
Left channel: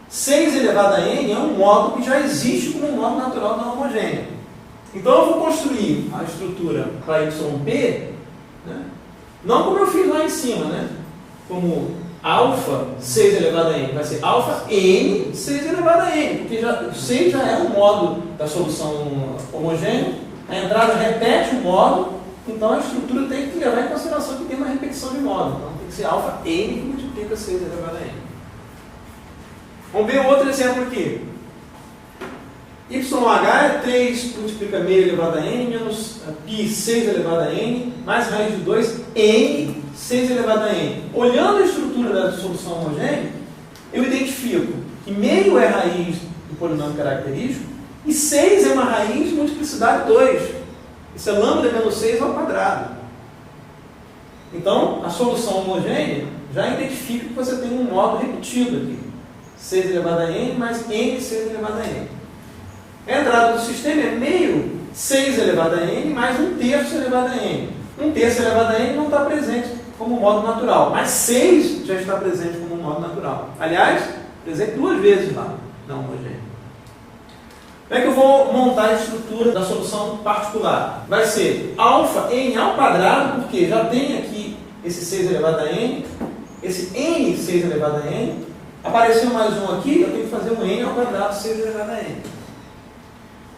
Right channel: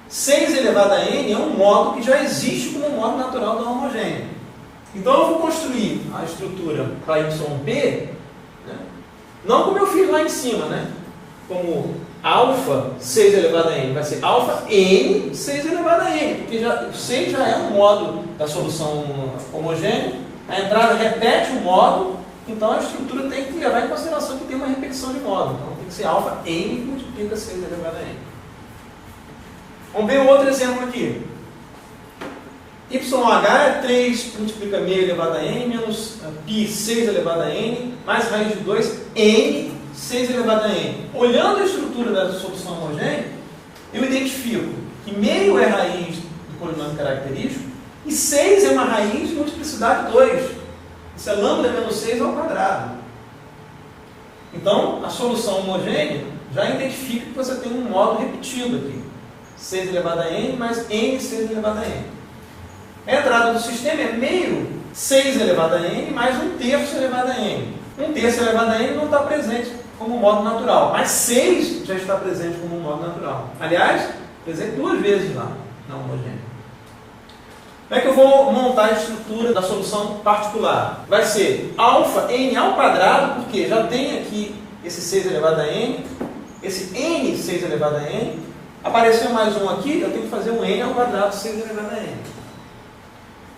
6 elevado a n é um modo que já existe como modo natural da homogênea. Então eu vou construir a estrutura para YP, né? Não como eu fiz lá em cima, né? Como alfa 6 elevado a n, vai ser alfa n 6 elevado a n, porque 6 já é um modo da solução homogênea, a entrada repete o modo, então a estrutura tem que levar em consideração que tem uma repetição de modo, então tem que ser alfa n que multiplica 6 elevado a n. Vamos ver outro exemplo aqui. YH é 3 multiplica meio elevado a n menos π 6 elevado a n mais raiz de 2 n 6 elevado a n. Olhando a estrutura da solução homogênea, eu identifico que meio é raiz do polinômio característico e 6 é uma raiz de multiplicidade 2. Isso é lambda menos 6 ao quadrado. Então, a solução homogênea já identifica que você tem um modo repetido aqui. 6 elevado a n mais n 6 elevado a n. A entrada do sistema é meio 6 elevado a n mais 1/3 elevado a n. 1/3 elevado a n não está presente como modo natural, mas 6 já está presente como modo natural. Aliás, presente duas vezes lá na homogênea. Como é que eu vou montar a estrutura da solução particular? Vai ser alfa n ao quadrado, porque já tem aqui esse 6 elevado a n, esse n 6 elevado a n, apareceu mais um aqui, eu tenho que fazer um n ao quadrado 6 elevado a n.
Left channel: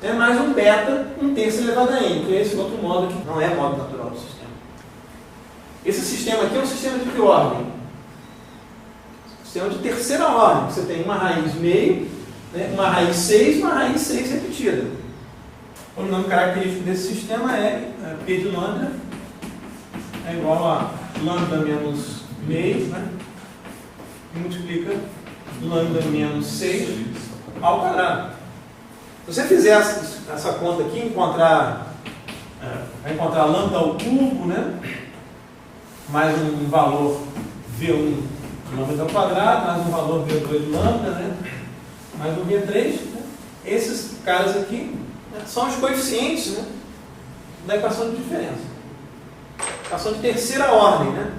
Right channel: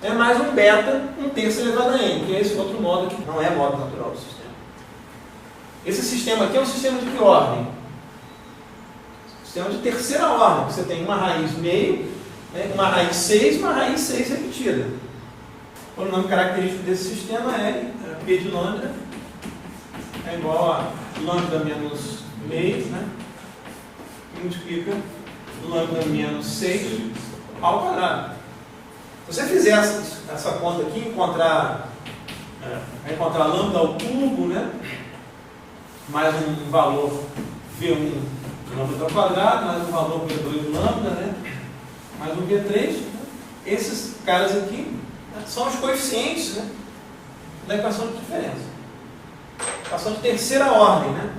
É mais um beta 1/3 elevado a n, que é esse outro modo que não é modo natural do sistema. Esse sistema aqui é um sistema de que ordem? Sistema de terceira ordem. Você tem uma raiz meio, né, uma raiz 6 e uma raiz 6 repetida. O nome característico desse sistema é P de lambda é igual a lambda menos meio, né, que multiplica lambda menos 6 ao quadrado. Se você fizer essa conta aqui, vai encontrar lambda ao cubo, né, mais um valor V1 lambda ao quadrado, mais um valor V2 lambda, né, mais um V3. Né, esses caras aqui, né, são os coeficientes, né, da equação de diferença. Equação de terceira ordem. Né.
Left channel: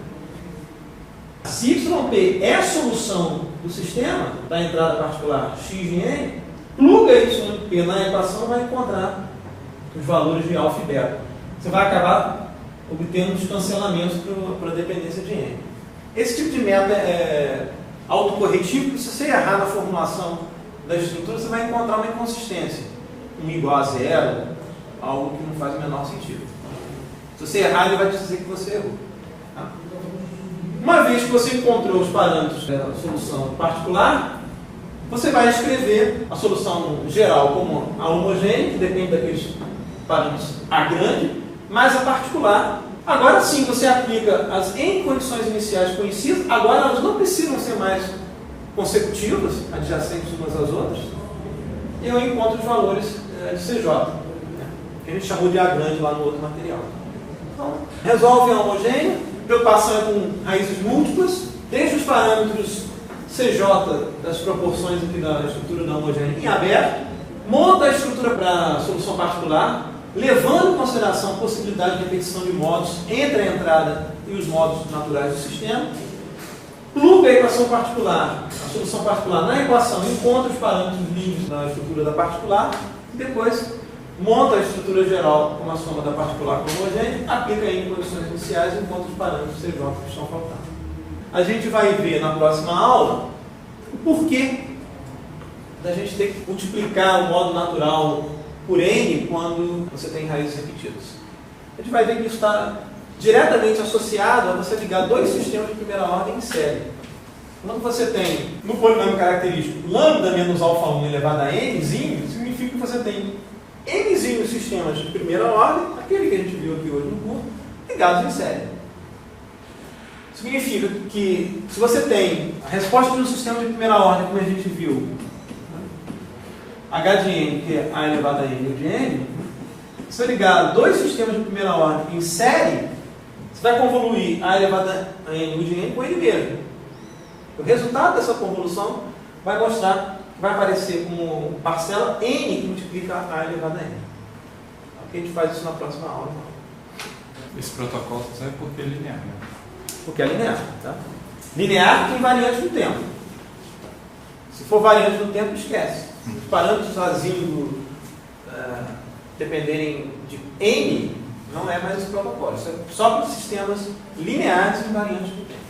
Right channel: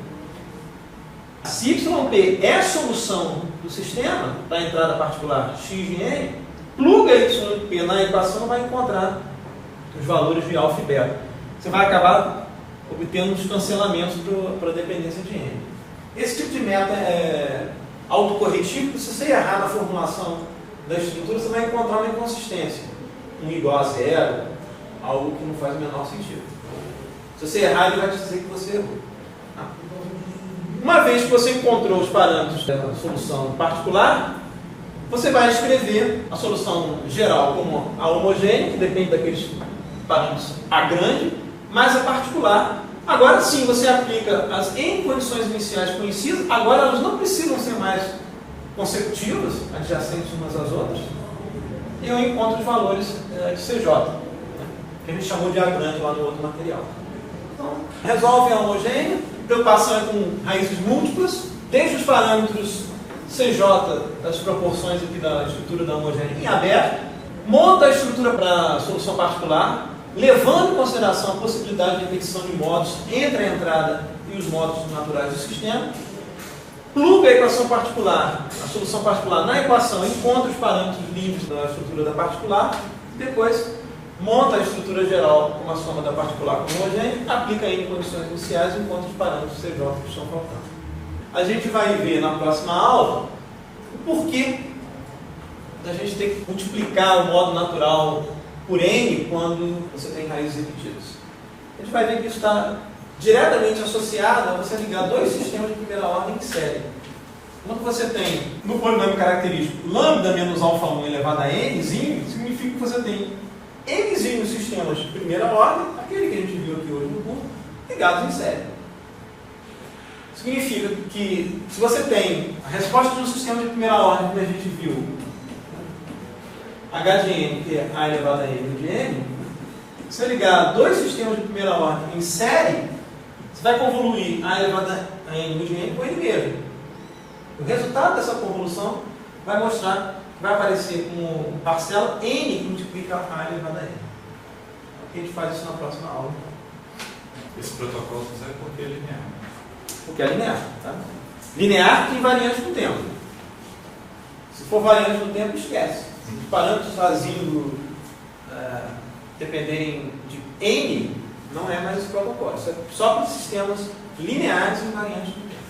Se YP é a solução do sistema, da entrada particular x de n, pluga YP na equação, vai encontrar os valores de alfa e beta. Você vai acabar obtendo uns cancelamentos para a dependência de n. Esse tipo de método é autocorretivo, porque se você errar na formulação da estrutura, você vai encontrar uma inconsistência. Um igual a zero, algo que não faz o menor sentido. Se você errar, ele vai dizer que você errou. Tá? Uma vez que você encontrou os parâmetros da solução particular, você vai escrever a solução geral como a homogênea, que depende daqueles parâmetros A grande, mais a particular. Agora sim, você aplica as N condições iniciais conhecidas, agora elas não precisam ser mais consecutivas, adjacentes umas às outras, e eu encontro os valores de CJ, né, que a gente chamou de A grande lá no outro material. Então, resolve a homogênea, preocupação é com raízes múltiplas, desde os parâmetros CJ das proporções aqui da estrutura da homogênea em aberto, monta a estrutura para a solução particular, levando em consideração a possibilidade de repetição de modos entre a entrada e os modos naturais do sistema, pluga a equação particular, a solução particular na equação, encontra os parâmetros livres da estrutura da particular, e depois monta a estrutura geral com a soma da particular com a homogênea, aplica em condições iniciais e encontra os parâmetros CJ que estão faltando. A gente vai ver na próxima aula o porquê da gente ter que multiplicar o modo natural por n quando você tem raízes repetidas. A gente vai ver que isso está diretamente associado a você ligar dois sistemas de primeira ordem em série. Quando você tem no polinômio característico lambda menos alfa 1 elevado a nzinho, significa que você tem nzinho sistemas de primeira ordem, aquele que a gente viu aqui hoje no curso, ligados em série. Significa que se você tem a resposta de um sistema de primeira ordem, como a gente viu, h de n, que é a elevado a n de n, se você ligar dois sistemas de primeira ordem em série, você vai convoluir a elevado a n de n com ele mesmo. O resultado dessa convolução vai mostrar, vai aparecer como parcela N que multiplica A elevado a N. A gente faz isso na próxima aula. Esse protocolo só serve porque é linear. Porque é linear. Tá? Linear tem variante no tempo. Se for variante no tempo, esquece. Se os parâmetros vazios dependerem de N, não é mais esse protocolo. Isso é só para sistemas lineares e variantes no tempo.